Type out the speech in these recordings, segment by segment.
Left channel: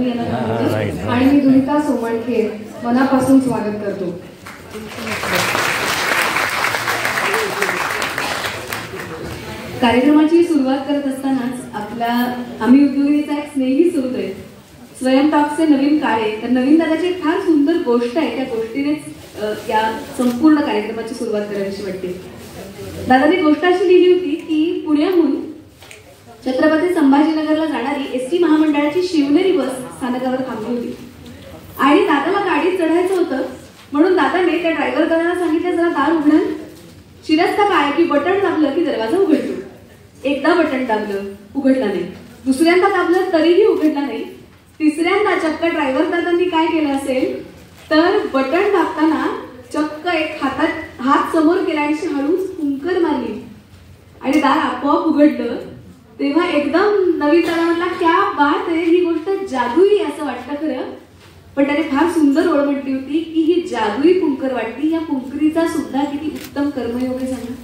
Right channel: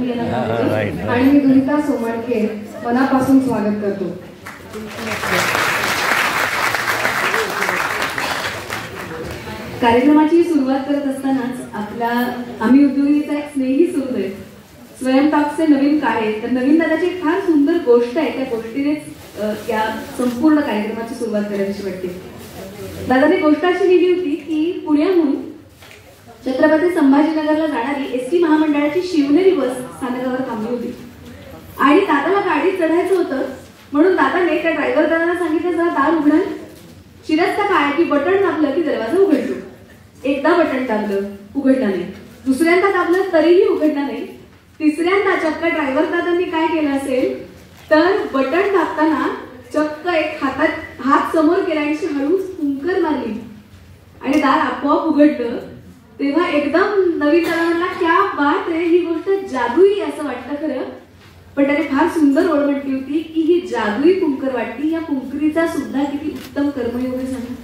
मी यांना आणि मी दुनिता सोमाडके मनापासून स्वागत करतो. कार्यक्रमाची सुरुवात करत असतानाच आपल्या आम्ही उद्योगीचा एक स्नेही सुरू आहे. स्वयंटॉकचे नवीन काळे, तर नवीन दादाची एक फार सुंदर गोष्ट आहे. त्या गोष्टीनेच या संपूर्ण कार्यक्रमाची सुरुवात करायची वाटते. दादाने गोष्ट अशी लिहिली होती की पुण्याहून छत्रपती संभाजीनगरला जाणारी एसटी महामंडळाची शिवनेरी बस स्थानकावर थांबली होती आणि दादाला गाडीत चढायचं होतं. म्हणून दादाने त्या ड्रायव्हर दादाला सांगितलं, जरा दार उघडा. शिरस्ता काय की बटन दाबलं की दरवाजा उघडतो. एकदा बटन दाबलं, उघडला नाही. दुसऱ्यांदा दाबलं तरीही उघडला नाही. तिसऱ्यांदा चक्क ड्रायव्हर दादांनी काय केलं असेल तर बटन दाबताना चक्क एक हात समोर केला आणि हळूच फुंकर मारली आणि दार आपोआप उघडलं. तेव्हा एकदम नवीन दादा म्हणला, क्या बात आहे, ही गोष्ट जादुई असं वाटतं खरं. पण त्याने फार सुंदर ओळ म्हटली होती की ही जादुई कुंकर वाटली. या कुंकरीचा सुद्धा किती उत्तम कर्मयोग आहे सांगा.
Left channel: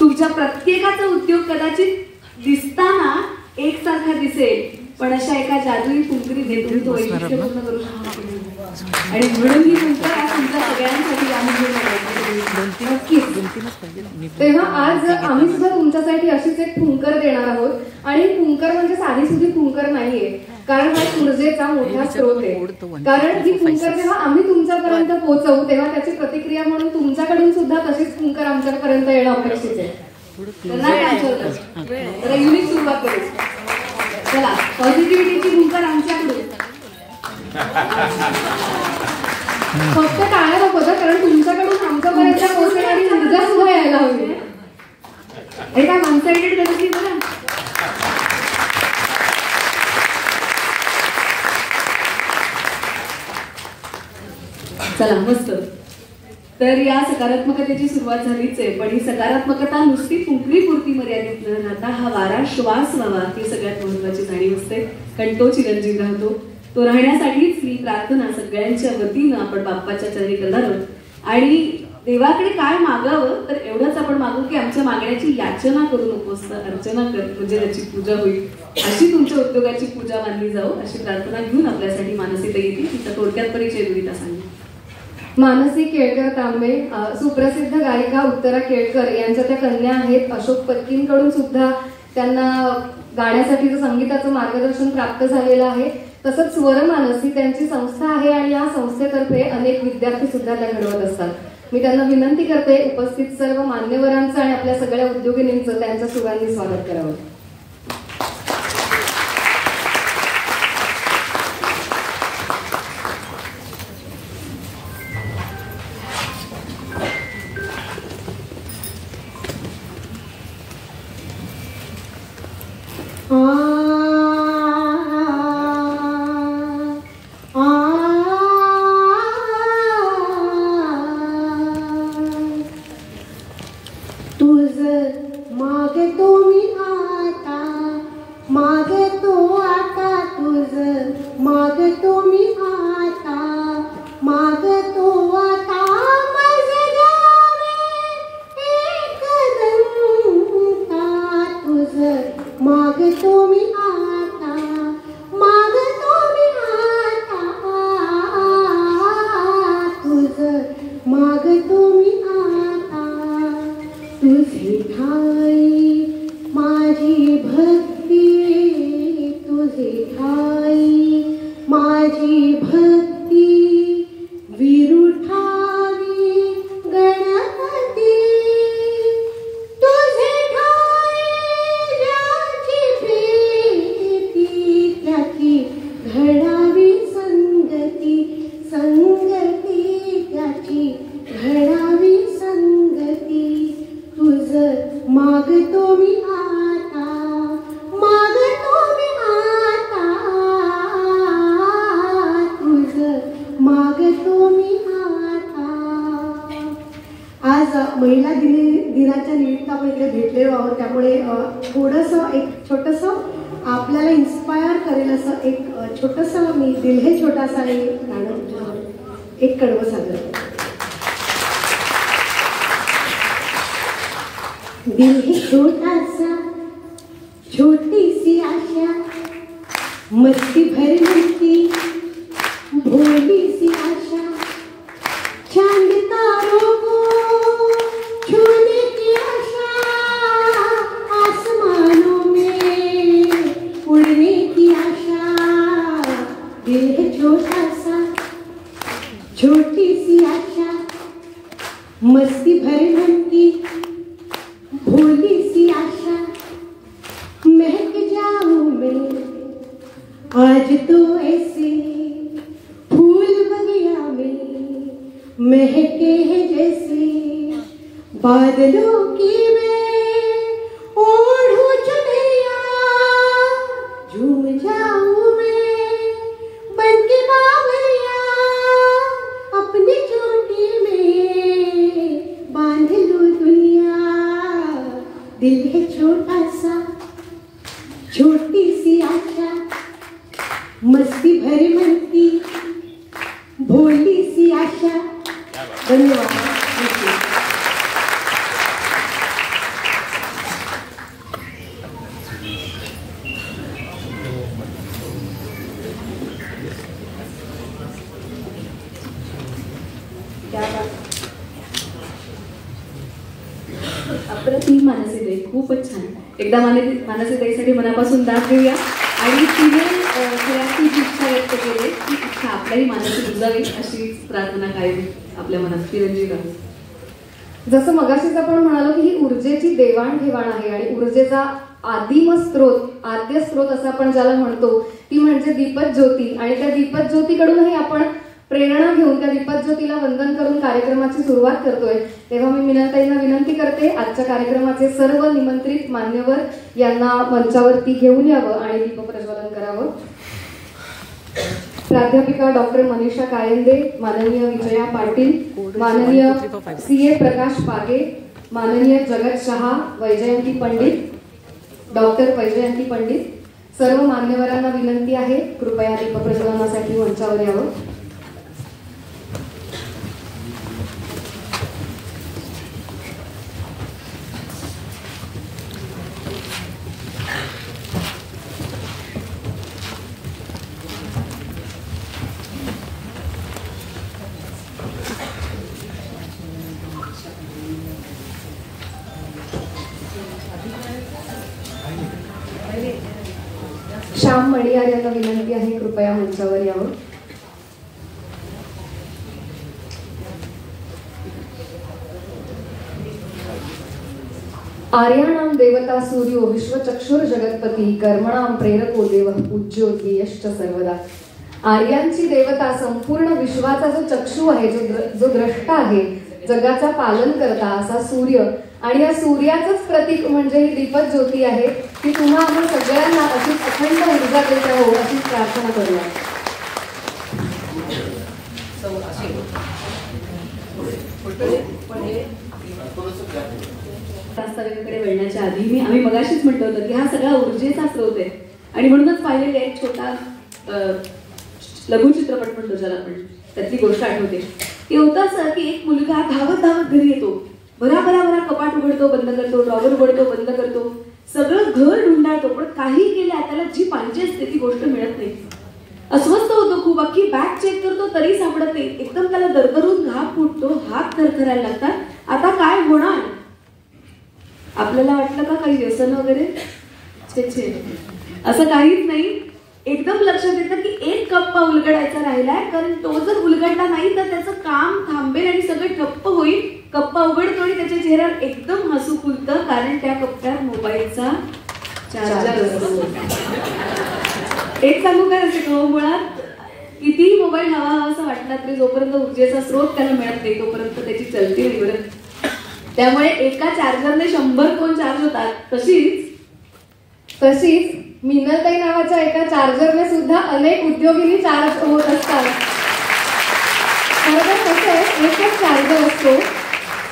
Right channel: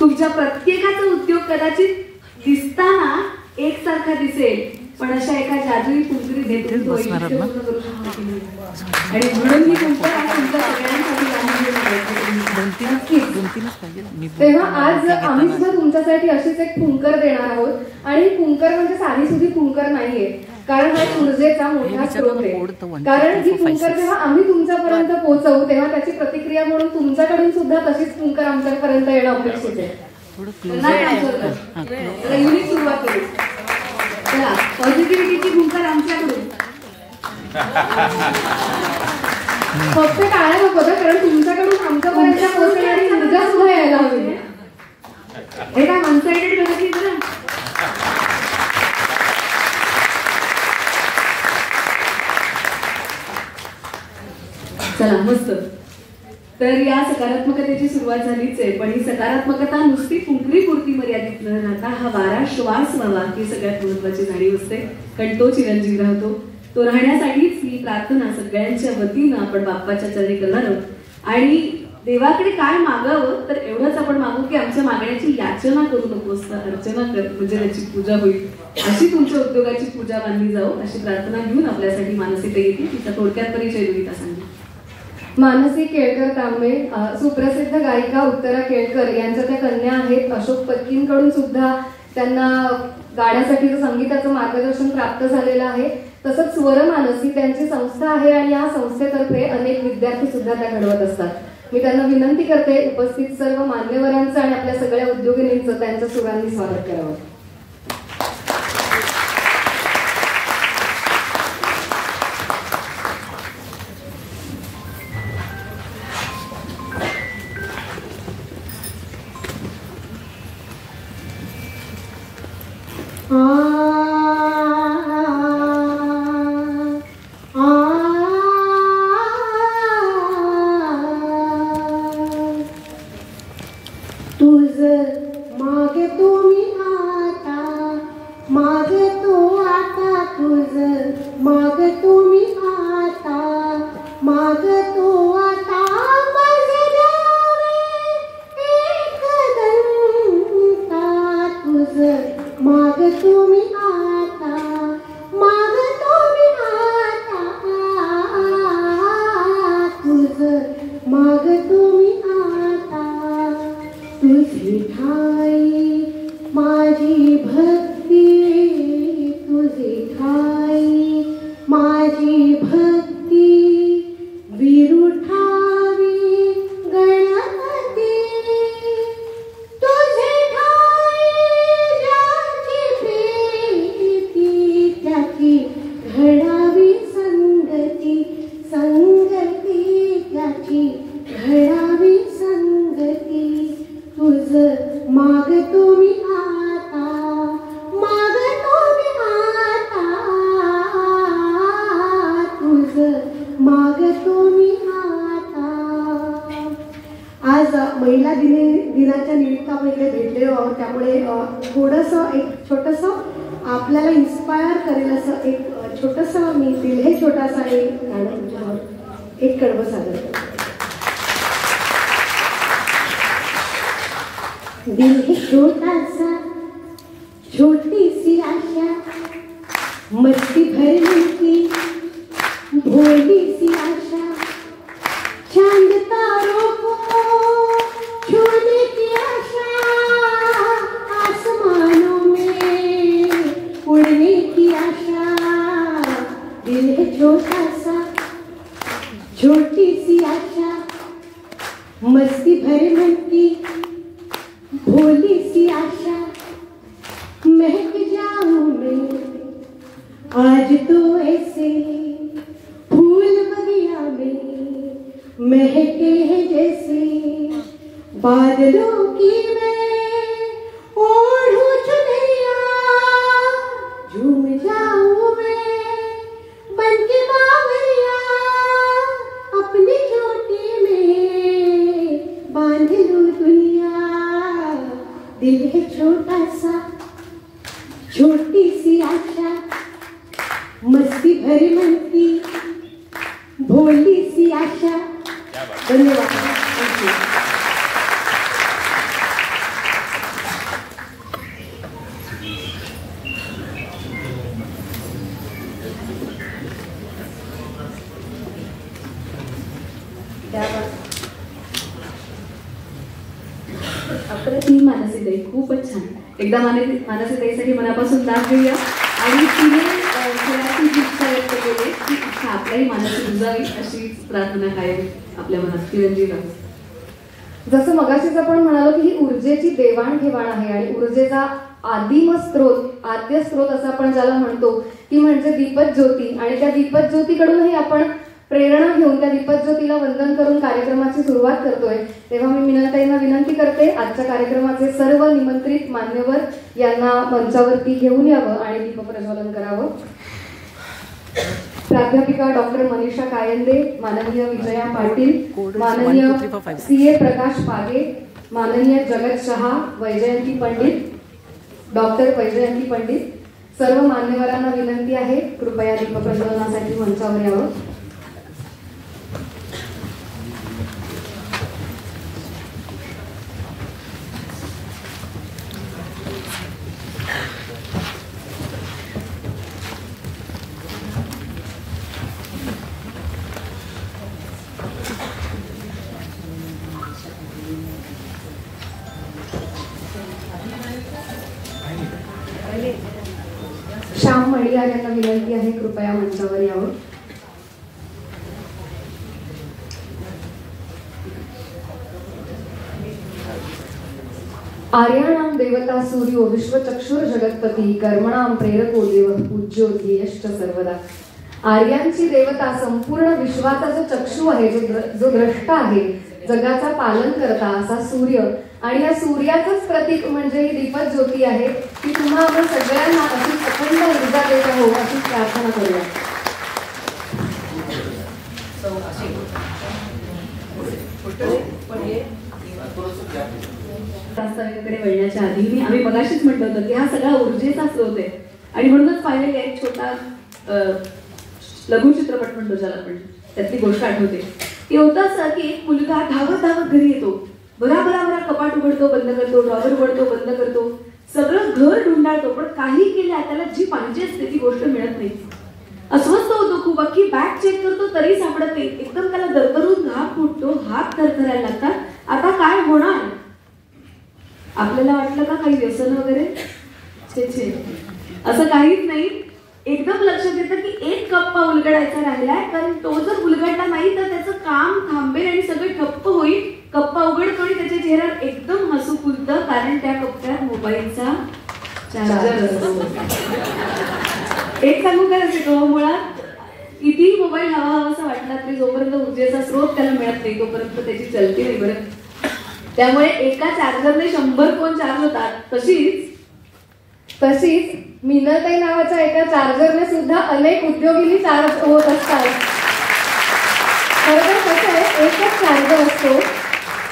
तुमच्या प्रत्येकाचा उद्योग कदाचित दिसताना एकसारखा दिसेल, पण अशा एका जादुई कुंकरीत तुम्ही तो वैशिष्ट्य पूर्ण करू शकता. आणि म्हणून ही कुंकर तुमच्या सगळ्यांसाठी तेव्हा आज आम्ही सुद्धा तुमच्यासाठी अशीच एक कुंकर देणार आहोत. आणि कुंकर म्हणजे साधी सुधी कुंकर नाहीये, कारण हा ऊर्जेचा मोठा स्रोत आहे. कारण ही कुंकर जेव्हा आम्ही तुमच्यापर्यंत पोहोचवू तेव्हा त्याची प्रतिक्रिया म्हणून तुमच्याकडून सुद्धा तशीच कुंकर आमच्यापर्यंत येणं अपेक्षित आहे. युनिक सुरुवात करू. चला, पॉझिटिव्हिटीची कुंकर आमच्याकडून. फक्त टाळ्या नको, कारण तुमच्याकडून आमच्यापर्यंत पोहोचणारी ऊर्जा सुद्धा यायला हवी. हे काय वन साइडेड गरज ना. चला मस्त. तर या सकारात्मकतेची सुरुवात झालीच आहे, पण ही सकारात्मकता नुसती कुंकरीपुरती मर्यादित न राहता हा वारा श्वास व्हावा ही सगळ्यात महत्वाची जाणीव असते. कारण तो चिरंजीव राहतो. तो राहण्यासाठीच ही प्रार्थना सगळ्यांच्या वतीनं आपण बाप्पाच्या चरणी करणार आहोत. आणि देवाकडे काय मागावं तर एवढंच आपण मागू की आमच्या मागण्याची याचना करू नकोस, अर्चना कर, म्हणजे त्याची पूजा होईल. अशी तुमच्या उद्योगाची पूजा मानली जाऊ अशी प्रार्थना घेऊन आपल्यासाठी मानसी ताई येतील. तिचा थोडक्यात परिचय दुनिता सांगेल. मानसी केळकर तांबे सुप्रसिद्ध गायिका उत्तरा केळकर यांच्या त्या कन्या आहेत. अशोक पत्कींकडून सुद्धा त्यांना गाण्यासाठीचं संगीताचं मार्गदर्शन प्राप्त झालेलं आहे. तसंच स्वर मानसी त्यांची संस्था आहे आणि या संस्थेतर्फे अनेक विद्यार्थी सुद्धा त्या घडवत असतात. मी त्यांना विनंती करते उपस्थित सर्व मान्यवरांचं आणि आपल्या सगळ्या उद्योगिनींचं त्यांच्या सुरांनी स्वागत करावं. महिला दिनाच्या निमित्त आपण इकडे भेटलेलो आहोत. त्यामुळे थोडंसं एक छोटंसं आपल्याला इन्स्पायर करेल असं एक छोटंसं मी दिल हे छोटासा एक गाणं एक कडवं सादर करते. दिल है छोटा सा छोटी सी आशा मस्ती भरने की भोली सी आशा, चांद तारों को छूने की आशा, आसमानों में उड़ने की आशा, दिल है छोटा सा, छोटी सी आशा, मस्ती भरे मन की भोली सी आशा, महक जाऊं मैं आज तो ऐसे फूल बगिया में महके हैं जैसे, बादलों की मैं ओढ़ूं चुनरिया, झूम जाऊं मैं बन के बावरिया, अपनी चोटी में बांध लूं दुनिया, दिल है छोटा सा, छोटी सी आशा, मस्ती भरे मन की भोली सी आशा। धन्यवाद। अप्रतिम मानसीताई, खूपच छान. एकदा मानसीताईसाठी मनापासून दाद देऊया. आणि तिने खेळाची इच्छा व्यक्त केली, ती इच्छा आपल्याही मानसी रुजावी अशी प्रार्थना कायम आपल्या मनात. चिरंजीव जसं मगाशीच आपण म्हणालो की ही ऊर्जेची देवाणघेवाण आहे आणि ऊर्जेचा आदिम स्रोत, आद्य स्रोत असं आपण ज्याला म्हणतो ती म्हणजे दीपक ज्योती. आणि त्या दीपक ज्योतीकडूनही आपण प्रेरणा घेऊन त्या दीपक ज्योतीला वंदन करून कार्यक्रमाची सुरुवात करतोय. तेव्हा मी मीनाताईंना विनंती करते आजच्या कार्यक्रमाचे सर्व निमंत्रित मान्यवर यांना मंचावरती घेऊन यावं आणि दीप प्रज्वलन करावं. प्राध्यापिका डॉक्टर मनीषा कायंदे, माननीय विजया पाटील, माननीय CA प्रकाश पागे, माननीय जगत शहा, वैजयंती पंडित, डॉक्टर वैजयंती पंडित, सर्व मान्यवरांना विनंती आहे कृपया दीप प्रज्वलनासाठी मंचावर यावं. श्याम मडियार यांना विनंती आहे कृपया मंचावर यावं. आर्याणाम देवता सूर्यो विश्वचक्षुर जगतपती, कर्मणाम प्रेरको देव पूज्यो ध्येयश्च सर्वदा. आर्यांची देवता, संपूर्ण विश्वाचा जो चक्षु आहे, जो द्रष्टा आहे, जगाचा पालन करता असा सूर्य, आणि या सूर्याचंच प्रतीक म्हणजे ही दीपक ज्योती आहे की तुम्हा आम्हा सगळ्यांना अशी अखंड ऊर्जा देत राहू अशी प्रार्थना करूया. वास्तव्याकडे वळण्याच्या आधी आम्ही मगाशीच म्हटलं होतं की हा सगळा ऊर्जेचा स्रोत आहे. आणि म्हणूनच पाहिलेला एक छोटा लघु चित्रपट म्हणतो ज्याला आपण, त्यातली गोष्ट आठवते की होतं की एक मुलगा धावत धावत घरी येतो, भराभरा कपाट उघडतो बंद करतो, ड्रॉवर उघडतो बंद करतो, सगळं घर ढुंडाळतो, पण काही केल्या त्याला जी पाहिजे असते ती गोष्ट मिळत नाही. अस्वस्थ होतो खूप, अख्खी बॅग चेक करतो तरी सापडत नाही. एकदम त्याला दरदरून घाम फुटतो, हात थरथरायला लागतात. आता काय होणार? आपल्याला वाटलं का काही व्यसन वगैरे? असं काहीच नाही. एकदम लक्षात येतं की एक कप्पा उलगडायचा राहिलाय, कारण तो जर उलगडला नाही तर त्याचं काम थांबेल आणि सगळं ठप्प होईल. कप्पा उघडतो आणि त्याच्या चेहऱ्यावर एकदम हसू फुलतं, कारण त्या कप्प्यात मोबाईलचा चार्जर असतो. एक सांगू काय असते, मुळात कितीही मोबाईल हवा असं वाटला तरी जोपर्यंत ऊर्जेचा स्रोत त्याला मिळत नाही तोपर्यंत त्याची चलती नाही बरं. त्यामुळे एका चार्जरने 100 फोन चार्ज होतात. तशीच मीनाताई नावाच्या एका चार्जरने सुद्धा अनेक उद्योगिनी चार्ज होत असतात. खरं कसं आहे, एकच चार्जर असतो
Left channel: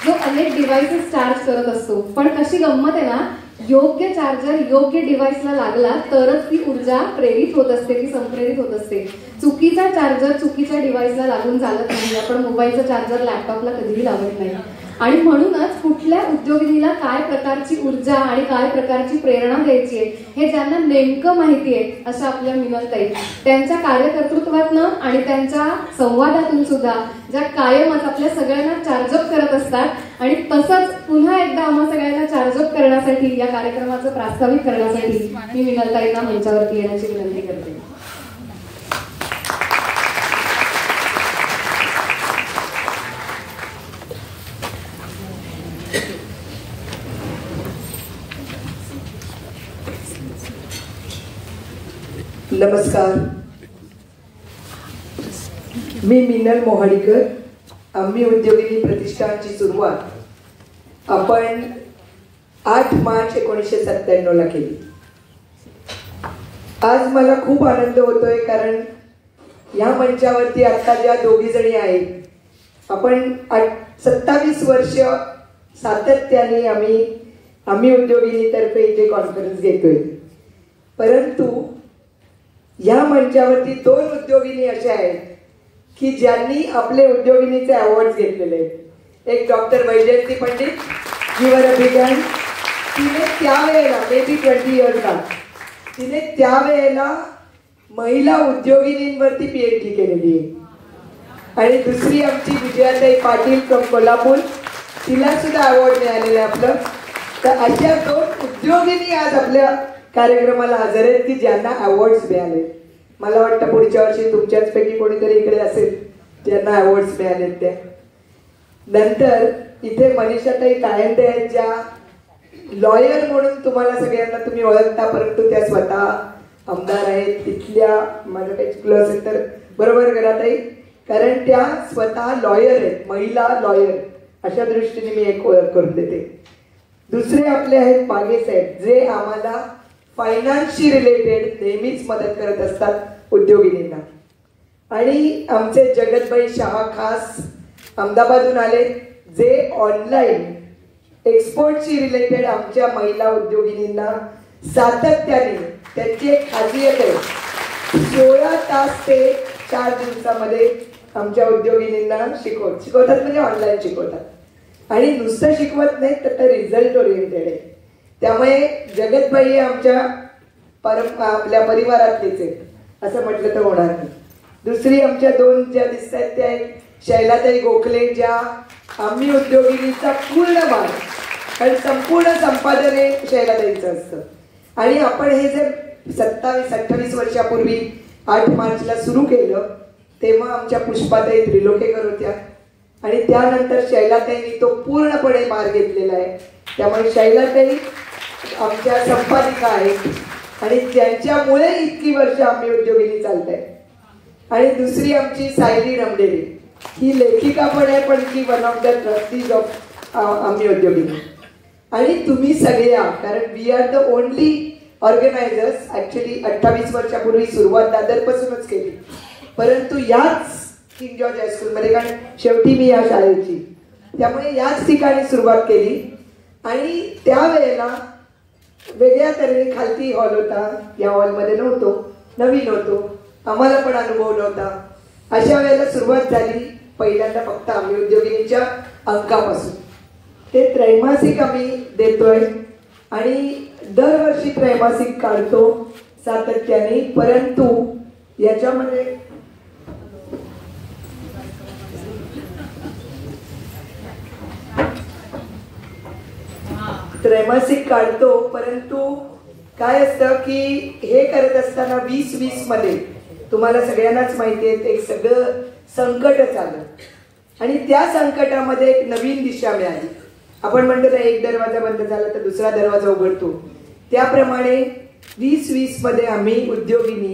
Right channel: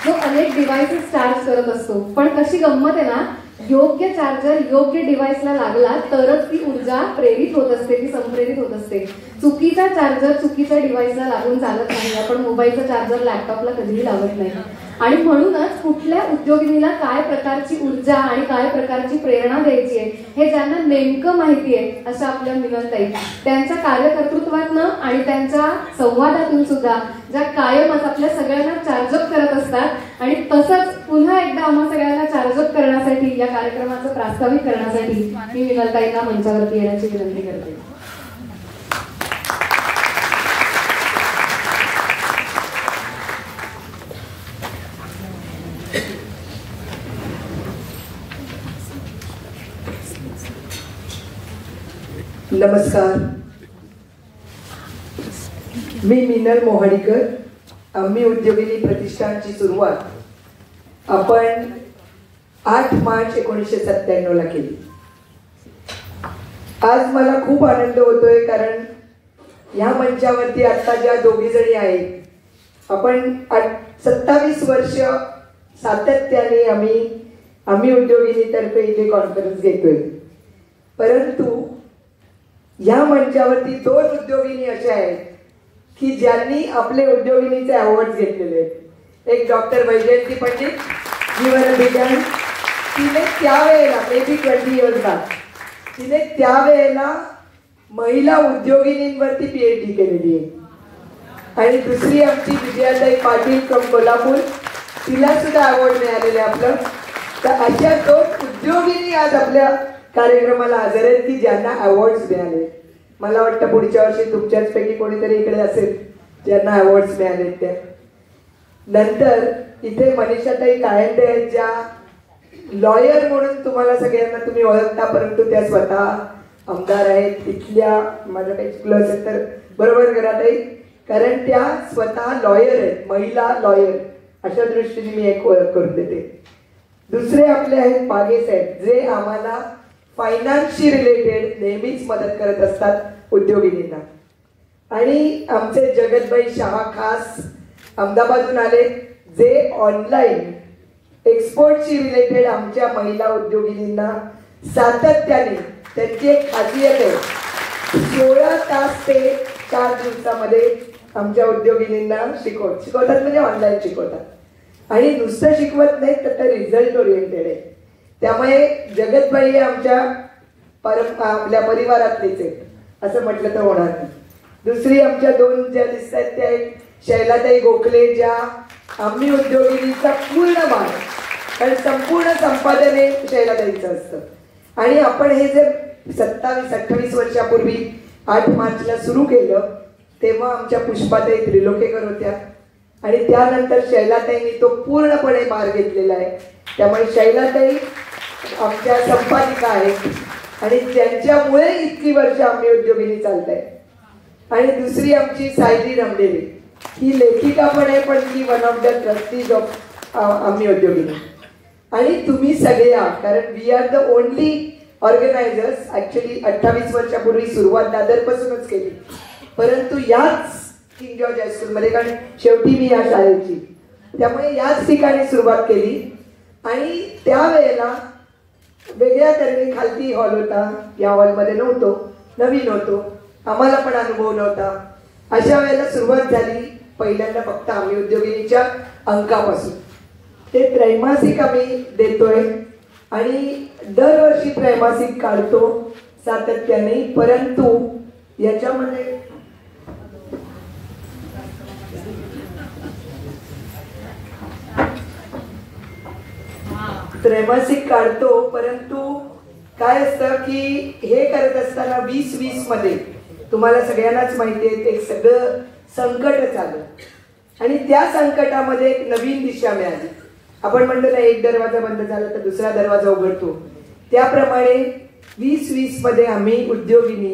जो अनेक डिव्हाइसेस चार्ज करत असतो. पण कशी गंमत आहे ना, योग्य चार्जर योग्य डिव्हाइसला लागला तरच ती ऊर्जा प्रेरित होत असते, ती संप्रेरित होत असते. चुकीचा चार्जर चुकीच्या डिव्हाइसला लागून चालत नाही. आपण मोबाईलचा चार्जर लॅपटॉपला कधीही लावत नाही. आणि म्हणूनच कुठल्या उद्योगिनीला काय प्रकारची ऊर्जा आणि काय प्रकारची प्रेरणा द्यायची आहे हे ज्यांना नेमकं माहिती आहे अशा आपल्या मिनलताई त्यांच्या कार्यकर्तृत्वातनं आणि त्यांच्या संवादातून सुद्धा ज्या कायमच आपल्या सगळ्यांना चार्जअप करत असतात आणि तसंच पुन्हा एकदा आम्हा सगळ्यांना चार्जअप करण्यासाठी या कार्यक्रमाचं प्रास्ताविक करण्यासाठी मी मिनलताईंना मंचावरती येण्याची विनंती करते. नमस्कार, मी मिनल मोहाडीकर. आम्ही उद्योगिनी प्रतिष्ठानची सुरुवात आपण 8 मार्च 1997 ला केली. आज मला खूप आनंद होतोय कारण या मंचावरती आता ज्या दोघी जणी आहेत आपण 27 वर्ष सातत्याने आम्ही उद्योगिनीतर्फे इथे कॉन्फरन्स घेतोय. परंतु या मंचावरती 2 उद्योगिनी अशा आहेत की ज्यांनी आपले उद्योगिनीचे अवॉर्ड घेतलेले आहेत. एक डॉक्टर वैजयंती पंडित, जीवनविज्ञान. तिने त्यावेळेला मे बी 20 इयर्स बॅक तिने त्यावेळेला महिला उद्योगिनींवरती PhD केलेली आहे. आणि दुसरी आमची विजयाताई पाटील फ्रॉम कोल्हापूर, तिला सुद्धा अवॉर्ड मिळालेलं आहे आपलं. तर अशा 2 उद्योगिनी आज आपल्या कार्यक्रमाला हजर आहेत की ज्यांना अवॉर्ड्स मिळाले. मला वाटतं पुढच्या वर्षी तुमच्याच पैकी कोणीतरी इकडे असेल ज्यांना अवॉर्ड्स मिळालेत त्या. नंतर इथे मनीषाताई कायंदे आहेत ज्या लॉयर म्हणून तुम्हाला सगळ्यांना तुम्ही ओळखता, परंतु त्या स्वतः आमदार आहेत. तिथल्या माझ्या काही चुकलं असेल तर बरोबर करा ताई, कारण त्या स्वतः लॉयर आहेत, महिला लॉयर. अशा दृष्टीने मी एक ओळख करून देते. दुसरे आपले आहेत मागे साहेब जे आम्हाला फायनान्सशी रिलेटेड नेहमीच मदत करत असतात उद्योगिनींना. आणि आमचे जगतबाई शहा खास अहमदाबादहून आले जे ऑनलाईन एक्सपोर्टशी रिलेटेड आमच्या महिला उद्योगिनींना सातत्याने, त्यांची एक खासियत आहे 16 तास ते 4 दिवसामध्ये आमच्या उद्योगिनींना शिकवतात म्हणजे ऑनलाईन शिकवतात. आणि नुसतं शिकवत नाही तर ते रिझल्ट ओरिएंटेड आहे. त्यामुळे जगतबाई आमच्या आपल्या परिवारातलीच आहेत असं म्हटलं तर होणार नाही. दुसरी आमच्या 2 ज्या दिसत आहेत त्या शैलाताई गोखले ज्या आम्ही उद्योगिनीचा पूर्ण भाग, कारण संपूर्ण संपादन हे शैलाताईंचं असतं. आणि आपण हे जे 27-28 वर्षापूर्वी 8 मार्चला सुरू केलं तेव्हा आमच्या पुष्पाताई त्रिलोकेकर होत्या आणि त्यानंतर शैलाताईंनी तो पूर्णपणे भार घेतलेला आहे. त्यामुळे शैलाताई आमच्या संपादिका आहेत आणि त्यांच्यामुळे इतकी वर्ष आम्ही उद्योगिनी चालत आहे. आणि दुसरी आमची सायली रमडेवी, ही लेखिका पण आहे पण ती one of the trustees of आम्ही उद्योगिनी. आणि तुम्ही सगळ्या, कारण we are the only organizers. Actually 28 वर्षापूर्वी सुरुवात दादरपासूनच केली, परंतु याच किंग जॉर्ज हायस्कूलमध्ये, कारण शेवटी मी या शाळेची, त्यामुळे याच ठिकाणी सुरुवात केली. आणि त्यावेळेला वेगळ्या तऱ्हेने खालती हॉल होता, या हॉलमध्ये नव्हतो, नवीन होतो, आम्हाला पण अनुभव नव्हता. अशा वेळेला सुरुवात झाली पहिल्यांदा फक्त आम्ही उद्योगिनीच्या अंकापासून. ते त्रैमासिक आम्ही देतोय आणि दरवर्षी त्रैमासिक काढतो सातत्याने. परंतु याच्यामध्ये त्रैमासिक काढतो, परंतु काय असतं की हे करत असताना 2020 मध्ये तुम्हाला सगळ्यांनाच माहिती आहे ते सगळं संकट चाललं आणि त्या संकटामध्ये एक नवीन दिशा मिळाली. आपण म्हणतो ना एक दरवाजा बंद झाला तर दुसरा दरवाजा उघडतो, त्याप्रमाणे 2020 मध्ये आम्ही उद्योगिनी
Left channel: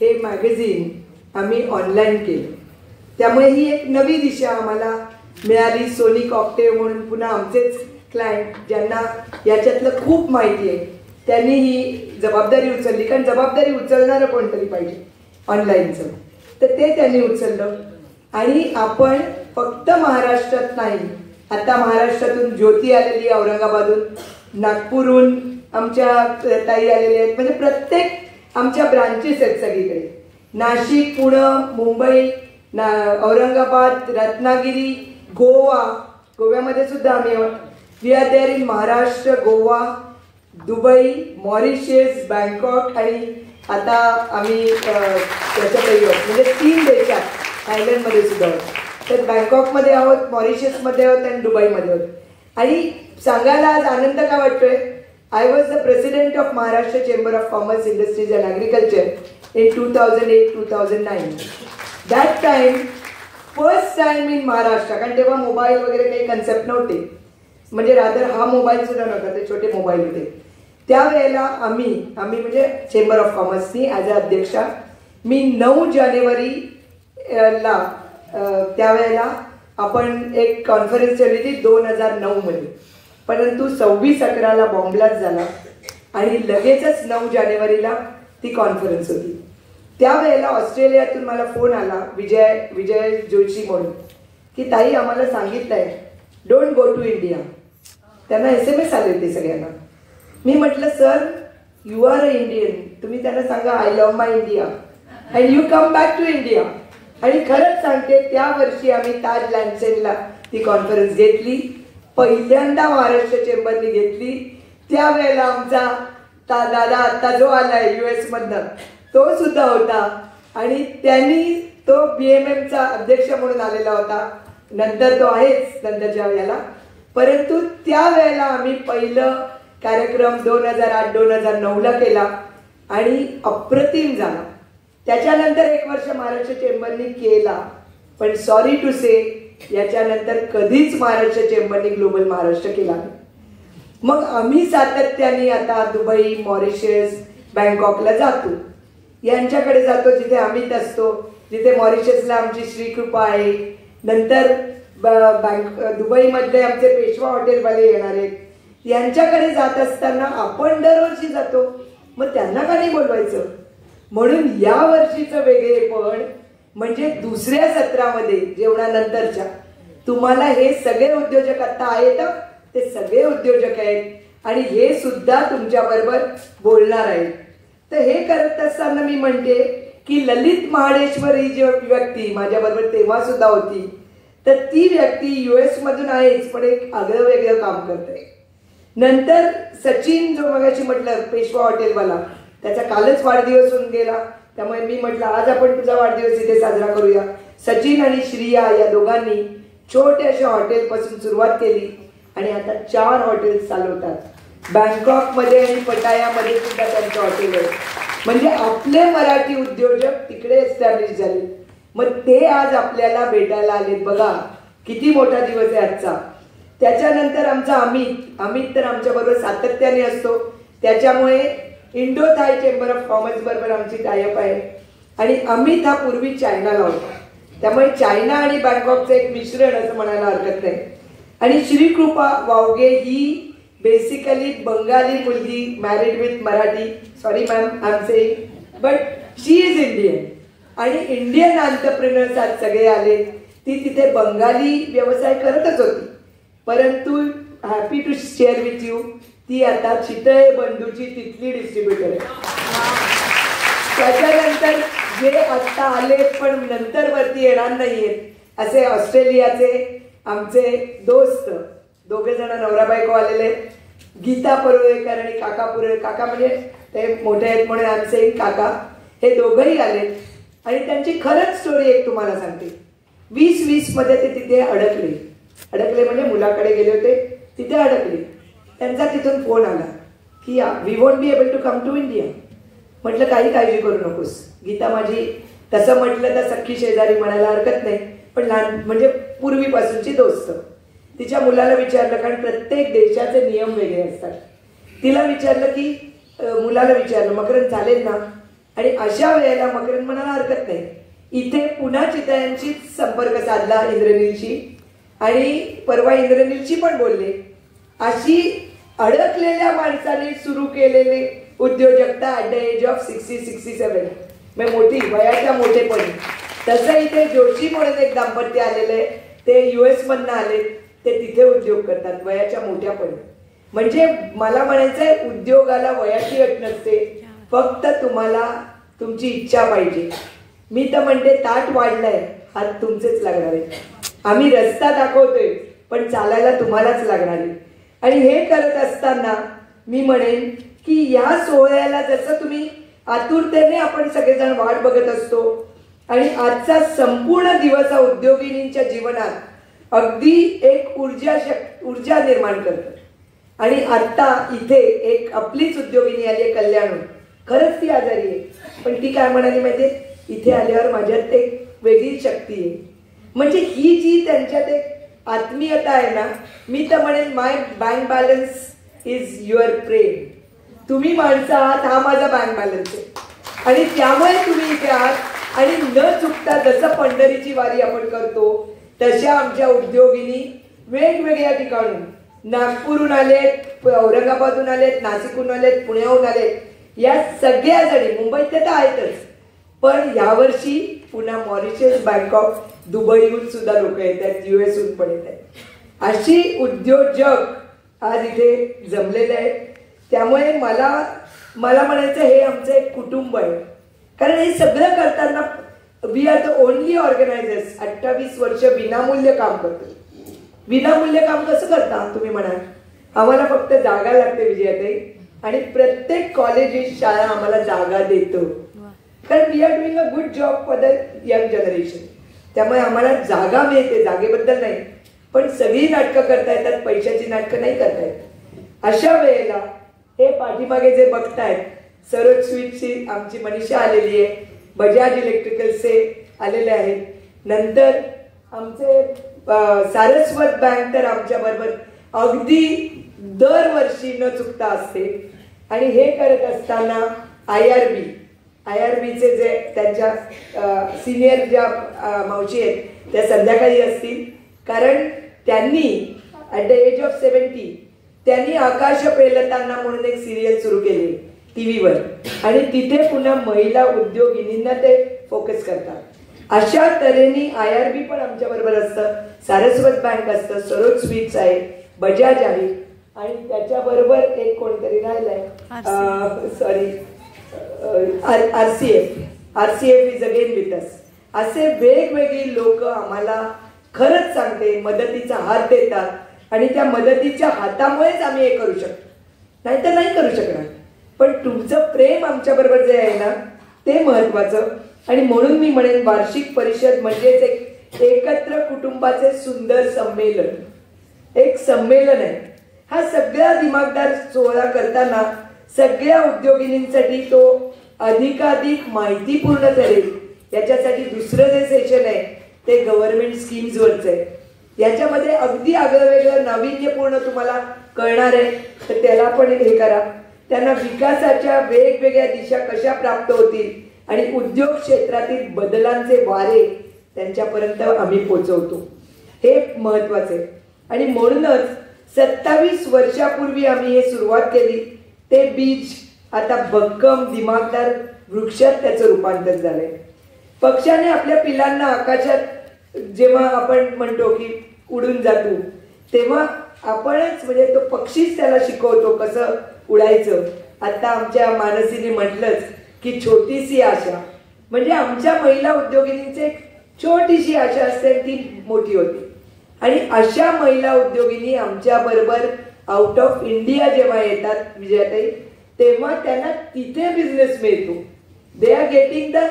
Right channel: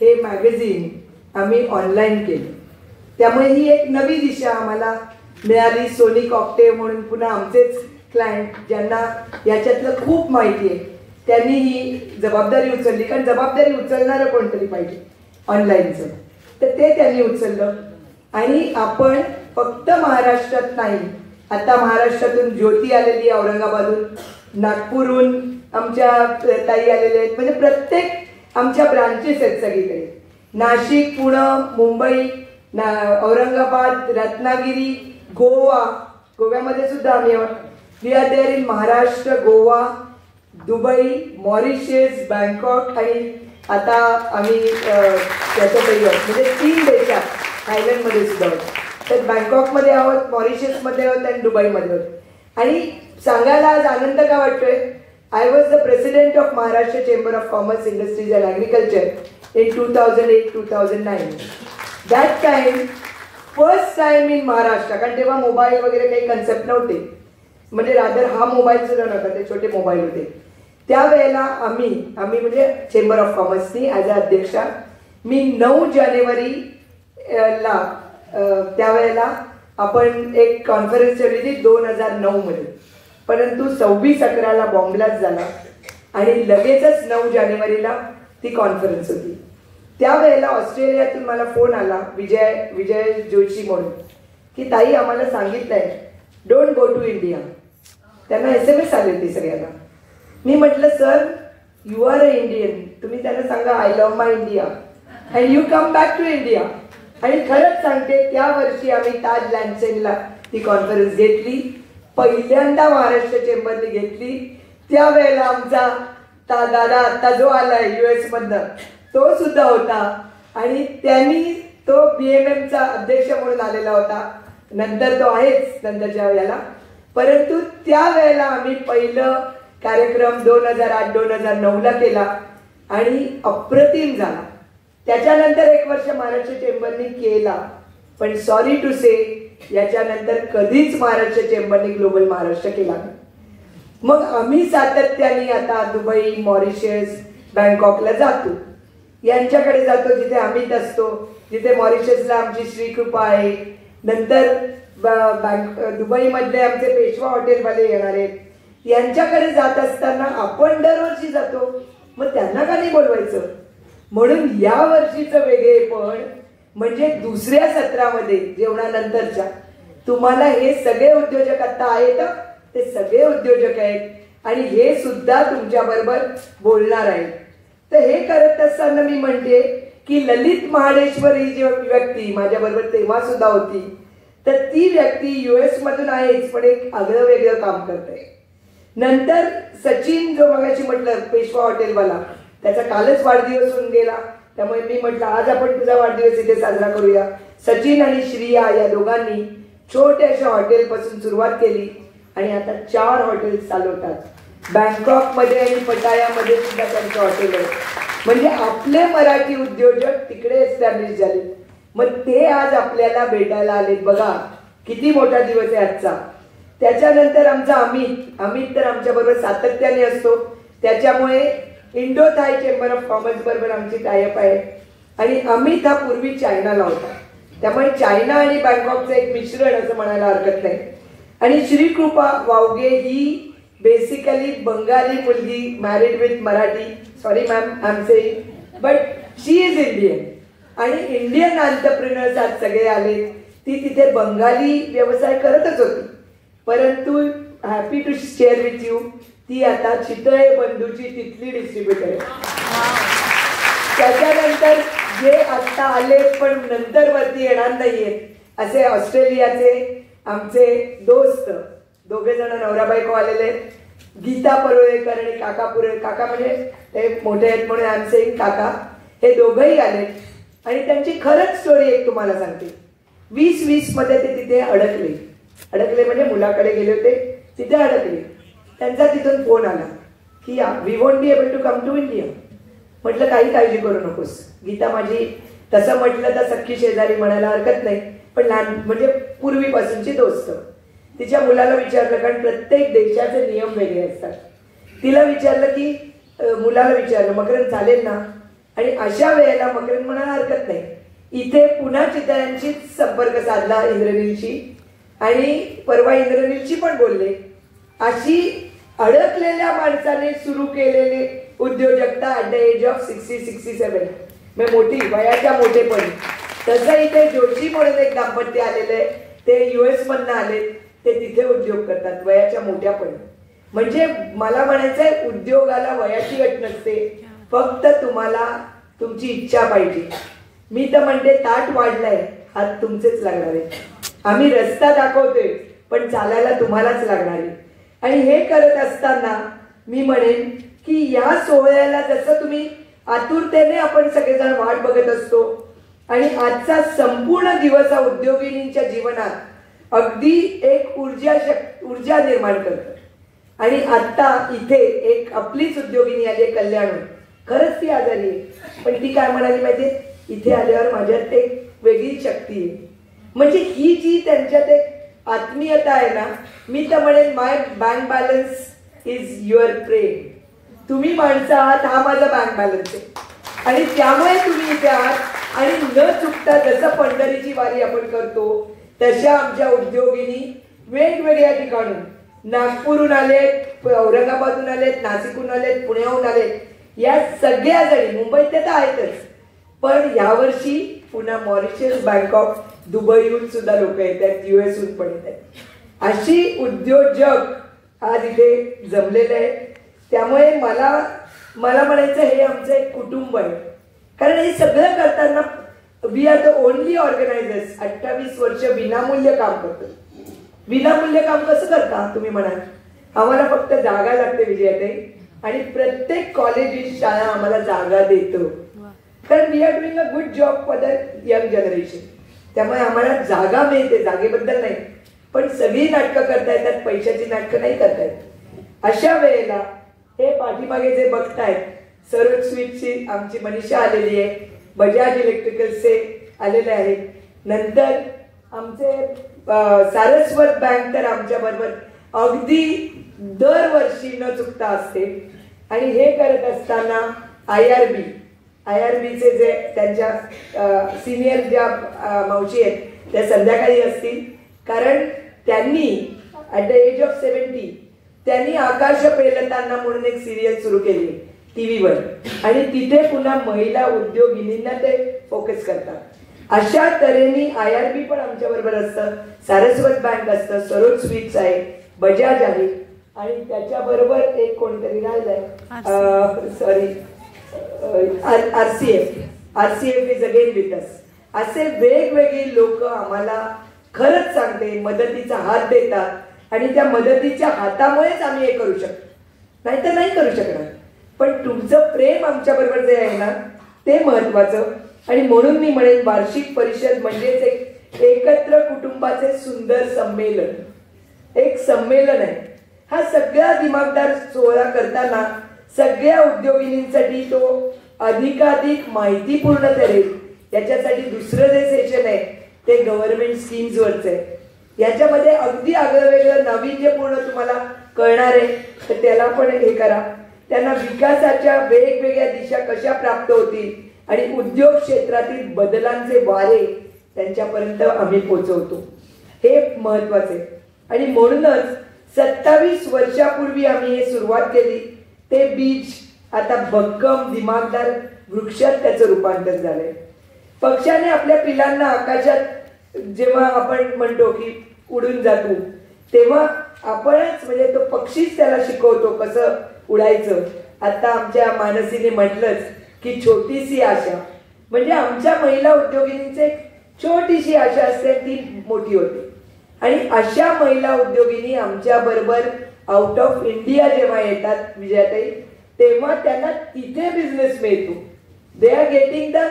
हे मॅगझिन आम्ही ऑनलाईन केलं. त्यामुळे ही एक नवी दिशा आम्हाला मिळाली. सोनिक ऑक्टेव्ह म्हणून पुन्हा आमचेच क्लायंट ज्यांना याच्यातलं खूप माहिती आहे त्यांनी ही जबाबदारी उचलली, कारण जबाबदारी उचलणारं कोणतरी पाहिजे ऑनलाईनचं, तर ते त्यांनी उचललं. आणि आपण फक्त महाराष्ट्रात नाही, आता महाराष्ट्रातून ज्योती आलेली औरंगाबादहून, नागपूरहून आमच्या ताई आलेल्या आहेत, म्हणजे प्रत्येक आमच्या ब्रांचेस आहेत सगळीकडे. नाशिक, पुणे, मुंबई, औरंगाबाद, रत्नागिरी, गोवा गोव्यामध्ये सुद्धा आम्ही आहोत. We are there in Maharashtra, Goa, Dubai, Mauritius, Bangkok आणि आता आम्ही त्याच्यातही आहोत. म्हणजे 3 देशात आयलंडमध्ये सुद्धा आहोत. तर बँकॉकमध्ये आहोत, मॉरिशसमध्ये आहोत आणि दुबईमध्ये आहोत. आणि सांगायला आज आनंद का वाटतोय, I was the president of Maharashtra Chamber of Commerce, Industries and Agriculture in 2008-2009. That time, first time in Maharashtra, कारण तेव्हा मोबाईल वगैरे काही कन्सेप्ट नव्हते, म्हणजे रादर हा मोबाईल सुद्धा नव्हता, ते छोटे मोबाईल होते. त्यावेळेला आम्ही म्हणजे चेंबर ऑफ कॉमर्सनी ॲज अ अध्यक्षा मी 9 जानेवारीला त्यावेळेला आपण एक कॉन्फरन्स ठेवली होती 2009 मध्ये. परंतु 26/11 बॉम्ब ब्लास्ट झाला आणि लगेचच 9 जानेवारीला ती कॉन्फरन्स होती. त्यावेळेला ऑस्ट्रेलियातून मला फोन आला, विजय जोशी म्हणून, की ताई आम्हाला सांगितलंय डोंट गो टू इंडिया. त्यांना SMS आले होते सगळ्यांना. मी म्हटलं sir you are a Indian, तुम्ही त्यांना सांगा I love my India and you come back to India. आणि खरंच सांगते त्या वर्षी आम्ही ताज लँडसेनला ती कॉन्फरन्स घेतली, पहिल्यांदा महाराष्ट्र चेंबरने घेतली. त्यावेळेला आमचा दादा आता जो आलाय US मधनं तो सुद्धा होता आणि त्यांनी तो BMMचा अध्यक्ष म्हणून आलेला होता. नंतर तो आहेच नंतरच्या वेळेला. परंतु त्यावेळेला आम्ही पहिलं कार्यक्रम 2008-2009ला केला आणि अप्रतिम झाला. त्याच्यानंतर 1 वर्ष महाराष्ट्र चेंबरनी केला, पण सॉरी टू से याच्यानंतर कधीच महाराष्ट्र चेंबरने ग्लोबल महाराष्ट्र केला. मग आम्ही सातत्याने आता दुबई, मॉरिशस, बँकॉकला जातो. यांच्याकडे जातो जिथे अमित असतो, जिथे मॉरिशसला आमची श्रीकृपा आहे. नंतर दुबईमध्ये आमचे पेशवा हॉटेलवाले येणार आहेत. यांच्याकडे जात असताना आपण दरवर्षी जातो, मग त्यांना का नाही बोलवायचं. म्हणून या वर्षीचं वेगळेपण म्हणजे दुसऱ्या सत्रामध्ये जेवणानंतरच्या तुम्हाला हे सगळे उद्योजक आता आहेत, ते सगळे उद्योजक आहेत आणि हे सुद्धा तुमच्या बरोबर बोलणार आहेत. तर हे करत असताना मी म्हणते की ललित महाडेश्वर ही जी व्यक्ती माझ्या बरोबर तेव्हा सुद्धा होती, तर ती व्यक्ती US मधून आहेच, पण एक आगळं वेगळं काम करते. नंतर सचिन जो मगाशी म्हटलं पेशवा हॉटेलवाला, त्याचा कालच वाढदिवस होऊन गेला, त्यामुळे मी म्हटलं आज आपण तुझा वाढदिवस इथे साजरा करूया. सचिन आणि श्रिया या दोघांनी छोट्याशा हॉटेलपासून सुरुवात केली आणि आता 4 हॉटेल्स चालवतात. बँकॉकमध्ये आणि पटायामध्ये सुद्धा त्यांचं हॉटेल आहे. म्हणजे आपले मराठी उद्योजक तिकडे एस्टॅब्लिश झाले. मग ते आज आपल्याला भेटायला आले. बघा किती मोठा दिवस आहे आजचा. त्याच्यानंतर आमचा अमित तर आमच्या बरोबर सातत्याने असतो. त्याच्यामुळे Indo Thai chamber of commerce बरोबर आमची टायअप आहे. आणि अमित हा पूर्वी चायनाला होता, त्यामुळे चायना आणि बँकॉकचं एक मिश्रण असं म्हणायला हरकत नाही. आणि श्रीकृपा वावगे ही बेसिकली बंगाली मुलगी, married with Marathi, sorry ma'am I am saying, but she is Indian. आणि इंडियन एंटरप्रेन्योर्स आज सगळे आले. ती तिथे बंगाली व्यवसाय करतच होती, परंतु happy to share with you ती आता चितळे बंधूची तिथली डिस्ट्रीब्युटर आहे. त्याच्यानंतर जे आता आले पण नंतर वरती येणार नाहीयेत असे ऑस्ट्रेलियाचे आमचे दोस्त 2 जण नवरा बायको आलेले, गीता परुळेकर आणि काका काका म्हणजे ते मोठे आहेत म्हणून आमचे काका, हे दोघंही आले. आणि त्यांची खरंच स्टोरी एक तुम्हाला सांगते. 2020 मध्ये ते तिथे अडकले म्हणजे मुलाकडे गेले होते, तिथे अडकले. त्यांचा तिथून फोन आला की we won't be able to come to India. म्हटलं काही काळजी करू नकोस. गीता माझी तसं म्हटलं तर सख्खी शेजारी म्हणायला हरकत नाही, पण लहान म्हणजे पूर्वीपासूनची दोस्त. तिच्या मुलाला विचारलं, कारण प्रत्येक देशाचे नियम वेगळे असतात. तिला विचारलं की मुलाला विचारलं मकरंद चालेल ना. आणि अशा वेळेला मकरंद म्हणायला हरकत नाही. इथे पुन्हा चितळ्यांशी संपर्क साधला इंद्रनीलशी, आणि परवा इंद्रनीलशी पण बोलले. अशी अडकलेल्या माणसाने सुरू केलेले उद्योजकता ॲट द एज ऑफ 60-67 म्हणजे मोठी वयाच्या मोठेपणी. तसं इथे जोशी म्हणून एक दाम्पत्य आलेलं आहे, ते US मधनं आले, ते तिथे उद्योग करतात वयाच्या मोठ्यापणी. म्हणजे मला म्हणायचंय उद्योगाला वयाची अट नसते, फक्त तुम्हाला तुमची इच्छा पाहिजे. मी तर म्हणते ताट वाढलाय, हात तुमचेच लागणार आहे. आम्ही रस्ता दाखवतोय, पण चालायला तुम्हालाच लागणार आहे. आणि हे करत असताना मी म्हणेन की या सोहळ्याला जसं तुम्ही आतुरतेने आपण सगळेजण वाट बघत असतो आणि आजचा संपूर्ण दिवस हा उद्योगिनींच्या जीवनात अगदी एक ऊर्जा निर्माण करतो. आणि आता इथे एक आपलीच उद्योगिनी आली कल्याण, खरंच ती आजारी आहे, पण ती काय म्हणाली माहितीये, इथे आल्यावर माझ्यात एक वेगळी शक्ती आहे. म्हणजे ही जी त्यांच्यात एक आत्मीयता आहे ना, मी तर म्हणेन माय बँक बॅलन्स इज युअर प्रेम. तुम्ही माणसं आहात, हा माझा बँक बॅलन्स आहे. आणि त्यामुळे तुम्ही इथे आहात. आणि न चुकता जसं पंढरीची वारी आपण करतो तशा आमच्या उद्योगिनी वेगवेगळ्या ठिकाणून, नागपूरहून आलेत, औरंगाबादहून आलेत, नाशिकहून आलेत, पुण्याहून आलेत, या सगळ्या जणी, मुंबईत ते तर आहेतच, पण यावर्षी पुन्हा मॉरिशस, बँकॉक, दुबईहून सुद्धा लोक येत आहेत, US हून पण येत आहेत. अशी उद्योजक आज इथे जमलेले आहेत. त्यामुळे मला म्हणायचं हे आमचं एक कुटुंब आहे. कारण हे सगळं करताना we are the only organizers. 28 वर्ष विनामूल्य काम करतो. विनामूल्य काम कसं करता तुम्ही म्हणाल? आम्हाला फक्त जागा लागते विजयाताई, आणि प्रत्येक कॉलेज, शाळा आम्हाला जागा देतो. कारण we are doing a good job for the young generation. त्यामुळे आम्हाला जागा मिळते, जागेबद्दल नाही, पण सगळी नाटकं करता येतात, पैशाची नाटकं नाही करता येत. अशा वेळेला हे पाठीमागे जे बघतायत, सरोज स्वीटची आमची मनीषा आलेली आहे, बजाज इलेक्ट्रिकल्सचे आलेले आहेत, नंतर आमचे सारस्वत बँक तर आमच्या बरोबर अगदी दरवर्षी न चुकता असते. आणि हे करत असताना IRBचे जे त्यांच्या सिनियर ज्या मावशी आहेत त्या संध्याकाळी असतील, कारण त्यांनी ॲट द एज ऑफ 70 त्यांनी आकाश पेलताना म्हणून एक सिरियल सुरू केली टीव्हीवर, आणि तिथे पुन्हा महिला उद्योगिनींना ते फोकस करतात. अशा तऱ्हेने IRB पण आमच्या बरोबर असतं, सारस्वत बँक असतं, सरोज स्वीट्स आहे, बजाज आहे, आणि त्याच्याबरोबर एक कोणतरी राहिलंय, sorry, RCF is again with us. असे वेगवेगळी लोक आम्हाला खरंच सांगते मदतीचा हात देतात, आणि त्या मदतीच्या हातामुळेच आम्ही हे करू शकतो, नाहीतर नाही करू शकणार. पण तुमचं प्रेम आमच्या बरोबर जे आहे ना ते महत्वाचं. आणि म्हणून मी म्हणेन वार्षिक परिषद म्हणजेच एक एकत्र कुटुंबाचे सुंदर संमेलन, एक संमेलन आहे. हा सगळ्या दिमागदार सोहळा करताना सगळ्या उद्योगिनींसाठी तो अधिकाधिक माहितीपूर्ण ठरेल. याच्यासाठी दुसरं जे सेशन आहे ते गव्हर्नमेंट स्कीम्स वरच आहे. याच्यामध्ये अगदी आगळं वेगळं नाविन्यपूर्ण तुम्हाला कळणार आहे, तर त्याला पण हे करा. त्यांना विकासाच्या वेगवेगळ्या दिशा कशा प्राप्त होतील आणि उद्योग क्षेत्रातील बदलांचे वारे त्यांच्यापर्यंत आम्ही पोहोचवतो, हे महत्वाचे. आणि म्हणूनच 27 वर्षापूर्वी आम्ही हे सुरुवात केली, ते बीज आता भक्कम दिमागदार वृक्षात त्याचं रूपांतर झालंय. पक्षाने आपल्या पिलांना आकाशात जेव्हा आपण म्हणतो की उडून जातो, तेव्हा आपणच म्हणजे तो पक्षीच त्याला शिकवतो कसं उडायचं. आता आमच्या मानसीने म्हटलंच की छोटीशी आशा, म्हणजे आमच्या महिला उद्योगिनींची छोटीशी आशा असते, ती मोठी होते. आणि अशा महिला उद्योगिनी आमच्या बरोबर आउट ऑफ इंडिया जेव्हा येतात विजयाताई, तेव्हा त्यांना तिथे बिझनेस मिळतो. They are getting the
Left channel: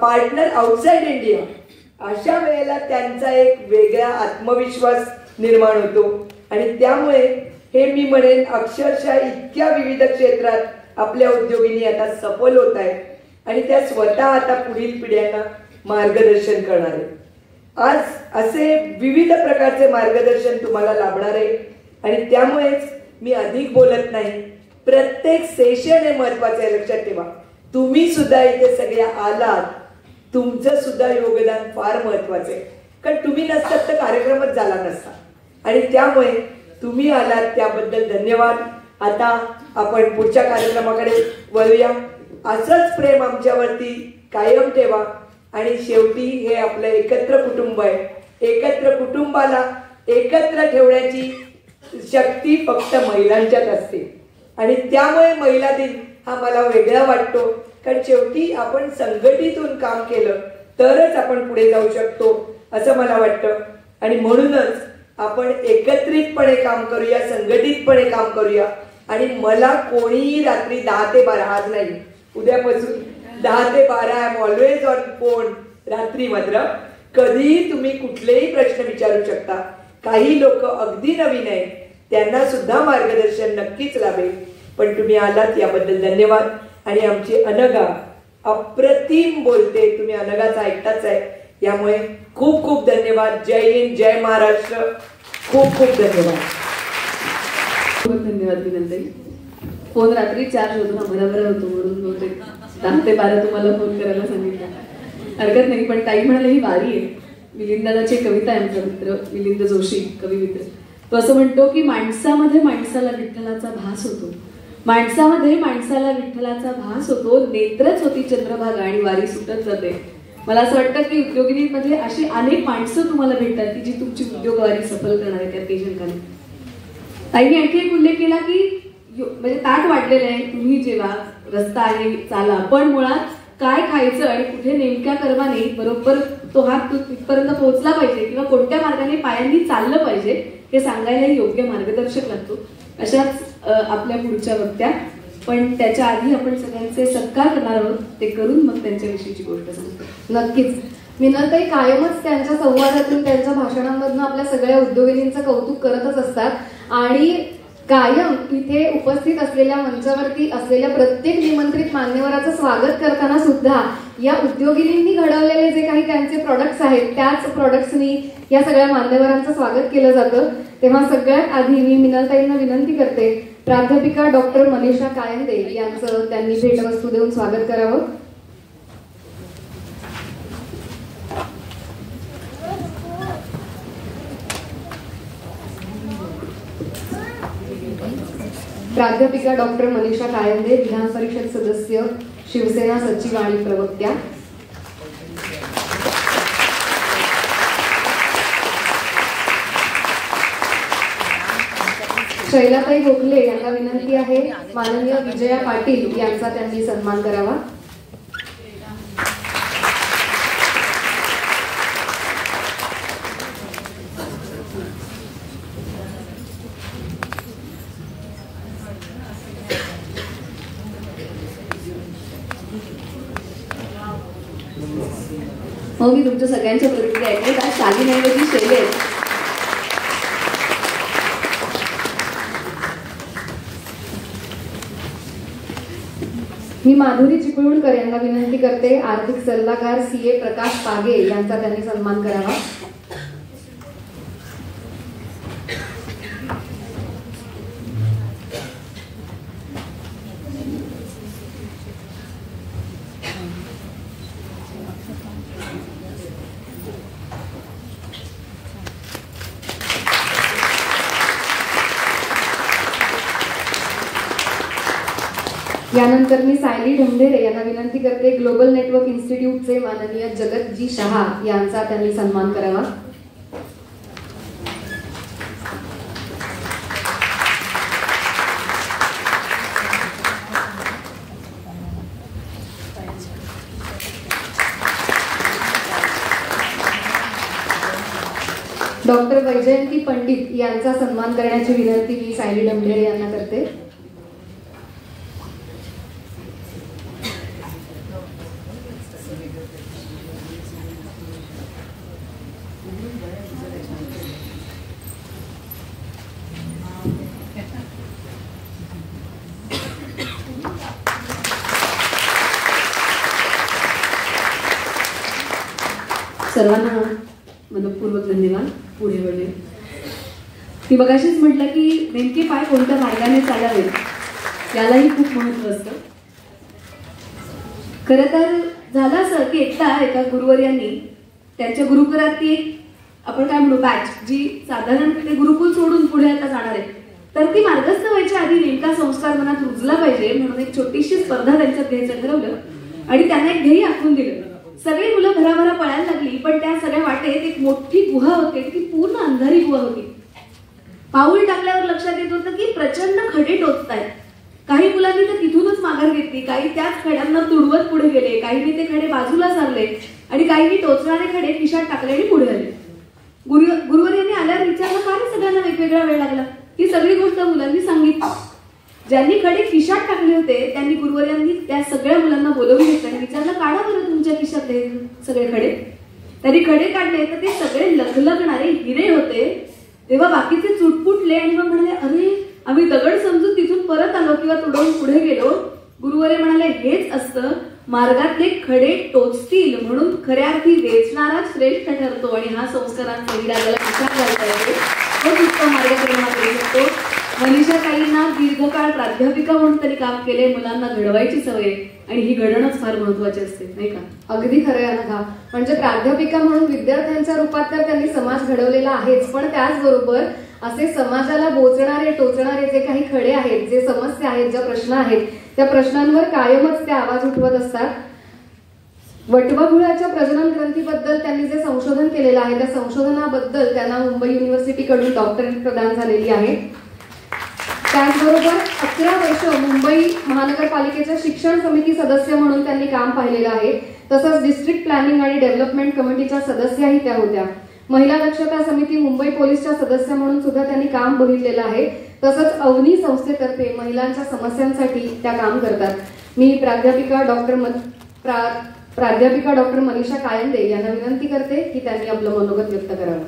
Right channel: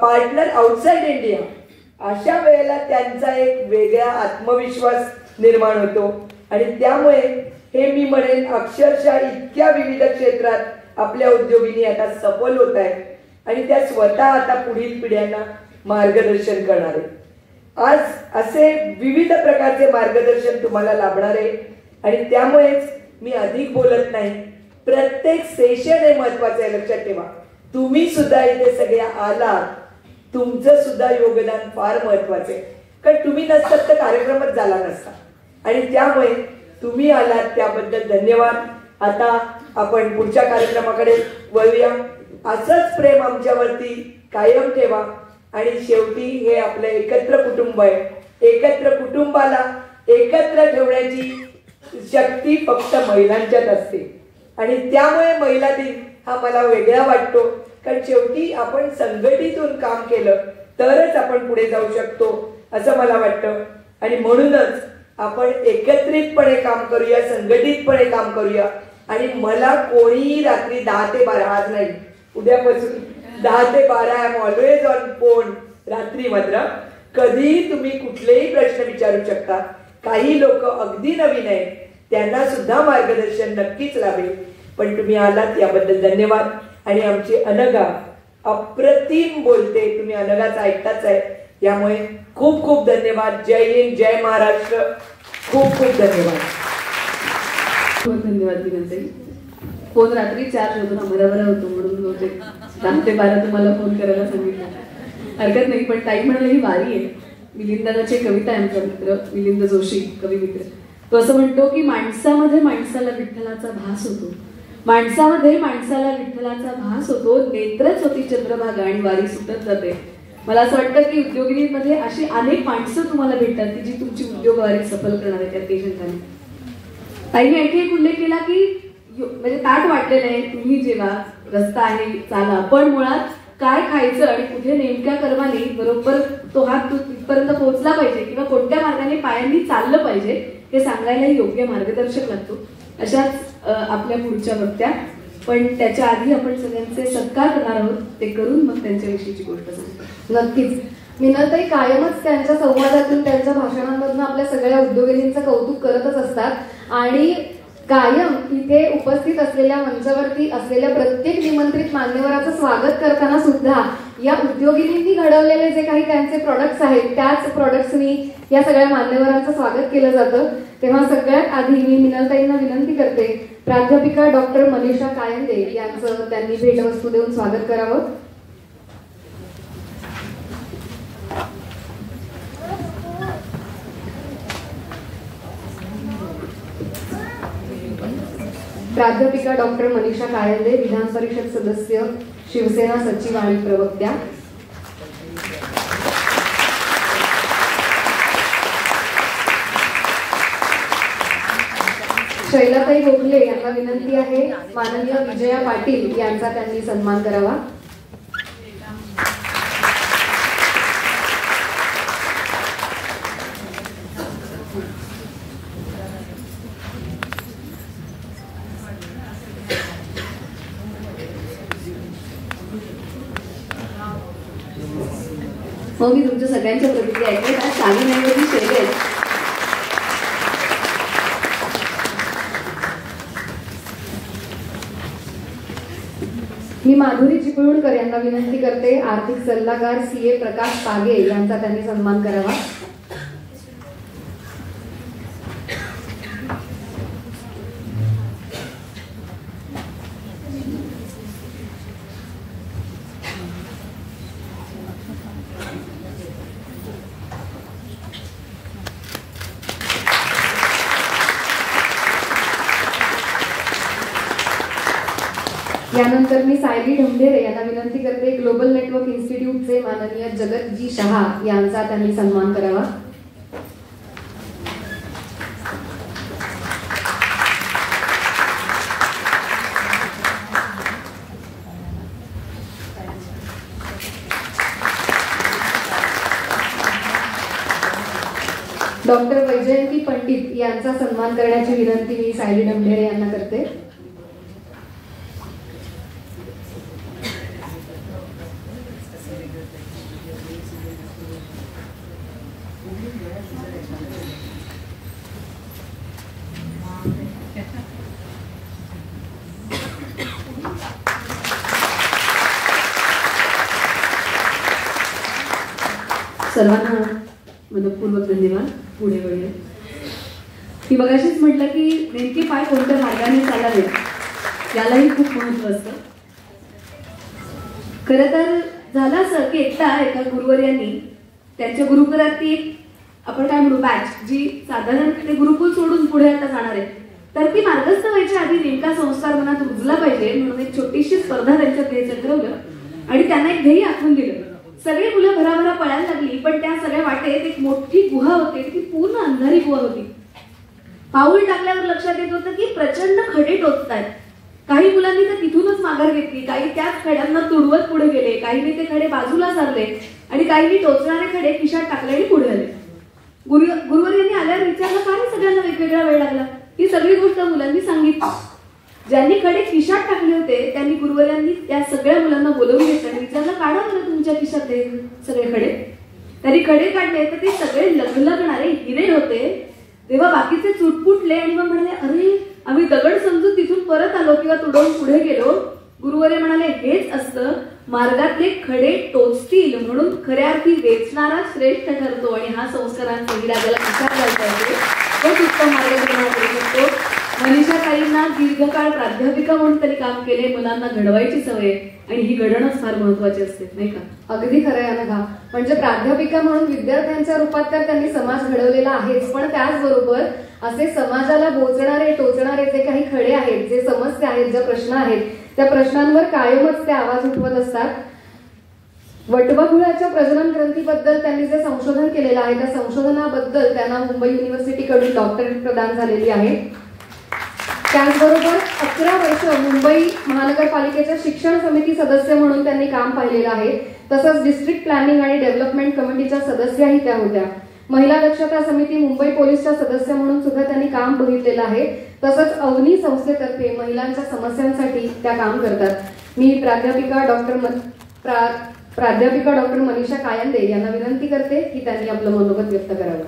partner outside India. अशा वेळेला त्यांचा एक वेगळा आत्मविश्वास निर्माण होतो. आणि त्यामुळे हे मी म्हणेन अक्षरशः इतक्या विविध क्षेत्रात आपल्या उद्योगिनी आता सफल होत आहेत, आणि त्या स्वतः आता पुढील पिढ्यांना मार्गदर्शन करणार आहे. आज असे विविध प्रकारचे मार्गदर्शन तुम्हाला लाभणार आहे. आणि त्यामुळेच मी अधिक बोलत नाही, प्रत्येक सेशन हे महत्वाचं आहे, लक्षात ठेवा. तुम्ही सुद्धा इथे सगळ्या आलात, तुमचं सुद्धा योगदान फार महत्वाचं आहे. कारण तुम्ही नसतात तर कार्यक्रमच झाला नसता, आणि त्यामुळे तुम्ही आलात त्याबद्दल धन्यवाद. आता आपण पुढच्या कार्यक्रमाकडे वळूया. असंच प्रेम आमच्यावरती कायम ठेवा. आणि शेवटी हे आपलं एकत्र कुटुंब आहे. एकत्र कुटुंबाला एकत्र ठेवण्याची शक्ती फक्त महिलांच्यात असते, आणि त्यामुळे महिला दिन हा मला वेगळा वाटतो. कारण शेवटी आपण संघटितून काम केलं तरच आपण पुढे जाऊ शकतो असं मला वाटतं. आणि म्हणूनच आपण एकत्रितपणे काम करूया, संघटितपणे काम करूया. आणि मला कोणीही रात्री 10 ते 12 आज नाही, उद्यापासून 10 ते 12 I am always on phone. रात्री मात्र कधीही तुम्ही कुठलेही प्रश्न विचारू शकता. काही लोक अगदी नवीन आहेत, त्यांना सुद्धा मार्गदर्शन नक्कीच लाभेल. पण तुम्ही आलात याबद्दल धन्यवाद. आणि आमची अनघा अप्रतिम बोलते, तुम्ही अनघाचा ऐकताच आहे, यामुळे खूप खूप धन्यवाद. जय हिंद, जय महाराष्ट्र. खूप खूप धन्यवाद. धन्यवाद विनंती. फोन रात्री 4 होतो ना, बरोबर होतो म्हणून होते 10 ते 12 तुम्हाला फोन करायला सांगितलं. हरकत नाही, पण ताई म्हणाले ही वारी आहे. मिलिंदाची कविता आहे, आमचा मित्र मिलिंद जोशी कवी मित्र, तो असं म्हणतो की माणसामध्ये माणसाला विठ्ठलाचा भास होतो, माणसामध्ये माणसाला विठ्ठलाचा भास होतो, नेत्रच होती चंद्रभागा आणि वारी सुटत जाते. मला असं वाटतं की उद्योगिनीमध्ये अशी अनेक माणसं तुम्हाला भेटतात की जी तुमची उद्योगवारी सफल करणार आहे. त्या पेशंटने ताईने आणखी एक उल्लेख केला की म्हणजे ताट वाटलेलं आहे, तुम्ही जेव्हा रस्ता आहे चाला, पण मुळात काय खायचं आणि कुठे नेमक्या कर्माने बरोबर तो हात तिथपर्यंत पोहोचला पाहिजे किंवा कोणत्या मार्गाने पायांनी चाललं पाहिजे हे सांगायला योग्य मार्गदर्शक लागतो. अशाच आपल्या पुढच्या वक्त्या, पण त्याच्या आधी आपण सगळ्यांचे सत्कार करणार आहोत, ते करून मग त्यांच्याविषयीची गोष्ट सांगतो. नक्कीच. मिनलताई कायमच त्यांच्या संवादातून, त्यांच्या भाषणांमधून आपल्या सगळ्या उद्योगिनींचं कौतुक करतच असतात आणि कायम इथे उपस्थित असलेल्या मंचावरती असलेल्या प्रत्येक निमंत्रित मान्यवराचं स्वागत करताना सुद्धा या उद्योगिनींनी घडवलेले जे काही त्यांचे प्रोडक्ट्स आहेत त्याच प्रोडक्ट्सनी या सगळ्या मान्यवरांचं स्वागत केलं जातं. तेव्हा सगळ्यात आधी मी मिनलताईंना विनंती करते, प्राध्यापिका डॉक्टर मनीषा कायंदे यांचं त्यांनी भेटवस्तू देऊन स्वागत करावं. प्राध्यापिका डॉक्टर मनीषा कायंदे, विधान परिषद सदस्य, शिवसेना सचिव आणि प्रवक्त्या. शैलाताई गोखले यांना विनंती आहे, माननीय विजया पाटील यांचा त्यांनी सन्मान करावा. हो, मी तुमच्या सगळ्यांच्या प्रतिक्रिया ऐकल्यात. आज शालीनऐवजी शैलेश. मी माधुरी चिपळूणकर यांना विनंती करते, आर्थिक सल्लागार CA प्रकाश पागे यांचा त्यांनी सन्मान करावा. यानंतर मी सायली ढमढेरे यांना विनंती करते, ग्लोबल नेटवर्क इन्स्टिट्यूटचे माननीय जगतजी शहा यांचा त्यांनी सन्मान करावा. डॉक्टर वैजयंती पंडित यांचा सन्मान करण्याची विनंती मी सायली ढमढेरे यांना करते. सर्वांना मनपूर्वक धन्यवाद. पुढे वळूया. ती मगाशीच म्हटलं की नेमके पाय कोणत्या मार्गाने चालावे यालाही खूप महत्व असतं. खरं तर झालं असं की एका गुरुवर्यांनी त्यांच्या गुरुकुलातली एक आपण काय म्हणू बॅच जी साधारण ते गुरुकुल सोडून पुढे आता जाणार आहे, तर ती मार्गस्थ व्हायच्या आधी नेमका संस्कार मनात रुजला पाहिजे म्हणून एक छोटीशी स्पर्धा त्यांच्या ध्येय ठरवलं आणि त्यांना एक ध्येय आखून दिलं. सगळी मुलं भराभरा पळायला लागली, पण त्या सगळ्या वाटेत एक मोठी गुहा होती, ती पूर्ण अंधारी गुहा होती. पाऊल टाकल्यावर लक्षात येत होतं की प्रचंड खडे टोचतायत. काही मुलांनी तर तिथूनच माघार घेतली, काही त्याच खड्यांना तुडवत पुढे गेले, काहींनी ते खडे बाजूला सारले आणि काहींनी टोचणारे खडे खिशात टाकले आणि पुढे आले. गुरुवर्यांनी आल्यावर विचारलं, का सगळ्यांना वेगवेगळा वेळ लागला? ही सगळी गोष्ट मुलांनी सांगितली. ज्यांनी खडे खिशात टाकले होते त्यांनी गुरुवर्यांनी त्या सगळ्या मुलांना बोलवून घेतलं आणि विचारलं, काढा बरं तुमच्या खिशातले सगळे खडे. त्यांनी खडे काढले तर ते सगळे लगलगणारे हिरे होते. तेव्हा बाकीचे चुटपुटले आणि मग म्हणाले, अरे आम्ही दगड समजून तिथून परत आलो किंवा तुडवून पुढे गेलो. गुरुवर्य म्हणाले, हेच असतं, मार्गातले खडे टोचतील म्हणून खऱ्या अर्थी वेचणारा श्रेष्ठ ठरतो आणि हा संस्कारांचा विराजाला विचार घालता येतो. तोच उत्तम मार्गदर्शन करू शकतो. मनीषा ताईंना दीर्घकाळ प्राध्यापिका म्हणून तरी काम केले. मुलांना घडवायची सवय आणि ही घडणंच फार महत्वाची असते, नाही का? अगदी खरं आहे ना. म्हणजे प्राध्यापिका म्हणून विद्यार्थ्यांच्या रूपात तर त्यांनी समाज घडवलेला आहेच, पण त्याचबरोबर असे समाजाला बोचणारे टोचणारे जे काही खडे आहेत, जे समस्या आहेत, ज्या प्रश्न आहेत, त्या प्रश्नांवर कायमच ते आवाज उठवत असतात. वटवाघुळाच्या प्रजनन ग्रंथीबद्दल त्यांनी जे संशोधन केलेलं आहे त्या संशोधनाबद्दल त्यांना मुंबई युनिव्हर्सिटीकडून डॉक्टरेट प्रदान झालेली आहे. त्याचबरोबर 11 वर्ष मुंबई महानगरपालिकेच्या शिक्षण समिती सदस्य म्हणून त्यांनी काम पाहिलेलं आहे. तसंच डिस्ट्रिक्ट प्लॅनिंग आणि डेव्हलपमेंट कमिटीच्या सदस्याही त्या होत्या. महिला दक्षता समिती मुंबई पोलीसच्या सदस्य म्हणून सुद्धा त्यांनी काम बघितलेलं आहे. तसंच अवनी संस्थेतर्फे महिलांच्या समस्यांसाठी त्या काम करतात. मी प्राध्यापिका डॉक्टर मनीषा कायंदे यांना विनंती करते की त्यांनी आपलं मनोगत व्यक्त करावं.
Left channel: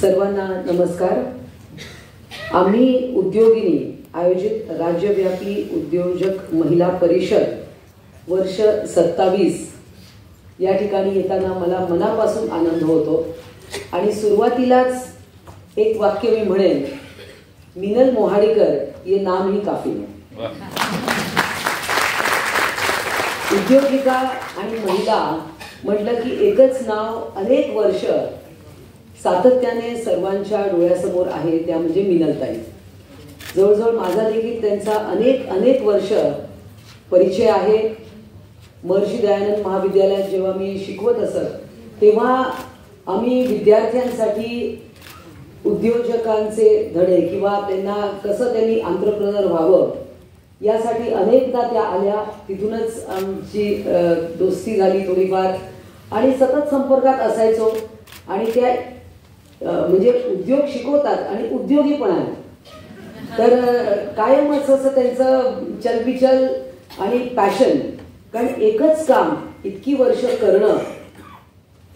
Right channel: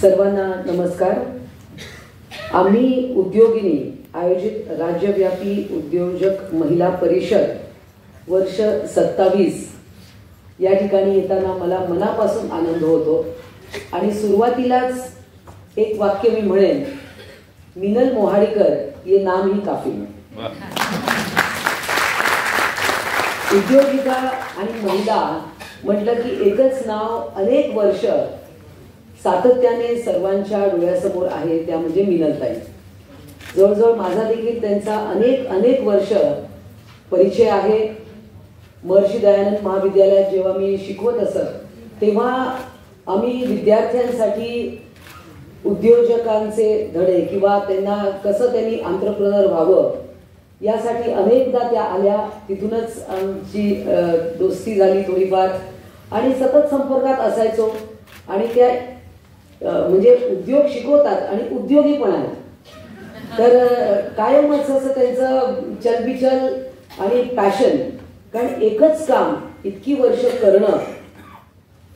सर्वांना नमस्कार. आम्ही उद्योगिनी आयोजित राज्यव्यापी उद्योजक महिला परिषद वर्ष 27 या ठिकाणी येताना मला मनापासून आनंद होतो आणि सुरुवातीलाच एक वाक्य मी म्हणेन, मिनल मोहाडीकर ये नाम ही काफी. उद्योगिका आणि महिला म्हटलं की एकच नाव अनेक वर्ष सातत्याने सर्वांच्या डोळ्यासमोर आहे, त्या म्हणजे मिनलताई. जवळजवळ माझा देखील त्यांचा अनेक वर्ष परिचय आहे. महर्षी दयानंद महाविद्यालयात जेव्हा मी शिकवत असत तेव्हा आम्ही विद्यार्थ्यांसाठी उद्योजकांचे धडे किंवा त्यांना कसं त्यांनी एंटरप्रेन्योर व्हावं यासाठी अनेकदा त्या आल्या. तिथूनच आमची दोस्ती झाली थोडीफार आणि सतत संपर्कात असायचो. आणि त्या म्हणजे उद्योग शिकवतात आणि उद्योगी पण आहेत, तर कायमच असं त्यांचं चलबिचल आणि पॅशन. कारण एकच काम इतकी वर्ष करणं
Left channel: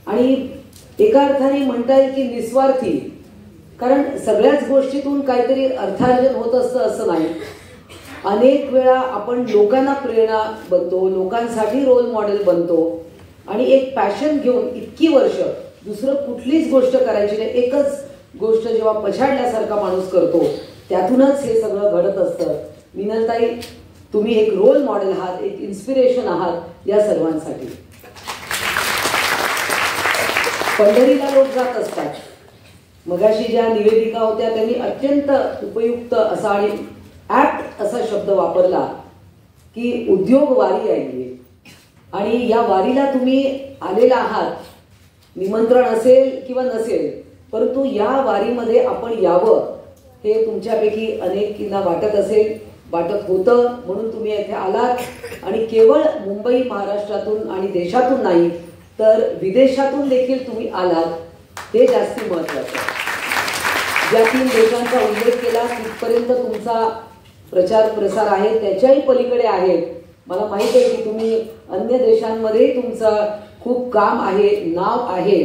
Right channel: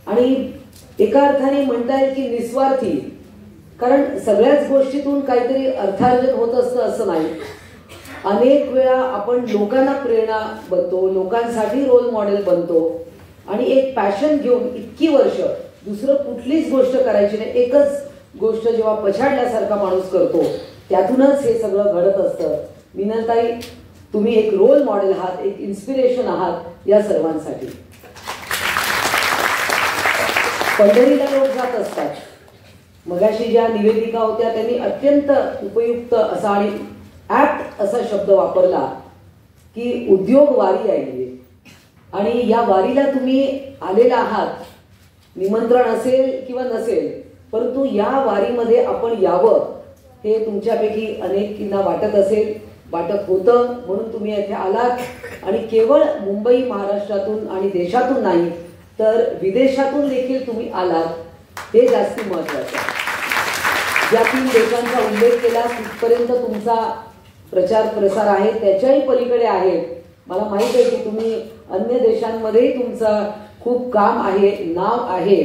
आणि एका अर्थाने म्हणता येईल की निस्वार्थी, कारण सगळ्याच गोष्टीतून काहीतरी अर्थार्जन होत असतं असं नाही. अनेक वेळा आपण लोकांना प्रेरणा बनतो, लोकांसाठी रोल मॉडेल बनतो आणि एक पॅशन घेऊन इतकी वर्ष दुसरं कुठलीच गोष्ट करायची नाही, एकच गोष्ट जेव्हा पछाडल्यासारखा माणूस करतो त्यातूनच हे सगळं घडत असतं. मिनलताई, तुम्ही एक रोल मॉडेल आहात, एक इन्स्पिरेशन आहात या सर्वांसाठी. पंढरीला लोक जात असतात. मगाशी ज्या निवेदिका होत्या त्यांनी अत्यंत उपयुक्त असा आणि ऍप्ट असा शब्द वापरला की उद्योग वारी आहे. आणि या वारीला तुम्ही आलेला आहात, निमंत्रण असेल किंवा नसेल, परंतु या वारीमध्ये आपण यावं हे तुमच्यापैकी अनेकींना वाटत असेल, वाटत होतं, म्हणून तुम्ही येथे आलात. आणि केवळ मुंबई महाराष्ट्रातून आणि देशातून नाही तर विदेशातून देखील तुम्ही आलात, हे जास्ती महत्वाचं. ज्या 3 देशांचा उल्लेख केला तिथपर्यंत तुमचा प्रचार प्रसार आहे, त्याच्याही पलीकडे आहे. मला माहित आहे की तुम्ही अन्य देशांमध्येही तुमचं खूप काम आहे, नाव आहे.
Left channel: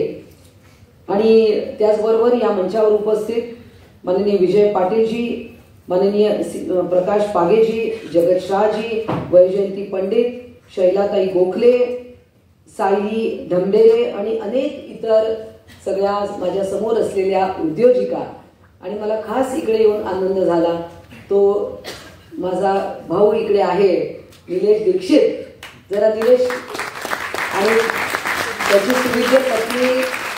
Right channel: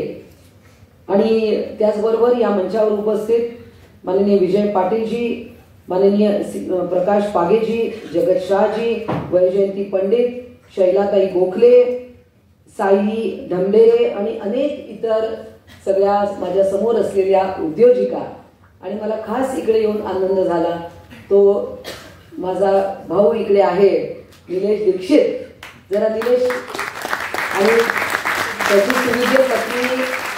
आणि त्याचबरोबर या मंचावर उपस्थित माननीय विजय पाटीलजी, माननीय प्रकाश पागेजी, जगत शाहजी, वैजयंती पंडित, शैलाताई गोखले, साई ढमडेरे आणि अनेक इतर सगळ्या माझ्या समोर असलेल्या उद्योजिका. आणि मला खास इकडे येऊन आनंद झाला तो माझा भाऊ इकडे आहे, निलेश दीक्षित. जरा निलेश आणि त्याची सुविद्य पत्नी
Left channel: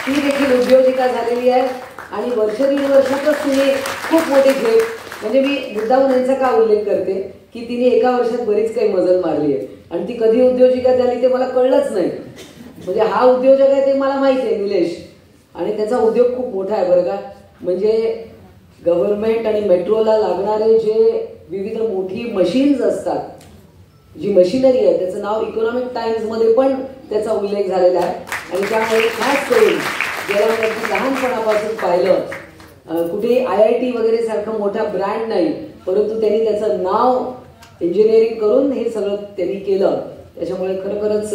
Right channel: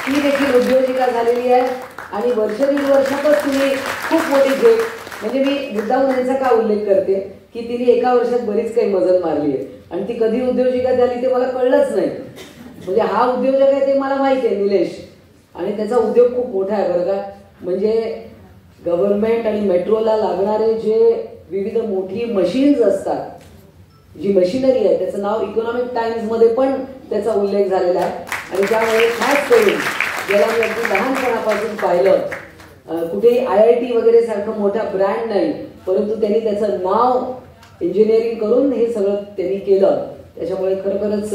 ती देखील उद्योजिका झालेली आहे आणि वर्ष 1.5 वर्षातच तुम्ही खूप मोठी भेट. म्हणजे मी मुद्दाम यांचा का उल्लेख करते की तिने एका वर्षात बरीच काही मजल मारली आहे आणि ती कधी उद्योजिका झाली ते मला कळलंच नाही. म्हणजे हा उद्योजक आहे ते मला माहिती आहे निलेश, आणि त्याचा उद्योग खूप मोठा आहे बरं का. म्हणजे गव्हर्नमेंट आणि मेट्रोला लागणारे जे विविध मोठी मशीन्स असतात, जी मशिनरी आहे त्याचं नाव इकॉनॉमिक टाइम्स मध्ये पण त्याचा उल्लेख झालेला आहे. आणि त्यामुळे खास करून ज्याला मी अगदी लहानपणापासून पाहिलं, कुठेही IIT वगैरे सारखं मोठा ब्रँड नाही, परंतु त्यांनी त्याचं नाव इंजिनिअरिंग करून हे सगळं त्यांनी केलं. त्याच्यामुळे खरोखरच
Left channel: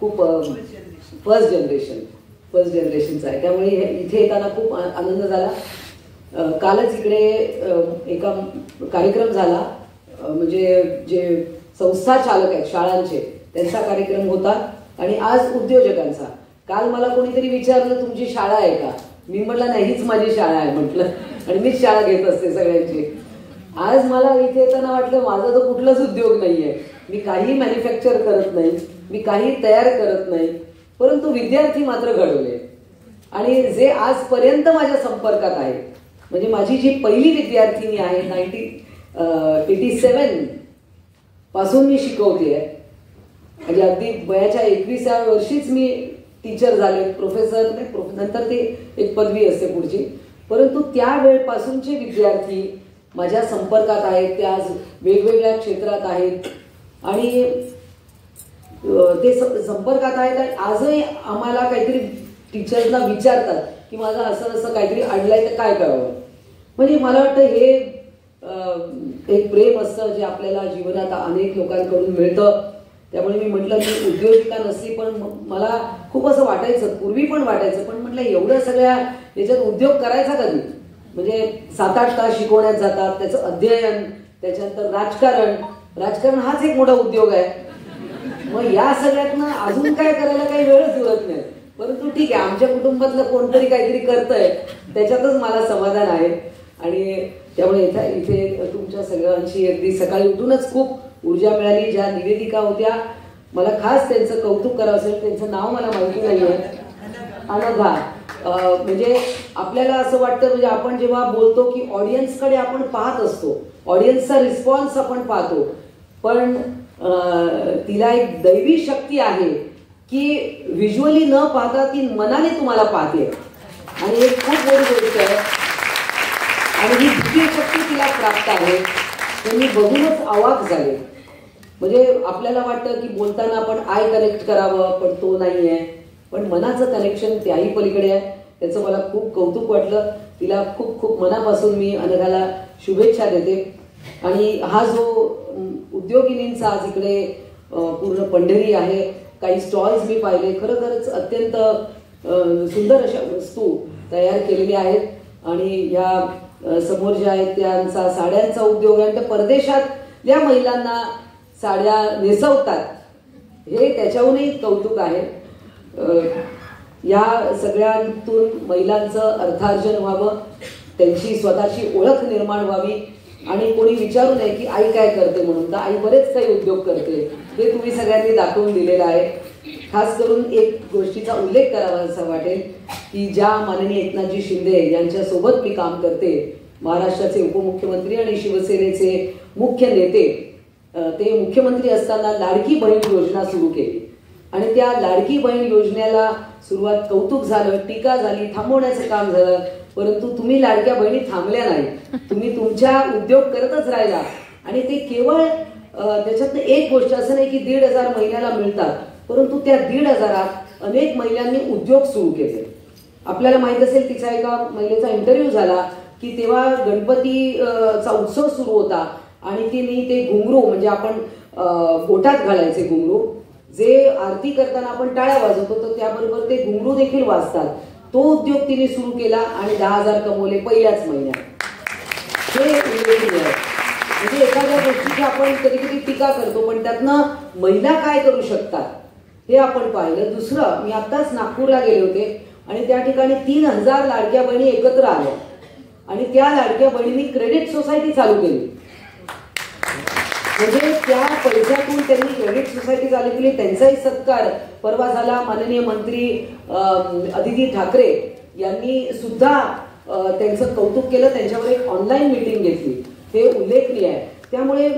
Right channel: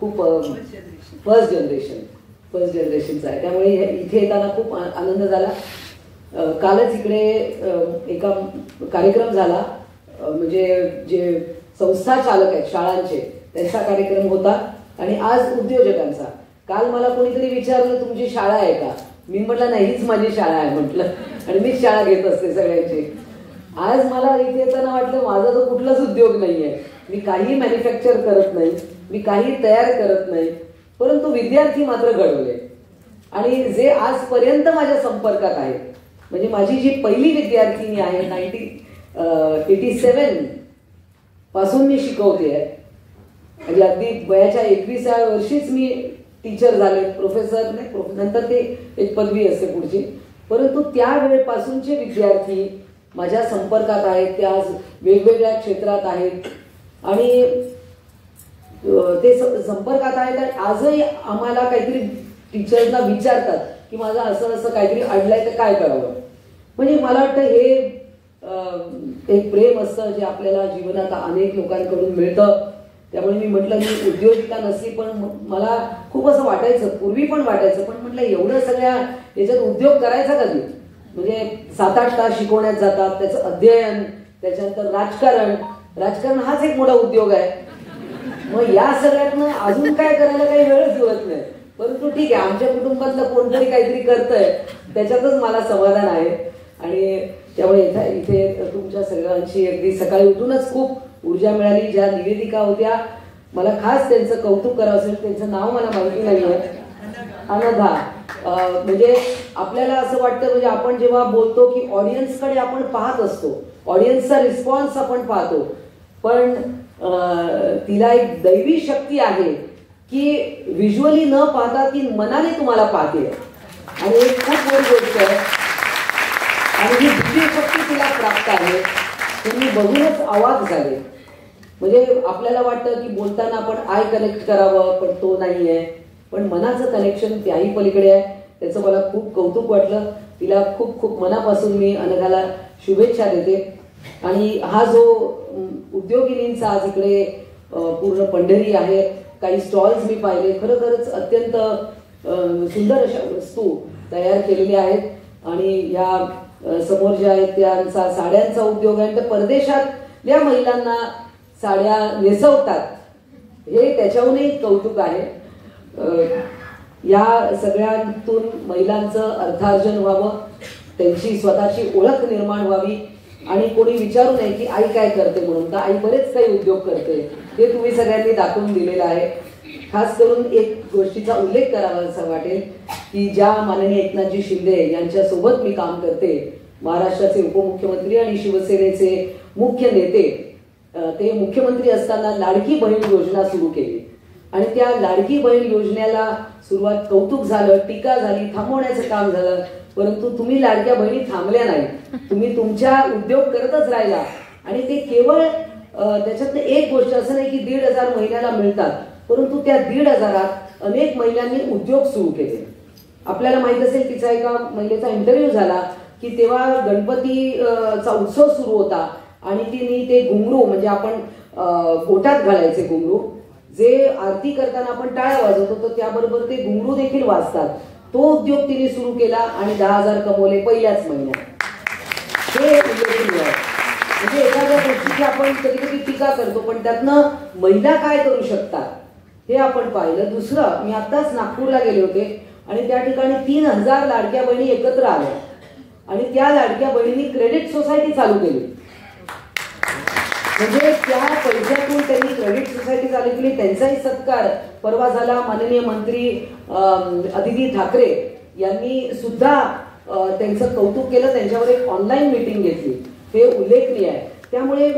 खूप फर्स्ट जनरेशनचा आहे. त्यामुळे इथे येताना खूप आनंद झाला. कालच इकडे एका कार्यक्रम झाला, म्हणजे जे संस्था चालक आहेत शाळांचे त्यांचा कार्यक्रम होता आणि आज उद्योजकांचा. काल मला कोणीतरी विचारलं तुमची शाळा आहे का, मी म्हटलं नाही हीच माझी शाळा आहे म्हटलं, आणि मीच शाळा घेत असते सगळ्यांची. आज मला इथे येताना वाटलं माझा तो कुठलाच उद्योग नाहीये, मी काही मॅन्युफॅक्चर करत नाही, मी काही तयार करत नाही, परंतु विद्यार्थी मात्र घडवले. आणि जे आजपर्यंत माझ्या संपर्कात आहे, म्हणजे माझी जी पहिली विद्यार्थिनी आहे 1987 पासून मी शिकवते, म्हणजे अगदी वयाच्या 21व्या वर्षीच मी टीचर झाले, प्रोफेसर नाही, नंतर ते एक पदवी असते पुढची, परंतु त्या वेळेपासूनचे विद्यार्थी माझ्या संपर्कात आहेत, ते आज वेगवेगळ्या क्षेत्रात आहेत आणि ते संपर्कात आहेत. आणि आजही आम्हाला काहीतरी टीचर्सना विचारतात की माझं असं असं काहीतरी अडलंय तर काय करावं. म्हणजे मला वाटतं हे एक प्रेम असतं जे आपल्याला जीवनात अनेक लोकांकडून मिळतं. त्यामुळे मी म्हटलं मी उद्योजिका नसली, पण मला खूप असं वाटायचं, पूर्वी पण वाटायचं, पण म्हटलं एवढं सगळ्या याच्यात उद्योग करायचा कधी, म्हणजे 7-8 तास शिकवण्यात जातात, त्याचं अध्ययन, त्याच्यानंतर राजकारण हाच एक मोठा उद्योग आहे. मग या सगळ्यातनं अजून काय करायला काही वेळच उरत नाही. परंतु ठीक आहे, आमच्या कुटुंबातलं कोणतरी काहीतरी करतंय त्याच्यातच मला समाधान आहे. आणि त्यामुळे इथे तुमच्या सगळ्यांची अगदी सकाळी उठूनच खूप ऊर्जा मिळाली. ज्या निवेदिका होत्या, मला खास त्यांचं कौतुक करावं असेल, त्यांचं नाव मला माहिती नाहीये, अनघा. म्हणजे आपल्याला असं वाटतं, म्हणजे आपण जेव्हा बोलतो की ऑडियन्सकडे आपण पाहत असतो, ऑडियन्सचा रिस्पॉन्स आपण पाहतो, पण तिला एक दैवी शक्ती आहे की व्हिज्युअली न पाहता ती मनाने तुम्हाला पाहते, आणि एक खूप मोठी गोष्ट आहे. आणि ही दिव्य शक्ती तिला प्राप्त आहे. तुम्ही बघूनच अवाक झाले. म्हणजे आपल्याला वाटतं की बोलताना आपण आय कनेक्ट करावं, पण तो नाहीये, पण मनाचं कनेक्शन त्याही पलीकडे आहे. त्याचं मला खूप कौतुक वाटलं. तिला खूप खूप मनापासून मी अनघाला शुभेच्छा देते. आणि हा जो उद्योगिनींचा आज इकडे पूर्ण पंढरी आहे, काही स्टॉल्स मी पाहिले, खरोखरच अत्यंत सुंदर अशा वस्तू तयार केलेल्या आहेत. आणि या समोर ज्या आहेत त्यांचा साड्यांचा उद्योग आहे, तर परदेशातल्या महिलांना साड्या नेसवतात, हे त्याच्याहूनही कौतुक आहे. या सगळ्यांतून महिलांचं अर्थार्जन व्हावं, त्यांची स्वतःची ओळख निर्माण व्हावी, आणि कोणी विचारू नये की आई काय करते म्हणून, तर आई बरेच काही उद्योग करते, हे तुम्ही सगळ्यांनी दाखवून दिलेलं आहे. खास करून एक गोष्टीचा उल्लेख करावा असं वाटेल की ज्या माननीय एकनाथजी शिंदे यांच्यासोबत मी काम करते, महाराष्ट्राचे उपमुख्यमंत्री आणि शिवसेनेचे मुख्य नेते, ते मुख्यमंत्री असताना लाडकी बहीण योजना सुरू केली. आणि त्या लाडकी बहीण योजनेला सुरुवात कौतुक झालं, टीका झाली, थांबवण्याचं काम झालं, परंतु तुम्ही लाडक्या बहिणी थांबल्या नाही, तुम्ही तुमच्या उद्योग करतच राहिला. आणि ते केवळ त्याच्यात एक गोष्ट असं नाही की 1,500 महिन्याला मिळतात, परंतु त्या 1,500 अनेक महिलांनी उद्योग सुरू केले. आपल्याला माहित असेल, तिचा एका महिलेचा इंटरव्ह्यू झाला की तेव्हा गणपतीचा उत्सव सुरू होता आणि तिने ते घुंगरू, म्हणजे आपण पोटात घालायचे घुंगरू, जे आरती करताना आपण टाळ्या वाजवतो, तर त्याबरोबर ते घुंगरू देखील वाजतात, तो उद्योग तिने सुरू केला आणि 10,000 कमवले पहिल्याच महिन्यात. हे उल्लेखनीय आहे. म्हणजे एखाद्या गोष्टीची आपण कधी कधी टीका करतो, पण त्यातनं महिला काय करू शकतात हे आपण पाहिलं. दुसरं, मी आताच नागपूरला गेले होते आणि त्या ठिकाणी 3,000 लाडक्या बहिणी एकत्र आल्या आणि त्या लाडक्या बहिणींनी क्रेडिट सोसायटी चालू केली. म्हणजे त्या पैशातून त्यांनी क्रेडिट सोसायटी चालू केली. त्यांचाही सत्कार परवा झाला. माननीय मंत्री अदिती ठाकरे यांनी सुद्धा त्यांचं कौतुक केलं, त्यांच्यावर एक ऑनलाईन मीटिंग घेतली. हे उल्लेखनीय आहे. त्यामुळे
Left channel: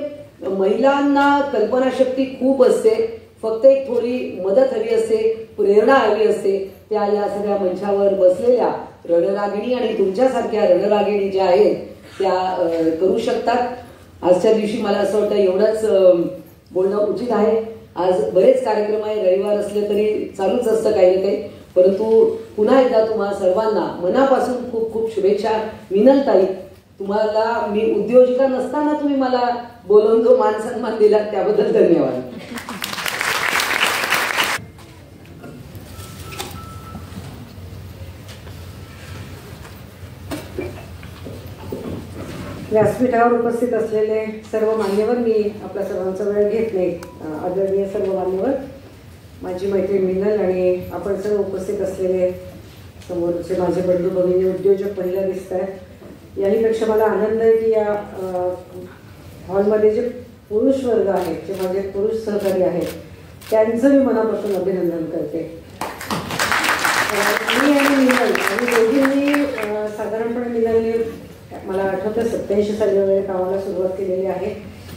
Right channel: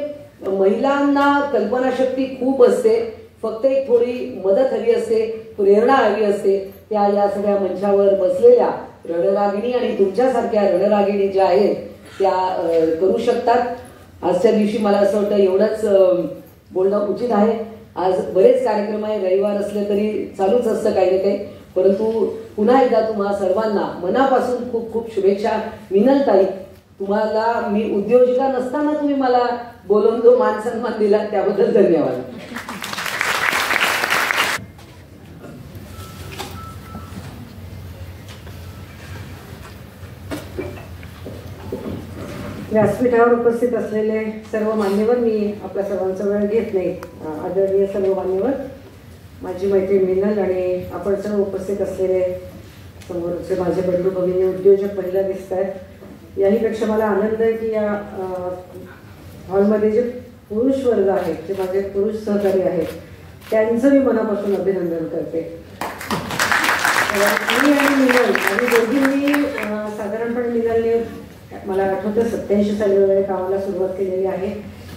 महिलांना कल्पनाशक्ती खूप असते, फक्त एक थोडी मदत हवी असते, प्रेरणा हवी असते. त्या या सगळ्या मंचावर बसलेल्या रणरागिणी आणि तुमच्यासारख्या रणरागिणी ज्या आहेत त्या करू शकतात. आजच्या दिवशी मला असं वाटतं एवढंच बोलणं उचित आहे. आज बरेच कार्यक्रम आहे, रविवार असले तरी चालूच असतं काही ना काही, परंतु पुन्हा एकदा तुम्हा सर्वांना मनापासून खूप खूप शुभेच्छा. मिनलताई, तुम्हाला मी उद्योजिका नसताना तुम्ही मला बोलवून जो मान सन्मान दिला त्याबद्दल धन्यवाद. व्यासपीठावर उपस्थित असलेले सर्व मान्यवर, मी आपल्या सर्वांचा वेळ घेत नाही. आदरणीय सर्व मान्यवर, माझी मैत्रीण मिनल आणि आपण सर्व उपस्थित असलेले समोरचे माझे बंधू भगिनी उद्योजक महिला दिसत आहेत. याहीपेक्षा मला आनंद आहे की या हॉलमध्ये जे पुरुष वर्ग आहेत, जे माझे पुरुष सहकारी आहेत, त्यांचं मी मनापासून अभिनंदन करते. मी आणि मिनल आणि दोघींनी साधारणपणे मिनलने मला आठवतं 87 साली वगैरे कामाला सुरुवात केलेली आहे.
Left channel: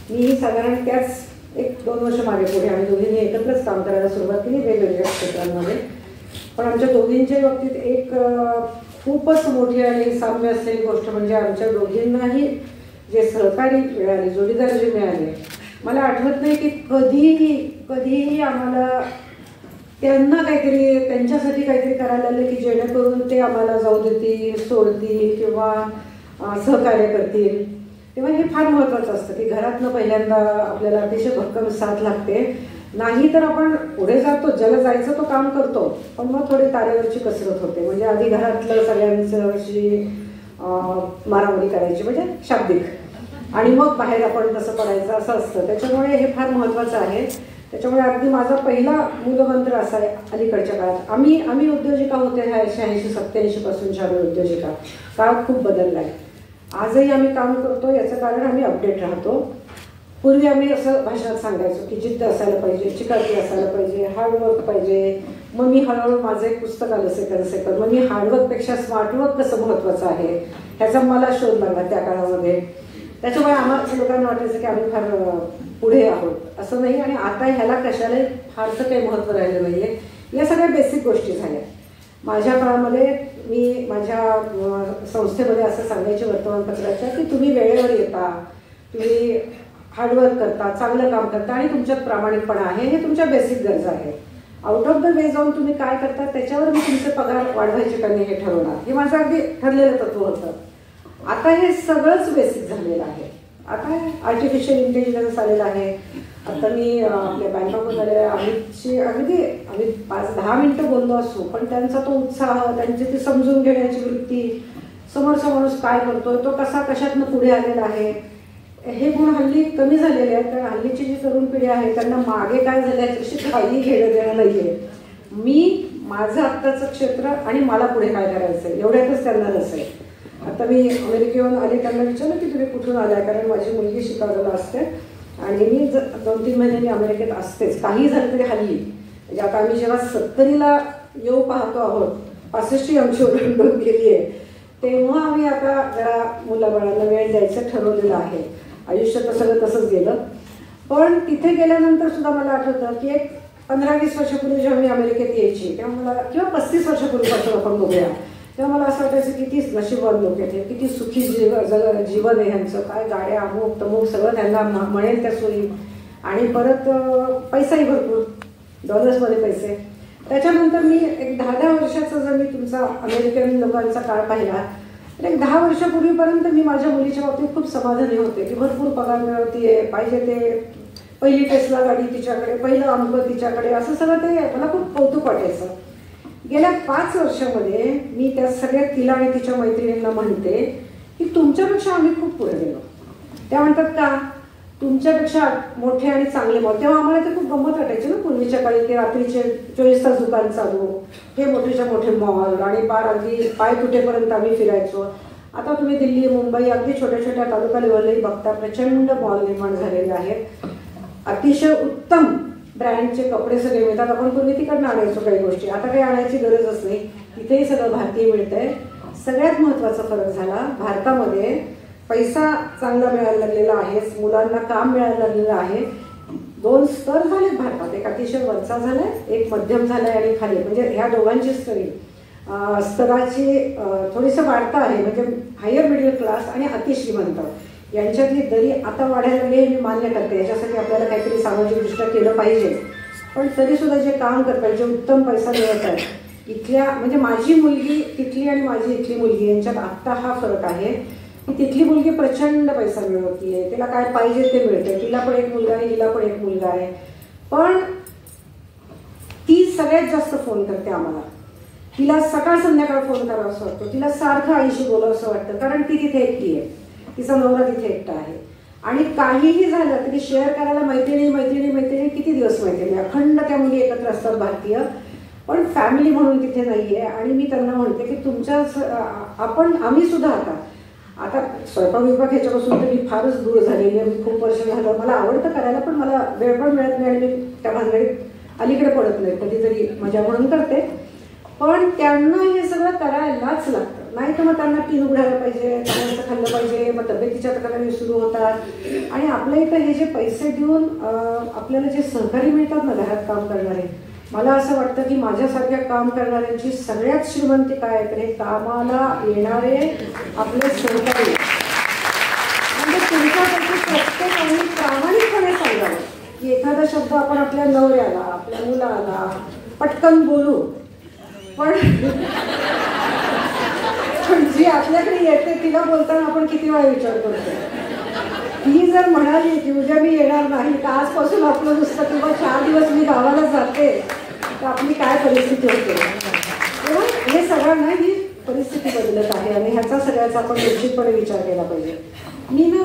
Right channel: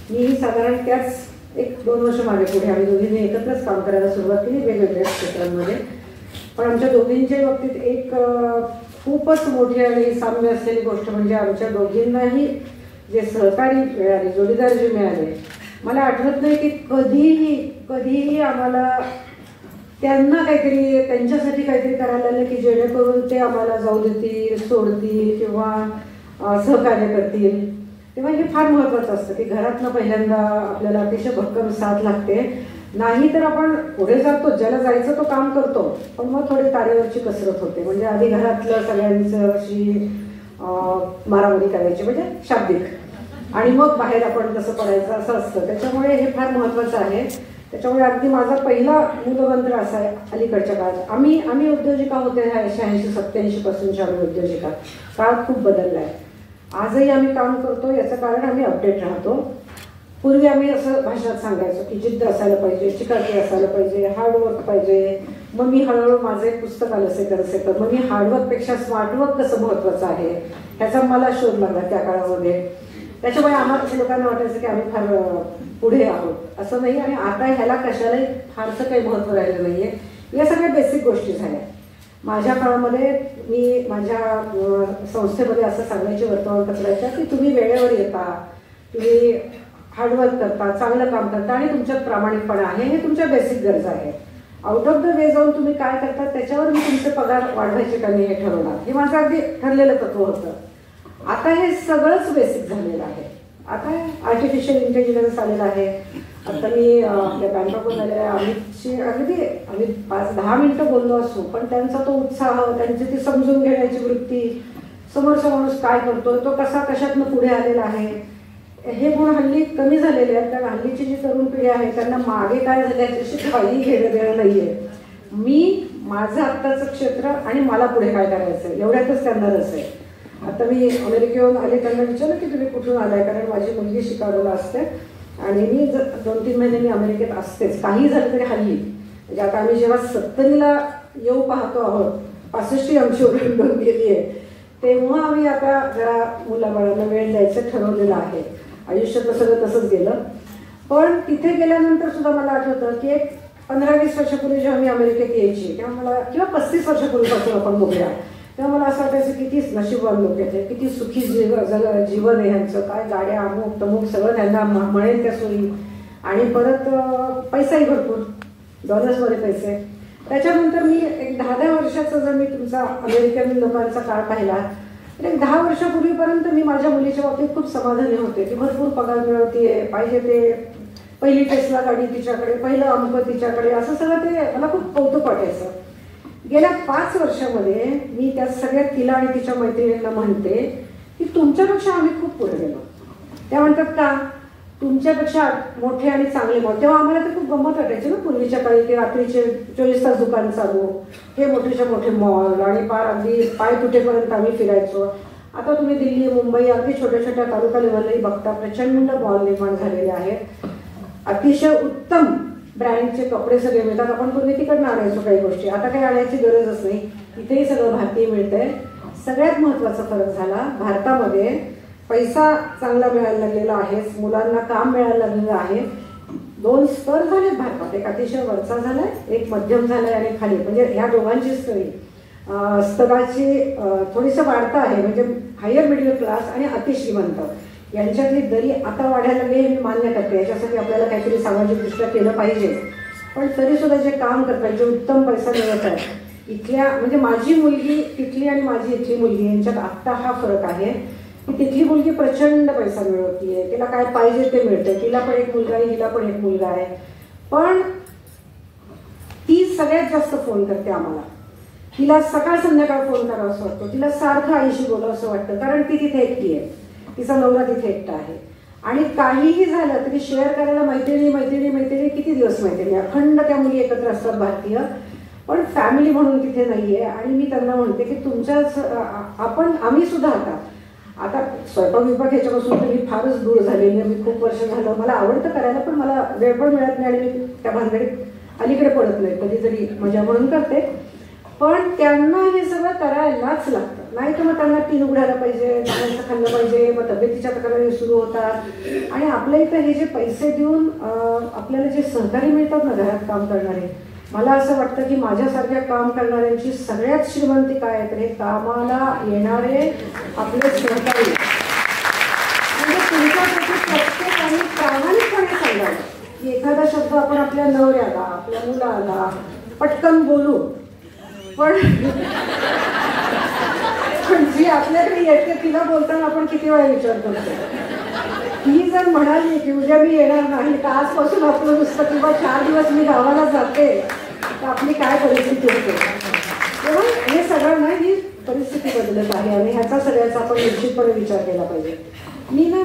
मीही साधारण त्याच 1-2 वर्ष मागे पुढे आम्ही दोघींनी एकत्रच काम करायला सुरुवात केली वेगवेगळ्या क्षेत्रांमध्ये. पण आमच्या दोघींच्या बाबतीत एक खूपच मोठी आणि साम्य असलेली गोष्ट म्हणजे आमच्या दोघींनाही जे सहकारी मिळाले, जोडीदार जे मिळाले, मला आठवत नाही की कधीही आम्हाला त्यांना काहीतरी त्यांच्यासाठी काहीतरी करायला आलं की जेणेकरून ते आम्हाला जाऊ देतील, सोडतील किंवा सहकार्य करतील. तेव्हा हे फार महत्वाचं असतं की घरातनं पहिल्यांदा आपल्याला अतिशय भक्कम साथ लागते. नाही तर आपण पुढे जातो, ज्याला जायचं तो काम करतो, पण मग थोडी तारेवरची कसरत होते. म्हणजे आधी घरातलं सगळ्यांची मारामारी करायची म्हणजे शाब्दिक, आणि मग बाहेर आपण कसं पडायचं असं असतं. त्याच्यामुळे हे फार महत्वाचं आहे. त्याच्यामुळे अगदी माझा पहिला मूलमंत्र असा आहे अलीकडच्या काळात, आम्ही उद्योजिका होते 86-87 पासूनच्या आम्ही उद्योजिका. काळ खूप बदलला आहे. आजही आम्ही काम करतो, याचं कारण आम्ही अपडेट राहतो. पूर्वी आम्ही असं भाषणात सांगायचो की जिद्द असायला पाहिजे, चिकाटी असायला पाहिजे, हार्डवर्क पाहिजे. मग मी हळूहळू माझं एक पुस्तक आलं सेकर. मग मी हार्डवर्कपेक्षा स्मार्टवर्क कसं महत्वाचं आहे ह्याचा मला शोध लागला त्या काळामध्ये. त्याच्यामुळे आम्हाला लोकांना वाटायचं की आम्ही फार पुढे आहोत, असं नाही. आणि आता ह्याला कशालाही फारसं काही महत्व राहिलं नाहीये. या सगळ्या बेसिक गोष्टी झाल्या. माझ्या काळामध्ये मी माझ्या संस्थेमध्ये असं सांगायचे वर्तमानपत्राच्या की तुम्ही वेळेवर येता, तुम्ही हार्डवर्क करता, चांगलं काम करता आणि तुमच्यात प्रामाणिकपणा आहे, हे तुमच्या बेसिक गरजा आहेत. आउट ऑफ द वे जाऊन तुम्ही काय करता त्याच्यावर मी तुमचे पगार वाढवायचे का नाही हे ठरवणार, हे माझं अगदी ठरलेलं तत्व होतं. आता हे सगळंच बेसिक झालेलं आहे. आता आर्टिफिशियल इंटेलिजन्स आलेलं आहे. आता मी आपल्या बँकॉकवर आलेल्या अमितशी अगदी 5-10 मिनिटं बोललो असो, पण त्यांचा तो उत्साह, त्यांची ती समजून घेण्याची वृत्ती, समोरचा माणूस काय करतोय, तो कशातनं पुढे आलेला आहे, हे गुण हल्ली कमी झालेले आहेत. कारण हल्लीची जी तरुण पिढी आहे त्यांना मागे काय झालं याच्याशी काही घेणं देणं नाहीये. मी माझं आत्ताचं क्षेत्र आणि मला पुढे काय करायचं एवढ्यातच त्यांना रस आहे. आता मी अमेरिकेहून आले, त्यांना विचारलं की तुम्ही कुठून आलाय, कारण माझी मुलगी शिकागोला असते आणि मी 2-3 महिने मी अमेरिकेत असतेच. काही झालं तरी हल्ली म्हणजे आता आम्ही जेव्हा 70ला येऊ पाहतो आहोत, 65 आमची ओळख गेली आहे, तेव्हा आम्ही आता जरा मुलाबाळांना वेळ द्यायचं ठरवलेलं आहे. आयुष्यात सगळं तसंच गेलं. पण तिथे गेल्यानंतर सुद्धा मला आठवतं की एक 15-20 वर्षापूर्वी जेव्हा मी अमेरिकेत यायची तेव्हा मला, किंवा 35 वर्षापूर्वीपासून आपण बघूया, तेव्हा मला असं वाटायचं किती नशीबवान लोक आहेत, किती सुखी जीवन आहे ह्यांचं, काय गाड्या अमुक तमुक सगळं त्यांना म्हणेल त्या सोयी, आणि परत पैसाही भरपूर, डॉलर्समध्ये पैसे. त्याच्यानंतर मी एक 10-10 वर्षाचा जर मी तुमचा अमेरिकन लोकांचा काळ पाहिला तर एक 10 वर्षापूर्वीपर्यंत मी माझ्या मुलीच्या बाबतीत खूप समाधानी होते की भरपूर पगार मिळवतीये, पाहिजे ते पहिली टेस्ला गाडी तिच्याकडे, पहिलं अमुक तिच्याकडे, असं सगळं ते मला खूप कौतुक वाटायचं. गेल्या 5 वर्षामध्ये मी त्या सगळ्या तिला आणि तिच्या मैत्रिणींना म्हणते की तुमच्यापेक्षा आम्ही खूप पुढे गेलो. त्या म्हणतात का तुमच्यापेक्षा मोठे आणि चांगले मॉल. तेव्हा आम्हाला ते खूप गंमत वाटायची ना पूर्वीच्या काळी, ते रात्रीचे 24 तास दुकान चालू, हे मोठेच्या मोठे मॉल आणि पार अगदी पाय तुटेपर्यंत आम्ही फिरायचो. आता तुम्ही दिल्ली, मुंबई, अगदी छोट्या छोट्या तालुका लेवलही बघता, प्रचंड मॉल निर्माण झालेले आहेत. अतिशय उत्तम ब्रँडचे कपडे सगळे मिळतात. आपण पूर्वी तिकडनं आणायचो काही गोष्टी, आता काही आणायची गरजच नाही, इथेही सगळं भारतीय मिळतंय. सगळ्यात महत्वाचा फरक झाला भारतामध्ये पैसा चांगला मिळायला लागलेला आहे, मुलांना काम मिळायला लागलेलं आहे. 2 स्तर झालेत भारतात, एक अतिशय वरचा झालाय, एक मध्यम झालाय आणि खाली, म्हणजे ह्या दोघांची स्तराची थोडीसं वाढता आहे. म्हणजे हायर मिडल क्लास आणि अतिश्रीमंत यांच्यातली दरी आता वाढायला लागली हे मी मान्य करते. याच्यासाठी आपल्याला काहीतरी सामाजिकदृष्ट्या केलं पाहिजे. पण तरी सुद्धा जे काम करतात, जे उत्तम पैसा मिळत आहे इथल्या, म्हणजे माझी मुलगी तिथली आणि माझी इथली मुलगी यांच्यात आत्ता हा फरक आहे की तिथली मुलगी प्रचंड पैसा मिळवतीये, तिला काय पाहिजे ते मिळते, तिला पण एक मुलगा आहे, हिला पण एक मुलगा आहे. पण ती सगळ्यात जास्त फोन करते आम्हाला. तिला सकाळ संध्याकाळ फोन करावा असं वाटतं, तिला सारखं आईशी बोलावं असं वाटतं, कारण ती तिथे एकटी आहे, तिचा नवरा तिथे एकटा आहे. आणि काहीही झालं तरी शेअर करायला मैत्रिणी किती दिवस मैत्रिणी, अखंड त्या मुली एकत्र असतात भारतीय, पण फॅमिली म्हणून तिथे नाहीये. आणि मी त्यांना म्हणते की तुमच्याच आम्ही सुद्धा आता स्वयंपाक विभाग ह्याच्यापासून तर मी फारच दूर झालेली आहे. मी खूप वर्ष झालं, मला आवडतं करायला, पण मला वेळ पण मिळत नाही आणि मी त्या भानगडीत अलीकडे पडत नाही. कधीतरी मजा म्हणून करते, पण त्यांना हे सगळं करायलाच लागतं. नाही तर मग त्यांना टीन उघडायला पाहिजे, त्यांना खाल्लं पाहिजे, मग तब्येतीच्या तक्रारी सुरू होतात. आणि आपल्या इथं हे जे पैसे देऊन आपल्याला जे सहकारी मिळतात ना घरात काम करणारे, मला असं वाटतं की माझ्यासारख्या काम करणाऱ्यांची सगळ्यात श्रीमंती काय तर हे कामाला येणारे आपले सहकारी. म्हणजे तुमच्यापैकी प्रत्येकाने प्रामाणिकपणे सांगावं की एखादा शब्द आपण आपल्या नवऱ्याला, आपल्या मुलाला पटकन बोलू, पण जी आपल्याकडे येते तिला बोलताना आपण किती वेळा विचार करतो. ही जर म्हणाली की उद्या मी येणार नाही, तर आजपासून आपलं नुसतं किंवा 4 दिवस मी गावाला जाते, तर आपली काय परिस्थिती होते. तेव्हा हे सगळ्यांना ही परिस्थिती बदलत आहे आणि ह्याचा सगळ्याचा आपण निश्चितपणे विचार केला पाहिजे. मी ना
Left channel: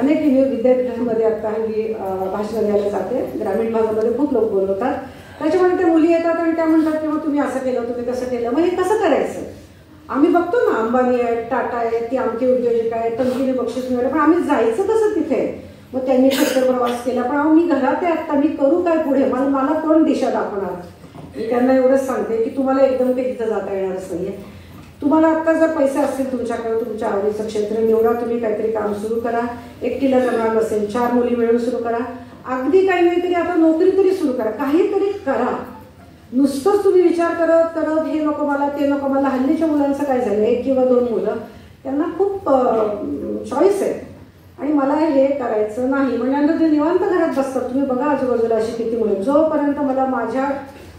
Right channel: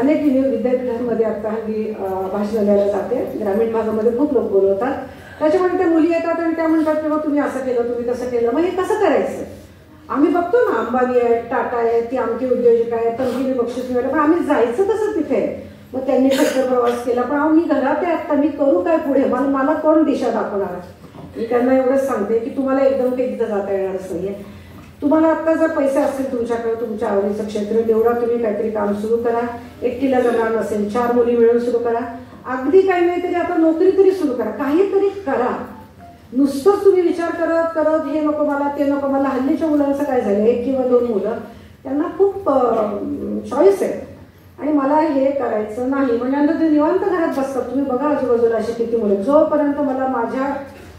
अनेक विद्यापीठांमध्ये आता हल्ली भाषण द्यायला जाते. ग्रामीण भागामध्ये खूप लोक बोलवतात, त्याच्यामुळे त्या मुली येतात आणि त्या म्हणतात की तुम्ही असं केलं, तुम्ही कसं केलं. मग हे कसं करायचं. आम्ही बघतो ना, अंबानी आहे, टाटा आहे, ती आमची उद्योजक आहे, तंगिरी बक्षीस मिळालं, पण आम्ही जायचं कसं तिथे. मग त्यांनी खर्च प्रवास केला, पण मी घरात आहे आता, मी करू काय पुढे, मला कोण दिशा दाखवणार. मी त्यांना एवढंच सांगते की तुम्हाला एकदम काही तिथं जाता येणारच नाहीये. तुम्हाला आता जर पैसे असतील तुमच्याकडे, तुमच्या आवडीचं क्षेत्र निवडा, तुम्ही काहीतरी काम सुरू करा. एकटीला जमणार नसेल 4 मुली मिळून सुरू करा. अगदी काही नाही तरी आता नोकरी तरी सुरू करा, काहीतरी करा. नुसतंच तुम्ही विचार करत हे नको मला, ते नको मला. हल्लीच्या मुलांचं काय झालं, 1 किंवा 2 मुलं, त्यांना खूप चॉईस आहे आणि मला हे करायचं नाही म्हणजे ते निवांत घरात बसतात. तुम्ही बघा आजूबाजूला अशी किती मुलं. जोपर्यंत मला माझ्या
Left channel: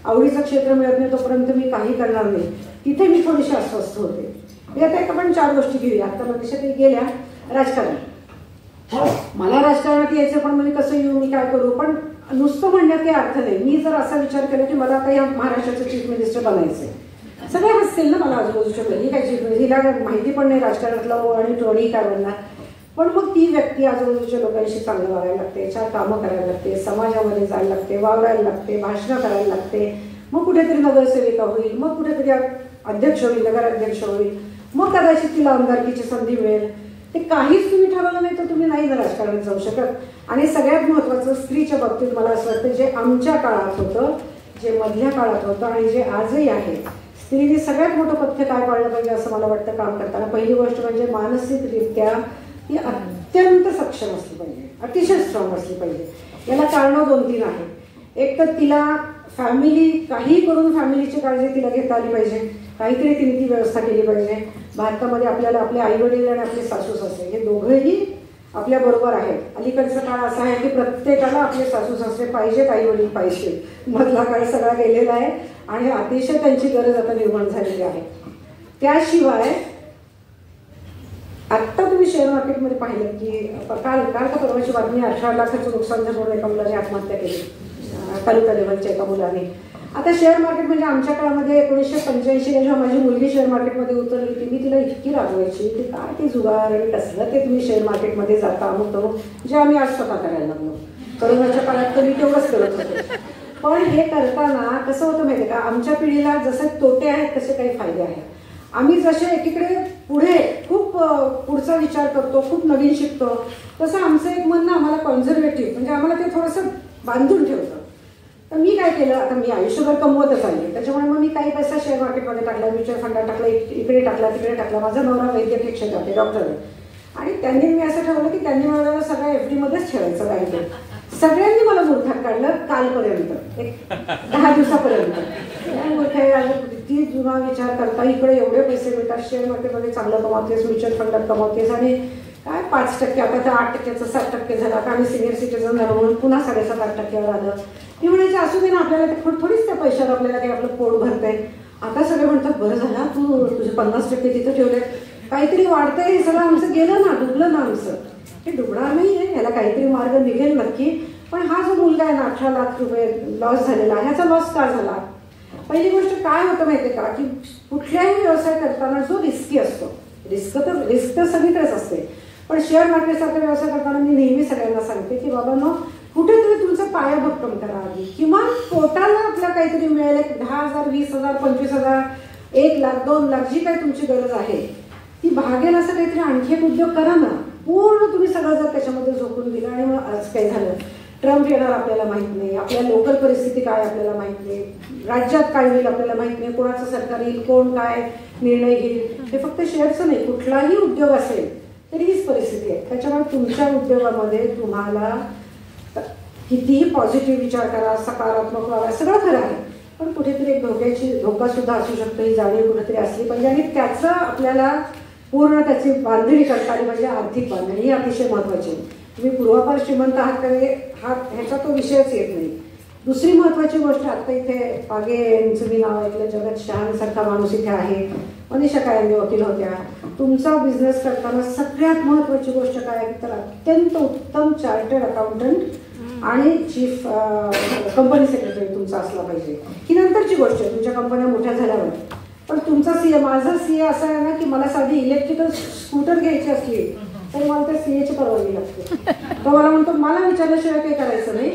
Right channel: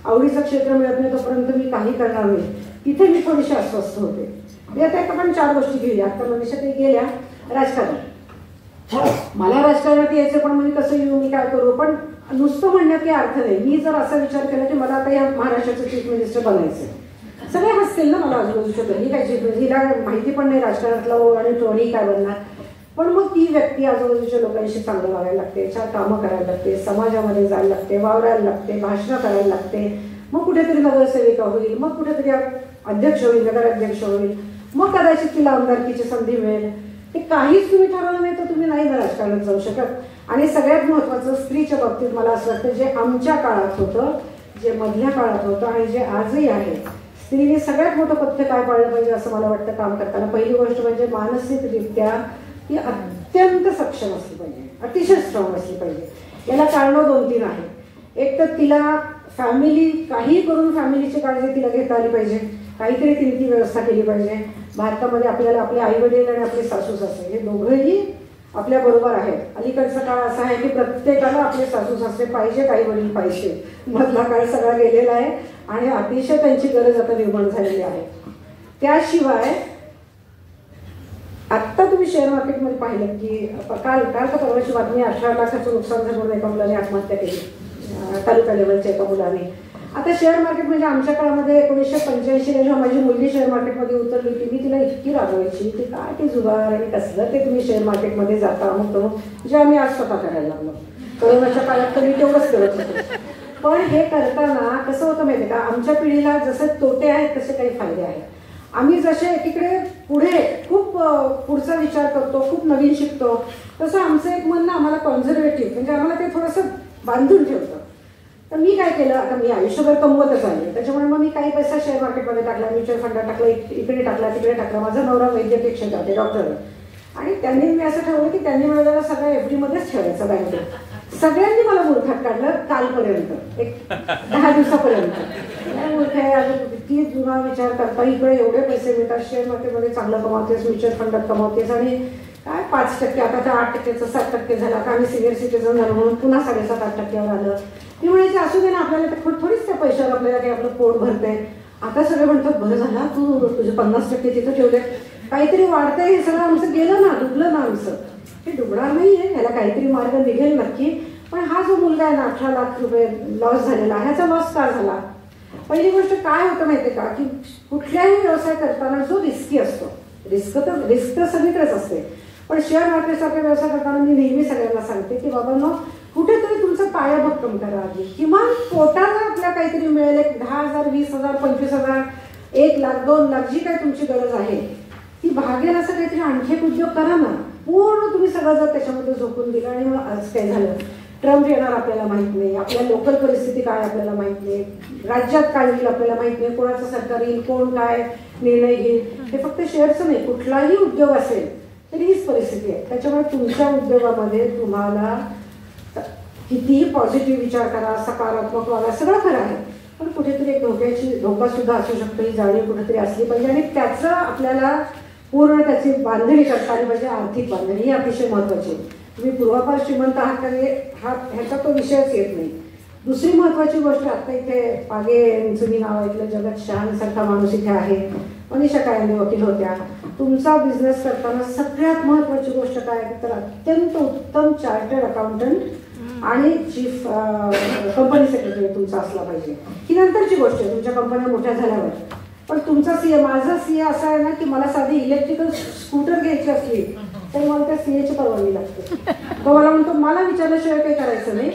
आवडीचं क्षेत्र मिळत नाही तोपर्यंत मी काही करणार नाही. तिथे मी थोडीशी अस्वस्थ होते. आता आपण 4 गोष्टी घेऊया. आता मनीषा काही गेल्या राजकारण. मला राजकारणात यायचं, पण मी कसं येऊ, मी काय करू. पण नुसतं म्हणण्यात काही अर्थ नाही. मी जर असा विचार केला की मला आता या महाराष्ट्राचं चीफ मिनिस्टर बनायचंय, सगळे हसतील ना मला आजूबाजूच्या, ही काय चीफ मिनिस्टर, हिला माहिती पण नाही राजकारणातलं आणि टोळी काय बनणार. पण मग ती व्यक्ती आजूबाजूच्या लोकांशी चांगलं वागायला लागते, 4 कामं करायला लागते, समाजामध्ये जायला लागते, वावरायला लागते, भाषणं करायला लागते. मग कुठेतरी नगरसेविका होईल, मग कुठेतरी अध्यक्ष होईल, नगराध्यक्ष होईल, मग कदाचित तिला आमदारकीची संधी मिळेल. ते काहीच तुम्ही ठरवलं नाही तर तुम्ही नाही राजकारणात जाऊ शकत. आणि सगळ्यात महत्वाचं स्त्रीच्या बाबतीत मला असं वाटतं, जे आमच्या काळात होतं, जे मधल्या काळात होतं आणि जे आजही आहे, स्त्रीने सगळ्यात मोठं पथ्य काय पाळलं पाहिजे असं मला वाटतं काम करताना. पहिली गोष्ट म्हणजे मानसिकरित्या ती अत्यंत सक्षम असली पाहिजे, अतिशय स्ट्रॉंग असली पाहिजे. याला कारणं 2-3 आहेत. एक तर तिला फॅमिली काही करून फॅमिलीची काळजी तिला घेता आली पाहिजे, काहीतरी तिने ती व्यवस्था केली पाहिजे. भारतामध्ये आपल्याला आपले आई वडील आणि आपले सासू सासरे हे दोघेही आपल्या बरोबर आहेत. अलीकडचा काळ असा आहे की प्रत्येकाला आपले सासू सासरे पाहिजे, आई वडील पाहिजे. मधला काळ सगळा गेलेला आहे आणि अतिशय त्यांची गरज आता निर्माण झालेली आहे. त्याशिवाय आत्ता तुम्ही शेअर मार्केटमध्ये पाहिलं की काल का परवाची बातमी, 18 लाखाचं नुकसान झालं, एका मुलाने आत्महत्या केली तालुका लेवलच्या एका मुलाने. आता शेअर मार्केट म्हणजे आमच्या काळामध्ये 1985 जेव्हा माझी मुलगी शेअर मार्केटमध्ये उतरली होती, मी तिला इतकी रागवायची की काय ते जुगार आणि कसलं ते तुम्ही शेअर मार्केटमध्ये जाता होतं, जे आम्ही आज स्वतः करायला लागलो. करोनाच्या काळात तर मी तेवढंच करत होतो. पण हे करताना कसं होतं माहिती का, आमच्या पिढीला जसे तोटे आहेत तसे काही फायदे आहेत. आम्ही जसे एकीकडे पुढे खूप पुढचा विचार करतो, खूप नवीन शिकतो, तसं आमचं एक म्हणणं आम्हाला कॉन्झर्वेटिव्ह, म्हणजे आम्हाला ते थोडंसं बांधून ठेवतं. तर मी काय केलं, आता मी आयुष्यभर कमवतच आहे, त्याच्यामुळे मग मी काही पैसा शेअर मार्केटमध्ये टाकला, म्युच्युअल फंडात टाकला, इकडे टाकला, तिकडे टाकला. माझा नवरा वैद्यकीय क्षेत्रात आहे, डॉक्टर, आणि त्यांनी मी असं ठरवलं की त्यांनी मला सगळं FD मध्येच ठेवायचं बँकेत. सगळ्यांनी मला मूर्खात काढलं कालपर्यंत, एक 10 दिवसापर्यंत. किती जुना विचार करता, इकडे एवढे पैसे मिळतात, शेअर मार्केटमध्ये चांगलं कमावतेस, म्युच्युअल फंडात कमावतेस, आणि काय 5%, आता तर 8%चं 7% झाला, का आम्ही सिनियर सिटीजन झालो म्हणून पुन्हा 7.5% आलं. मी म्हणायचे असू दे ना, आपल्याला थोडीच त्या पैशावर आपल्याला काही आपलं पोट भरतंय. आता सगळे म्हणतात बरं झालं तू तुझं 50% तिथं ठेवले, काहीतरी वाढतंय, हे सगळं आमचं गेलं ना, डुबलं ना आमचं. हे डुबणार नाहीये, याला काहीतरी मार्ग निघेल नक्की. पण हा जो मुलगा आहे ना 18 लाख रुपये लॉस झालेला, ह्याचा लॉस का झाला? पहिली गोष्ट काय होतं माहितीये का, की कुठल्याही व्यवसाय करताना जो रिस्की असतो, रिस्क तर सगळीकडेच असते, पण शेअर मार्केटसारखा व्यवसाय करताना मी नेहमी सगळ्यांना सांगते की बाबा कुठेतरी तुमचा पाया भक्कम करा आधी. किमान पोटाला आपल्या काहीतरी मिळेल, 10,000, 20,000, 25,000, 1 लाख, 2 लाख, जी काय तुमची गरज आहे ती भागेल असं काहीतरी आणखी एक उद्योग करा ना. पूर्ण तुम्ही सगळं जर त्याच्यामध्ये झोपून दिलं आणि मग आज काय झालं, ट्रम्प येणार आपल्याला माहित नाही, आपल्या लोकल परिस्थिती काय आपल्याला माहित नाही, राज्यात काय होईल आपल्याला माहित नाही, कोणाचं सरकार येईल, कोण काय निर्णय घेईल. हे फक्त शेअरचं नाही, कुठलाही उद्योग असेल तरी हीच परिस्थिती आहे. त्याच्यामुळे तुमच्या उद्योगामध्ये तुम्हाला कितीही पॉझिटिव्ह विचार करा, सकारात्मक वागा, सगळं खरं आहे, पण कुठेतरी एक धोका सुद्धा असू शकतो, ही जाणीव कुठेतरी असली पाहिजे. आणि त्याचं आपल्याला पूर्ण त्याची बांधणी करता आली पाहिजे. आर्थिक बांधणी ही अतिशय महत्वाची. तुम्ही पूर्वापार श्रीमंत आहात तरी ह्याचा तो विषयच येत नाही. दुसरी महत्वाची गोष्ट, आता इथे पागे यांचं मी नाव ऐकलं, जगत शहांसारखा माणूस इथे आहे, मनीषा कायंदे वकील होत्या. तुमचा बिझनेस करताना सगळ्यात महत्वाची गोष्ट काय तर अत्यंत उत्तम चार्टर्ड अकाउंटंट आणि चीफ कंपनी सेक्रेटरी तुमचा असला पाहिजे. ही नंतरची गोष्ट आहे तुमच्या कंपन्या मोठ्या झाल्यावर. पण तुमचा सीए, माझा सीए असा आहे ना की मला साधी इलेक्ट्रिकल स्कूटर घ्यायची असली तर मला त्या सीएची परवानगी लागते. तो मला म्हणतो मला विचारल्याशिवाय काही करायचं नाही,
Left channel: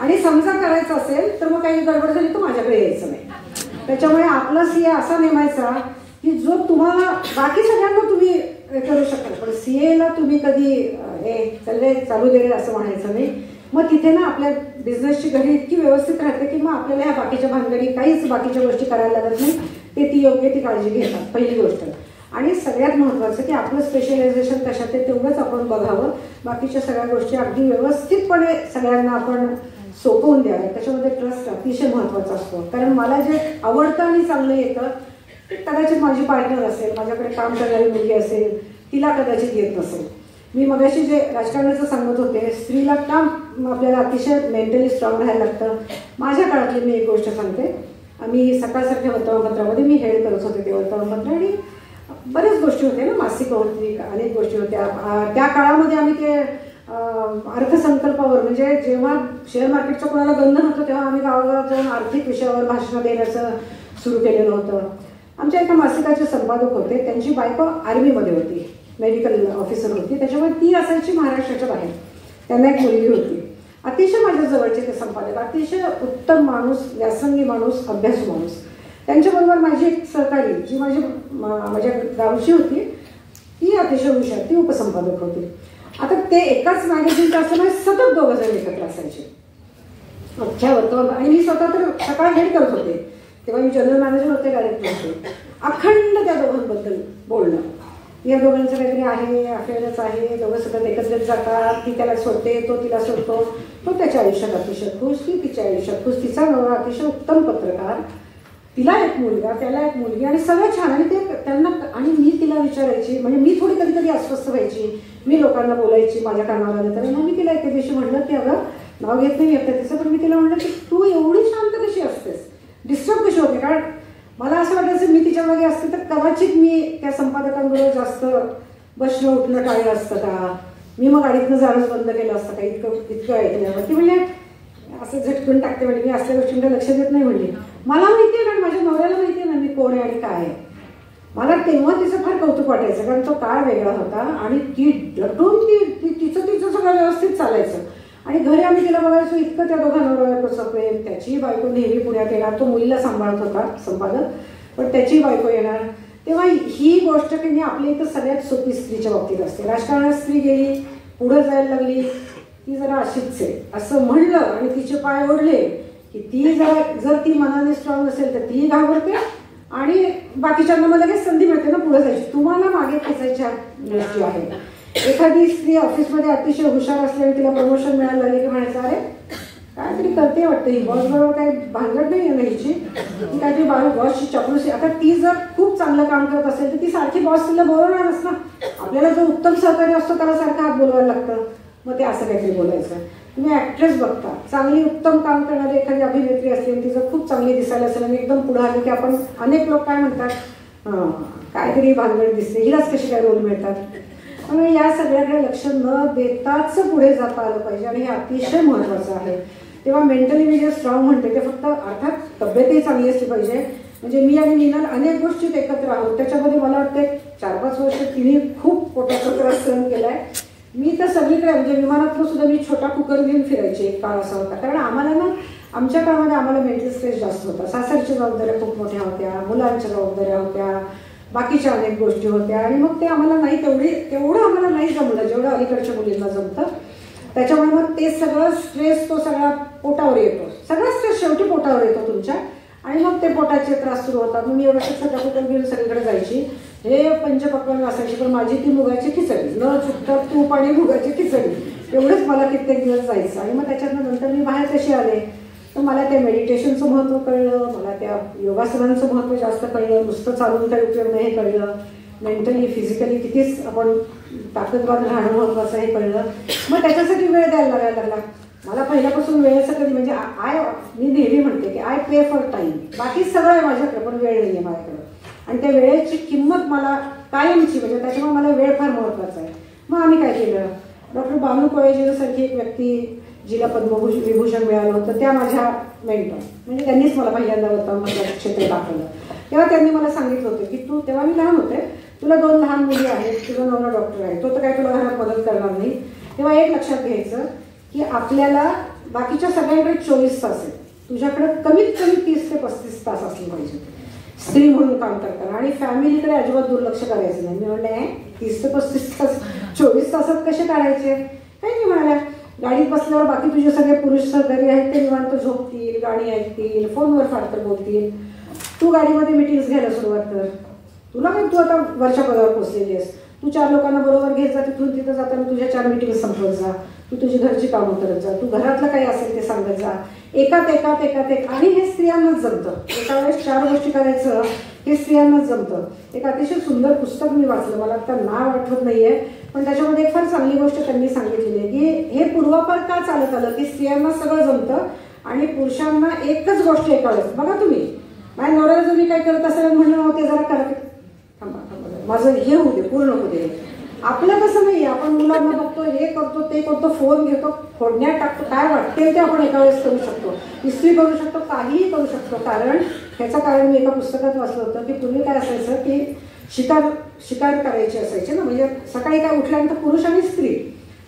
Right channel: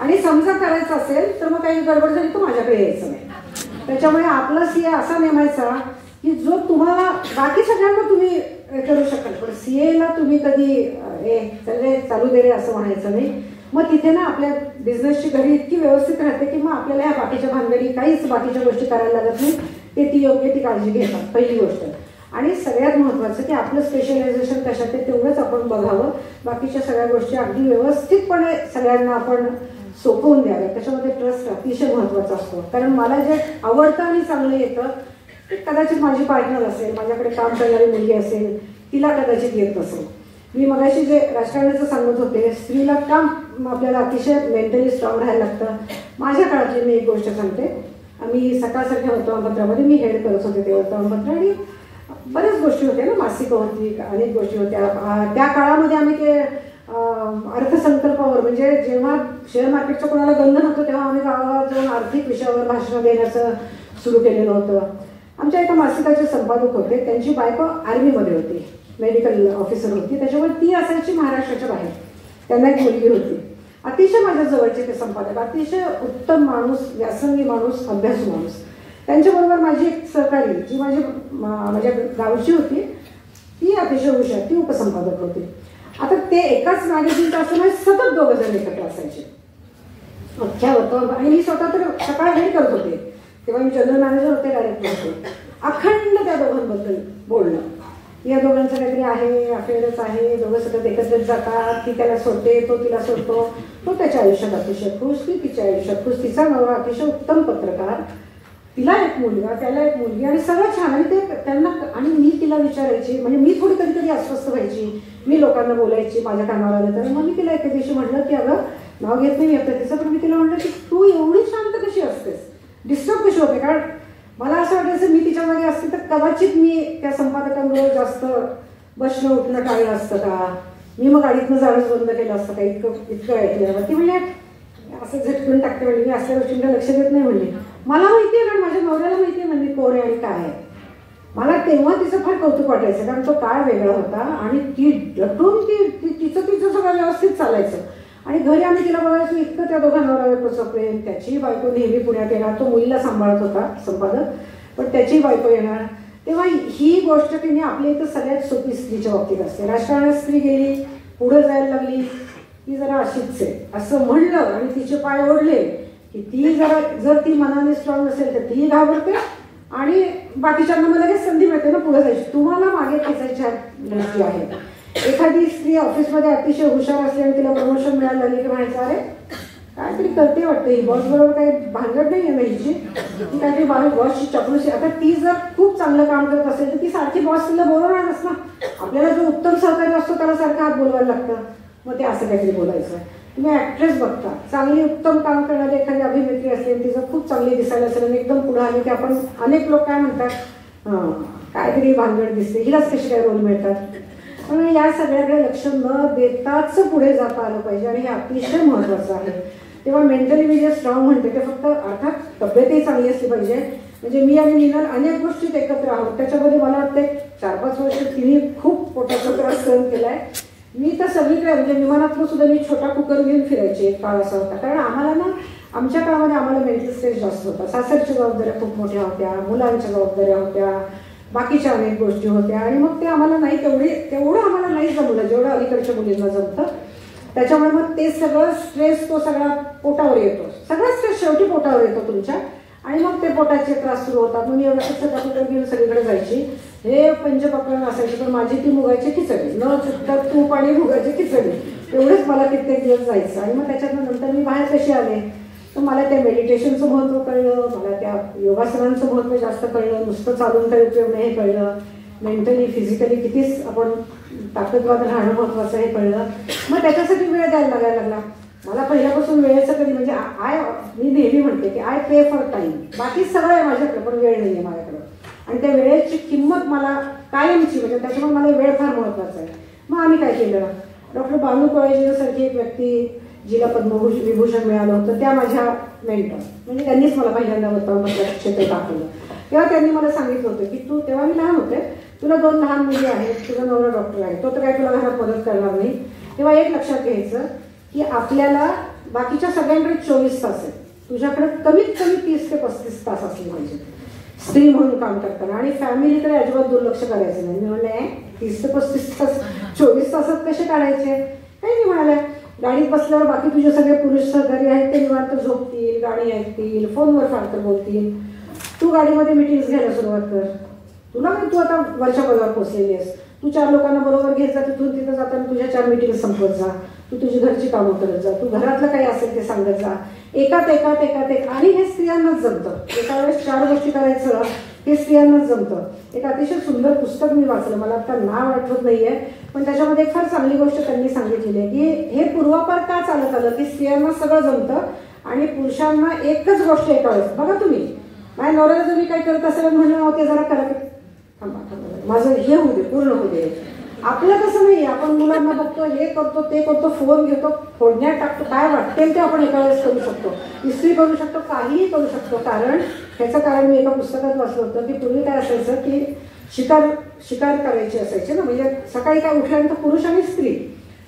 आणि समजा करायचं असेल तर मग काही गडबड झाली तर माझ्याकडे यायचं नाही. त्याच्यामुळे आपला सीए असा नेमायचा की जो तुम्हाला, बाकी सगळ्यांना तुम्ही करू शकाल पण सीएला तुम्ही कधी चालू दे रे असं म्हणायचं नाही. मग तिथे ना आपल्या बिझनेसची घडी इतकी व्यवस्थित राहते की मग आपल्याला ह्या बाकीच्या भानगडी काहीच बाकीच्या गोष्टी करायला लागत नाही. ते ती योग्य ती काळजी घेतात पहिली गोष्ट. आणि सगळ्यात महत्वाचं की आपलं स्पेशलायझेशन कशात आहे तेवढंच आपण बघावं. बाकीच्या सगळ्या गोष्टी अगदी व्यवस्थितपणे सगळ्यांना आपण सोपवून द्याव्या. त्याच्यामध्ये ट्रस्ट अतिशय महत्वाचा असतो. कारण मला जे आवडतं आणि चांगलं येतं कदाचित माझी पार्टनर असेल, माझ्याकडे काम करणारी मुलगी असेल, तिला कदाचित येत नसेल. मी मगाशी जे राजकारणाचं सांगत होते, स्त्रीला काम आपल्याला अतिशय मेंटली स्ट्रॉंग राहायला लागतं. माझ्या काळातली मी एक गोष्ट सांगते. आम्ही सकाळसारख्या वर्तमानपत्रामध्ये मी हेड करत होते ते वर्तमानपत्र, आणि बऱ्याच गोष्टी होत्या ना, मासिकं होती, अनेक गोष्टी होत्या. त्या काळामध्ये आम्ही ते अर्थसंकल्पावर, म्हणजे जेव्हा शेअर मार्केटचं कोणाला बंधन होतं तेव्हा आम्ही गावागावात जाऊन आर्थिक विषयावर भाषणं देण्याचं सुरू केलेलं होतं. आमच्या एका मासिकाचे संपादक होते, त्यांची बायको आर्मीमध्ये होती, मेडिकल ऑफिसर होती. त्याच्यामुळे ती असायची महाराष्ट्राच्या बाहेर. त्यांना एक मुलगी होती. अतिशय माझ्या जवळचे ते संपादक, अतिशय उत्तम माणूस, व्यासंगी माणूस, अभ्यासू माणूस. त्यांच्याबरोबर माझी एक सहकारी जी माझ्या गावची होती, ती अतिशय हुशार, ती उपसंपादक होती. आता ते एकाच मॅगझिनचं असं सतत दोघं जण एकत्र असायचे अख्ख्या वर्तमान. आणि मी स्वतः तर सकाळी हेड करत होते, तेव्हा मी जनरल मॅनेजर होते, डायरेक्टर होते. अखंड त्या दोघांबद्दल बोलणं, या दोघांचं काहीतरी आहे, अफेअरच आहे, दोघं सतत एकत्रित जातात, ती त्याला सोडते, तो तिला सोडतो, तो त्याच्या आयुष्यात अतिशय खुश, ती तिच्या आयुष्यात खुश. तिचा नवरा अतिशय उत्तम पत्रकार, तिला एक मुलगा, त्याला एक मुलगी, आणि सगळं छान. आणि ते त्यांना, आणि मी तिला विचारायची, म्हणजे मी थोडी कधी कधी अस्वस्थ व्हायची, मी लोकांना बोलायची माझ्या कानावर आलं तर. मग मी तिला एके दिवशी म्हटलं की अगं नाव घेत नाही येतं तिचं, पण मी तिला म्हटलं की तू एवढी शांत कशी असतेस, डिस्टर्ब कशी होते. कारण मला असं वाटायचं मी तिच्या मागे असते तर कदाचित मी त्या संपादकांबरोबर जास्त बसणं उठणं टाळलं असतं का, मी मग गाडीतनं जाणंच बंद केलं असतं का, इतकं ऐकलं. ती म्हणजे असं झटकून टाकते, म्हणजे मी असल्या गोष्टींना लक्ष देत नाही. म्हणजे मला माहिती आहे, कारण माझ्या नवऱ्याला माहिती आहे ना मी कोण आहे आणि काय आहे. मला तेव्हा तिचं फार कौतुक वाटायचं, कारण तो काळ वेगळा होता आणि ती डटून तिचं सगळं व्यवस्थित चालायचं. आणि घरी आम्ही तिला बघायचो, इतकं त्या दोघांना प्रेम. त्याची बायको नेहमी पुण्यात येणार, तो मुलीला सांभाळत होता संपादक, पण त्याची बायको येणार. तेव्हा ही गोष्ट की आपल्या इथं सगळ्यात सोपी स्त्रीच्या बाबतीत असते. राजकारणात स्त्री गेली, पुढे जायला लागली, ती जरा अशीच आहे असं म्हणलं आणि तिचे पाय ओढले की ती जर ती मनाने स्ट्रॉंग असेल तर ती घाबरते, आणि बाकीच्यांना मला लगेच संधी मिळते ना पुढे जायची. तुम्हाला मागे खेचायच्या गोष्टी आहेत. एखादी स्त्री ऑफिसमध्ये अतिशय हुशार असल्याने तिला प्रमोशन मिळायला लागले की म्हणायचं अरे काहीतरी करते वाटतं, ही बॉस बरोबर काही भांगड नाही आहे ना हिची, ती काहीतरी बॉसची चपलूसी. आता ती जर खूप चांगलं काम करत असेल तर ती सारखी बॉस तिला बोलवणारच ना. आपल्याला जो उत्तम सहकारी असतो त्याला सारखं हात बोलवायला लागतं, मग ते असं काहीतरी बोलायचं. तुम्ही ऍक्ट्रेस बघता, चांगली उत्तम काम करणारी एखादी अभिनेत्री असेल, तिचं खूप चांगली दिसायला असेल आणि एकदम पुढे आली की आपण अनेक लोक काय म्हणतात, काहीतरी भानगड दिसते, हिलाच कशी काय रोल मिळतात. त्यामुळे या सगळ्याकडे लक्ष न देताच पुढे जाता आलं पाहिजे आणि हे अतिशय महत्वाचं आहे. तेव्हा मेंटली मी जे स्ट्रॉंग म्हणते ते फक्त अर्थात तब्येतही चांगली असली पाहिजे. म्हणजे मी आणि मीनल अनेक गोष्टीत एकत्र आहोत, त्याच्यामध्ये मला वाटतं 4-5 वर्ष तिने खूप पोटाचा त्रास सहन केलाय. मी तर सगळीकडे म्हणजे विमानातून सुद्धा मी छोटा कुकर घेऊन फिरायचे, एक काळ असा होता. कारण आम्हाला ना आमच्या काळामध्ये आम्हाला मेंटल स्ट्रेस जास्त होता. सासरच्या जबाबदाऱ्या खूप मोठ्या होत्या, मुलांच्या जबाबदाऱ्या होत्या, बाकीच्या अनेक गोष्टी होत्या आणि मग ते आम्हाला नाही तेवढं आम्हाला नाही जमलं जेवढं अलीकडच्या मुलींना जमतं. त्याच्यामुळे मग ते सगळं स्ट्रेस तो सगळा पोटावर येतो, सगळा स्ट्रेस शेवटी पोटावर येतो तुमच्या आणि मग ते पोटाचे त्रास सुरू होतात. मग मी एवढं सगळं घेऊन सगळीकडे जायची, हे पंचपक्वान्न असायची, पण माझी ती मुगाची खिचडी, न चुकता तूप आणि मुगाची खिचडी एवढंच मला कित्येक दिवस जायचं. आणि मग त्याच्यातून नंतर मी बाहेर कशी आले तर मला त्या मेडिटेशनचं महत्त्व कळलं, मला त्या योगासनांचं महत्त्व जास्त कळलं, नुसतं चालून काही उपयोग नाही हे कळलं, मेंटली फिजिकली कितीच आपण ताकदवान राहणं महत्वाचं हे कळलं. मग त्याच्यासाठी वेळ द्यायला लागायला लागला. मला पहिल्यापासून वेळेचं कधी म्हणजे मी नेहमी म्हणते की आय पे फॉर टाइम, बाकी सगळं आहे माझ्याकडे पण वेळ नाही आहे माझ्याकडे आणि त्या वेळेची किंमत मला कायमची म्हणजे त्याच्यामुळे मला वेळ फार महत्वाचा आहे. मग आम्ही काय केलं, डॉक्टर बानू कोळेजीसारखी एक व्यक्ती जिला पद्मविभूषण मिळालं होतं त्या माझ्या मेंटर, म्हणजे त्यांनीच मला पहिल्यांदा वर्तमानपत्रात क्षेत्र दाखवलं. तेव्हा त्यांनी मला सांगितलं होतं की तू, तेव्हा मी लहान होते, तुला 2 लहान मुली आहेत, तुझा नवरा डॉक्टर आहे, तो तर काय तुला घरात मदत करणार नाही. तेव्हा एक लक्षात घ्यायचं की आपल्याला बाकीच्या सगळ्यांकडे 24 तास आहे, तुझ्याकडे कमीत कमी 30 ते 35 तास असले पाहिजे स्त्री म्हणून काम करताना आणि फॅमिलीकडे अजिबात दुर्लक्ष करायचं नाही. मी म्हणले 30 ते 35 तास 24 तासात कसे काढायचे, काही नाही म्हणाल्या. गाडीत बसल्यावर बाकी तुझे सगळे पुरुष सहकारी आहेत ते निवांत झोपतील, गाणी ऐकतील, फोनवर फारतर बोलतील, तू गाडीमध्ये मिटिंग्स घ्यायला सुरुवात कर. तुला पण तू आता वरच्या पदावर पोहोचलेली आहेस, तू 4 लोकांना बरोबर घेत जा, तिथून तिथं जाताना तुझ्या 4 मिटिंग संपवत जा, तू तुझी घरची कामं करत जा, तू घरातलं काही असेल ते सांगत जा, एकात आणि हे स्त्रियांनाच जमतं. एका वेळेस 4 गोष्टी करायचं हे स्त्रियांनाच जमतं. एक अतिशय सुंदर पुस्तक मी वाचलं, मला आता नाव आठवत नाहीये, पण त्याच्यामध्ये एक फार चांगली गोष्ट त्यांनी सांगितलेली आहे की हे पूर्वापार का चालत आलं की स्त्रियांना सगळं जमतं आणि पुरुषांना एकच गोष्ट एका वेळेस. बघा तुम्ही, माझ्या नवऱ्याला जर मी काय करत असेल म्हणलं ते जरा करा, माझं हे होऊ दे, पूर्ण होऊ दे. आपलं कसं नाही, आपण मुलांना बघतो, हे करतो ते करतो, फोन घेतो, फोडण्यात टाकतो, काय वाटते ते आपण एका वेळेस करू शकतो, इस्त्री करू शकतो, काहीही करू शकतो. कारण ह्याचं कारण मी एका पुस्तकात वाचलं होतं की पूर्वी काय असायचं की शिकार करायची असायची ना, म्हणजे सकाळी काय उठल्यानंतर पुरुष आणि स्त्री,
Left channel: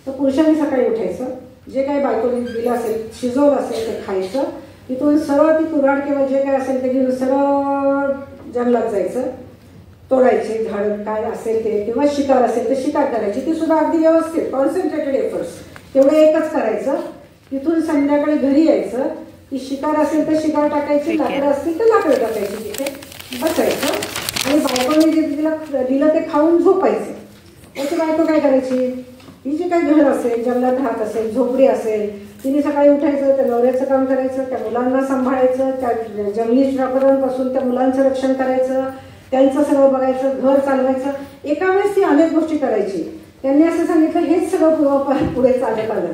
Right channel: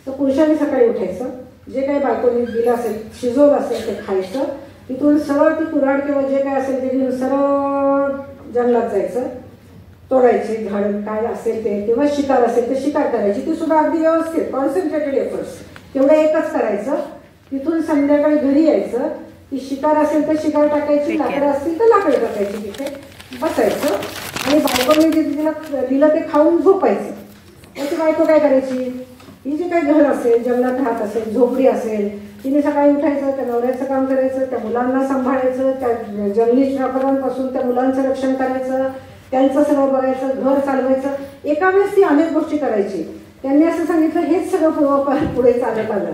तर पुरुषांनी सकाळी उठायचं, जे काही बायकोनी दिलं असेल शिजवलं असेल ते खायचं, तिथून सरळ ती कुऱ्हाड किंवा जे काय असेल ते घेऊन सरळ जंगलात जायचं, तोडायचे झाड काय असेल ते, किंवा शिकार असेल तर शिकार करायची, ती सुद्धा अगदी व्यवस्थित कॉन्सन्ट्रेटेड एफर्ट्स, तेवढं एकच करायचं. तिथून संध्याकाळी घरी यायचं, ती शिकार असेल तर शिकार टाकायची, लाकडं असतील तर लाकडं टाकायची, तिथे बसायचं आणि बायकोने जे दिलं ते खाऊन झोपायचं. त्याची बायको काय करायची, ही जे काय घर असेल, जंगलात राहत असेल, झोपडी असेल, तिने सकाळी उठायचं, त्या नवऱ्याचं काम करायचं, त्या मुलांना सांभाळायचं, त्या जंगली वातावरणापासून त्या मुलांचं रक्षण करायचं, त्यांचं सगळं बघायचं, घर चालवायचं. एका वेळेस ती अनेक गोष्टी करायची. त्यांनी असं सांगितलं हेच सगळं पूर्वापार पुढे चालत आलं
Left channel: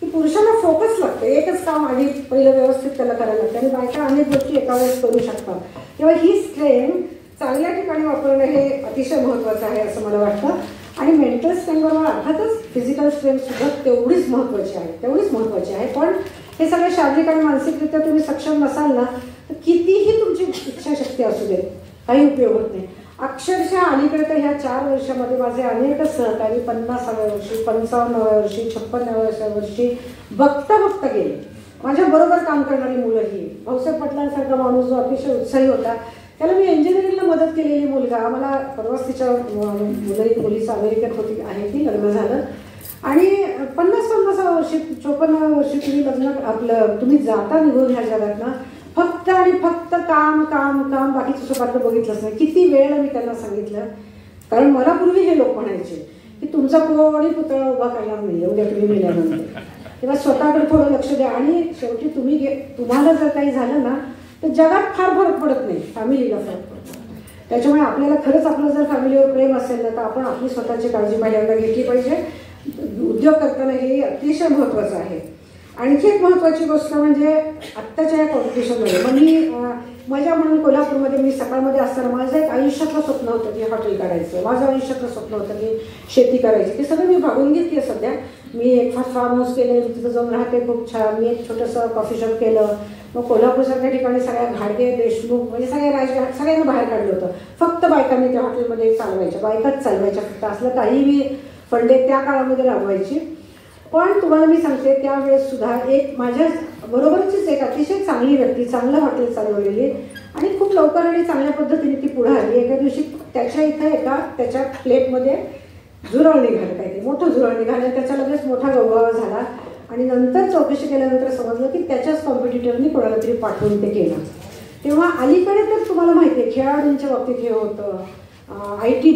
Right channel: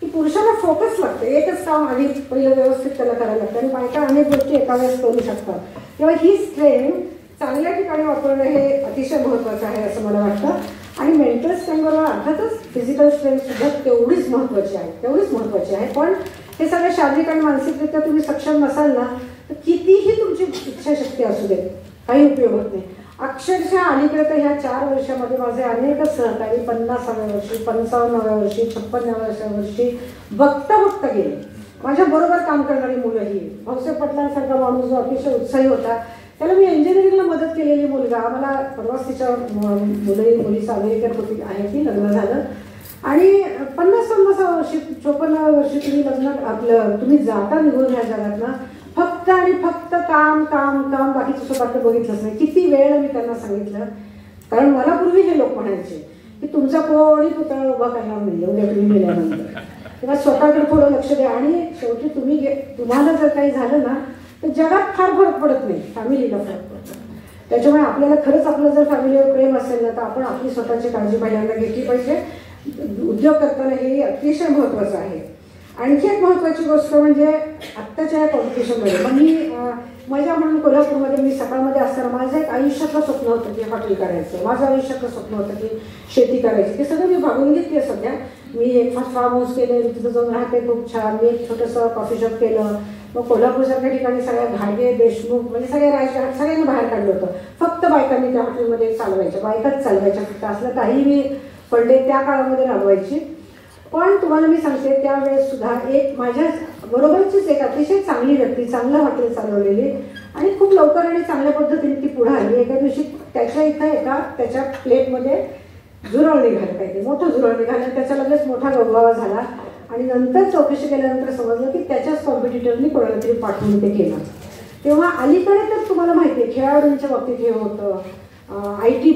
की पुरुषाला फोकस लागतं, एकच काम आधी पहिलं व्यवस्थित त्याला करायला लागतं आणि बायका अनेक गोष्टी एका वेळेस करू शकतात. तेव्हा ही स्ट्रेंथ चांगल्या ठिकाणी वापरणं हे अतिशय महत्वाचं आहे असं मला वाटतं. आणि मेंटल स्ट्रेंथबरोबर अर्थातच फिजिकल स्ट्रेंथ सुद्धा तेवढीच महत्वाची आहे. पण हे सगळे शारीरिक आणि मानसिकरित्या तुम्ही सक्षम नसाल ना तर कितीही तुमची इच्छाशक्ती असू दे काही उपयोग होत नाही. अक्षरशः अलीकडे तर ह्या 4 वर्षामध्ये माझे अनेक सहकारी 50व्या वर्षी, 55व्या वर्षी, 56व्या वर्षी बघता गेले. माझ्या बरोबर काम करणारी मुलंही, भाऊसाहेब पाटलांसारखा माणूस जो अतिशय उत्साही होता, त्याला मी इंजिनिअरिंगला मदत केलेली मुलगा, मला परवाच तिच्या मुलीचं अमेरिकेत होती आहे ती, लग्न झालं आणि 50-50 वर्षी 54व्या वर्षी तुम्ही लग्न तुम्ही जाता निघून ह्या जगात ना फक्त आणि फक्त काम काम काम, बाकीचं स्वतःकडे बघितलंच नाही. किती वेळ मी त्यांना सांगितलं, कारण मला पूर्वी हे लोक म्हणायचे की तुमचा कोणी पुतळा उभा करणार नाही एवढ्या तुम्ही मेल्यानंतर, तेव्हा स्वतःकडे थोडं लक्ष द्या. आणि शेवटी तुम्हाला जर काही झालं ना तर जगात फार फरक पडत नाही, फॅमिलीला फरक पडतो. त्याच्यामुळे आपल्याला खरंच आपलं जर फॅमिलीवर प्रेम असेल ना तर आपण आपली स्वतःची काळजी पहिल्यांदा घेतली पाहिजे. उद्योग करताना हे अतिशय महत्त्वाचं आहे. आणखी एक महत्त्वाची गोष्ट म्हणजे आत्ताच्या या कॉम्पिटिशनमध्ये मग मी मजा म्हणून कोल्हापूरमध्ये मी सकाळमध्ये असताना माझं एक आयुष्यातलं स्वप्न होतं की हॉटेल करायचं, माझं आयुष्यातलं स्वप्न होतं की शेती करायची. ते सगळं मी भागून घेतली आहे सध्या. मी एक फार्म हाऊस केले, तिथं जाऊन राहते खूप छान. मी एक छोटंसं कॉफी शॉप केलं. मग कोल्हापूरसारख्या ठिकाणी सगळ्या घाडगे देशमुख म्हणजे सगळ्यांना बाहेर काढलं होतं. फक्त बायकांनी त्या हॉटेलमध्ये चालवायच्या, बायकाच चालवायच्या. फक्त असलं काही मी फंडे त्या काळामध्ये राबवायची. पण तुम्हाला मी सांगते त्यावेळेस सुद्धा एक माझ्या बरोबरचीच एक अतिशय चांगली व्यक्ती, चांगलं हॉटेल चालवलेली आणि खूप लवकर आणि चांगल्या पद्धतीने ती पुढे आली. एका दिवशी त्याच्या इथं त्याच्या प्लेटमध्ये झुरळ निघालं, पाहिजे मोठं झुरळ निघालं. त्याच्या लगेच मोठा गवगावा झाला आणि नंतर चौकशी केल्यानंतर समजलं की त्याच्याच कॉम्पिटिटरनी कोणाला तरी पाठवून ते केलं. तेव्हा अलीकडे तर तुम्हाला माहिती आहे खेळाडूंच्या बाबतीत हे होतं, IT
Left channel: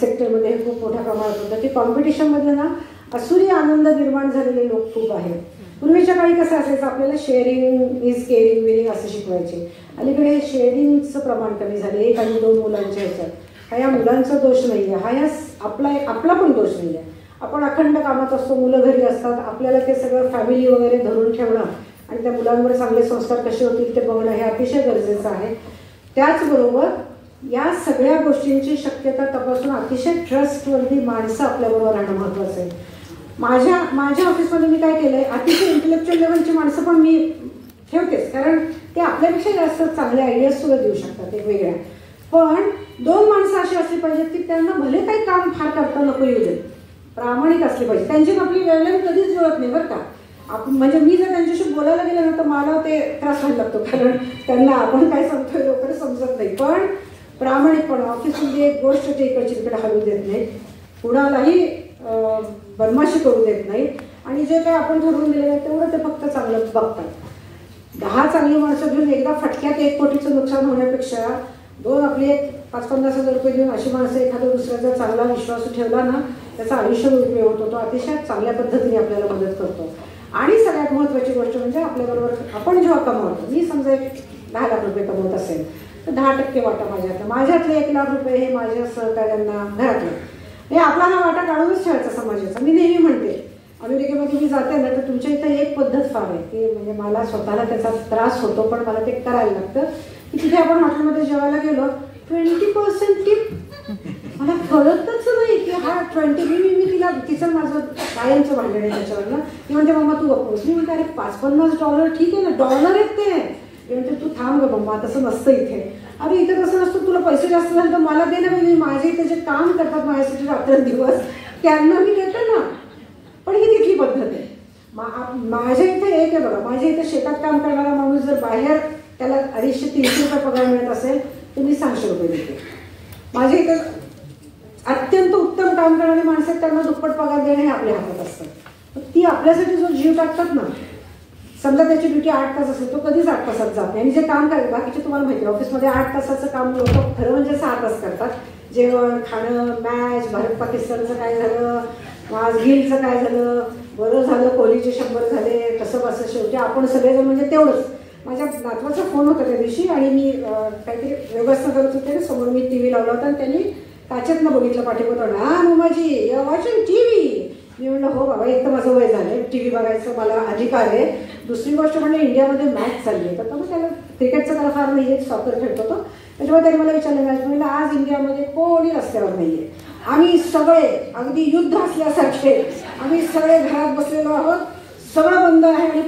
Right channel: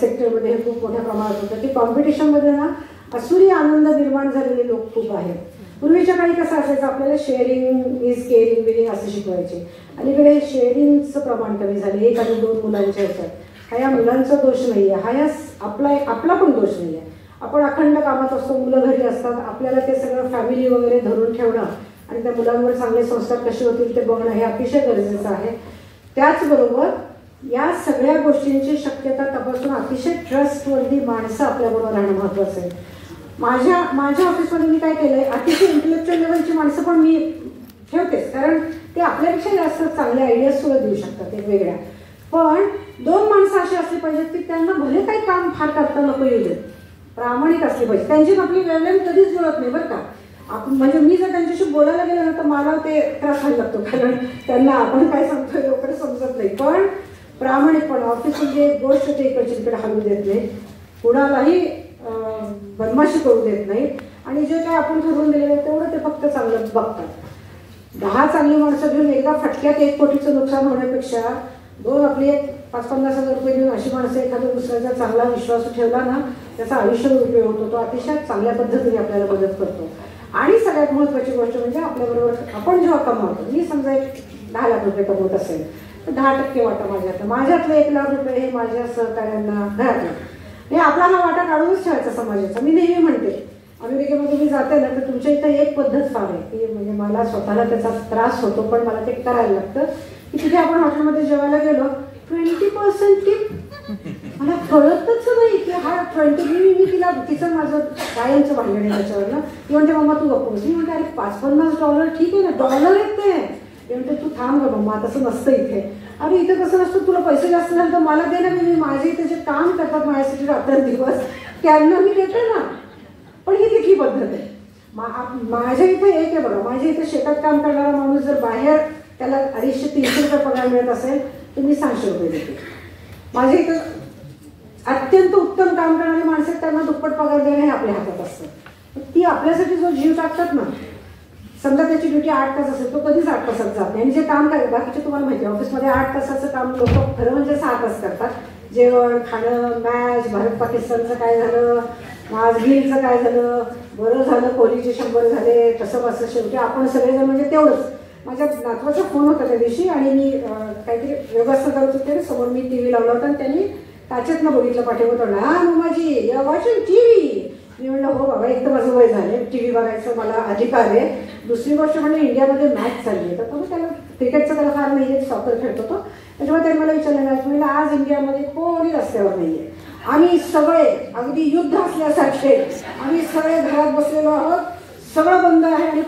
सेक्टरमध्ये हे खूप मोठ्या प्रमाणात होतं. ते कॉम्पिटिशनमध्ये ना असुरी आनंद निर्माण झालेले लोक खूप आहेत. पूर्वीच्या काळी कसं असायचं आपल्याला शेअरिंग इज केअरिंग बिलिंग असं शिकवायचे. अलीकडे शेअरिंगचं प्रमाण कमी झालं. 1 आणि 2 मुलांच्या ह्याच्यात. हा या मुलांचा दोष नाही आहे, हा या आपला पण दोष नाही आहे. आपण अखंड कामात असतो, मुलं घरी असतात, आपल्याला ते सगळं फॅमिली वगैरे धरून ठेवणं आणि त्या मुलांवर चांगले संस्कार कसे होतील ते बघणं हे अतिशय गरजेचं आहे. त्याचबरोबर या सगळ्या गोष्टींची शक्यता तपासून अतिशय ट्रस्टवर्दी माणसं आपल्याबरोबर राहणं महत्वाचं आहे. माझ्या ऑफिसमध्ये मी काय केलंय, अतिशय इंटेलेक्च्युअल लेवलची माणसं पण मी ठेवतेच, कारण ते आपल्यापेक्षा जास्त चांगले आयडियाज सुद्धा देऊ शकतात एक वेगळ्या. पण 2 माणसं अशी असली पाहिजेत की त्यांना भले काही काम फार करता नको येऊ देत, प्रामाणिक असली पाहिजे. त्यांची आपली वेवलेंथ कधीच जुळत नाही बरं का. म्हणजे मी जर त्यांच्याशी बोलायला गेलं ना तर मला ते त्रास व्हायला लागतो, कारण त्यांना आपण काय सांगतोय लवकर समजत नाही. पण प्रामाणिकपणे ऑफिस म्हणजे एक गोष्ट ते इकडे हलवू देत नाही, कुणालाही बदमाशी करू देत नाही आणि जे काय आपण ठरवून दिलेलं आहे तेवढं ते फक्त चांगलंच बघतात. 10 चांगली माणसं घेऊन एकदा फटक्यात 1 कोटीचं नुकसान होण्यापेक्षा 2 आपले 5-50 हजार रुपये घेऊन अशी माणसं एखाद्या दुसऱ्याचा चांगला विश्वास ठेवला ना त्याचा आयुष्य उपयोग होतो. तो अतिशय चांगल्या पद्धतीने आपल्याला मदत करतो. आणि सगळ्यात महत्वाची गोष्ट म्हणजे आपल्याबरोबर आपण जेव्हा कमावतो, मी समजा एक 10 लाख रुपये कमवत असेल तर 10% वाटा माझ्यातले 1 लाख रुपये हे माझ्या सहकार्यांना घरातलं हे आपला हा वाटा काढूनच ठेवायचा समाजाचा. मी नेहमी म्हणते अमेरिकेमध्ये मी जाते ना तर तुमच्या इथं एक पद्धत फार आहे की म्हणजे मला स्वतःला त्याचा त्रास होतो पण मला ते करायला लागतं की तिथे आपण हॉटेलमध्ये जेवायला गेलो 20% टिप. मला कळतच नाही की हा 20 मी तिला तिचं माझं कायमचं भांडण आहे त्याच्यावर ना. ती म्हणते मम्मा तू गप्पोस. मी म्हणते अरे $5-50 ठीक आहे ना, डॉलर आहेत ते. मी म्हणते तू थांब ग मम्मा, तसं नसतं इथे. अरे इथे कसं नसतं, तुला पैसे जास्त झाले तर मला दे ना, म्हणजे माझे इथे जे काम करतात माझ्यासाठी रात्रंदिवस त्यांना मी देते ना. पण ही तिथली पद्धत आहे. माझ्या इथे एक आहे बघा, माझ्या इथे शेतात काम करणारा माणूस जर बाहेर त्याला 250-300 रुपये पगार मिळत असेल तर मी 600 रुपये देते. माझ्या इथं अत्यंत उत्तम काम करणारी माणसं त्यांना दुप्पट पगार देणे हे आपल्या हातात असतं. ती आपल्यासाठी जो जीव टाकतात ना, समजा त्याची ड्युटी 8 तास असेल तो कधीच 8 तासात जात नाही. आणि जे काम करतात बाकीचे तुम्हाला माहिती आहे ऑफिसमध्ये 8 तासाचं काम लोक खरं म्हणजे 6 तास करतात. जेवण खाणं, मॅच, भारत पाकिस्तानचं काय झालं, आज गिलचं काय झालं, बरं झालं कोहलीचे 100 झाले, तसं कसं शेवटी आपण सगळेजण म्हणजे तेवढंच. माझ्या नातवाचा फोन होता त्या दिवशी आणि मी काहीतरी व्यवस्था करत होते, समोर मी TV लावला होता आणि त्यांनी त्याच्यातनं बघितलं पाठीवर, हा मम्माजी वॉचिंग TV. मी म्हणलं हो बाबा, एक तर माझं वय झालं, TV बघायचं मला अधिकार आहे. दुसरी गोष्ट म्हणजे इंडियामध्ये मॅच चालली आहे तर तो त्याला क्रिकेटचं त्याला फार नाही आहे, सॉकर खेळतो तो. त्याच्यामुळे त्यांनी मला विचारलं आज इंडियामध्ये कोणी रस्त्यावर नाहीये, आम्ही सगळे अगदी युद्ध असल्यासारखे आम्ही सगळे घरात बसलेलो आहोत, सगळं बंद आहे आणि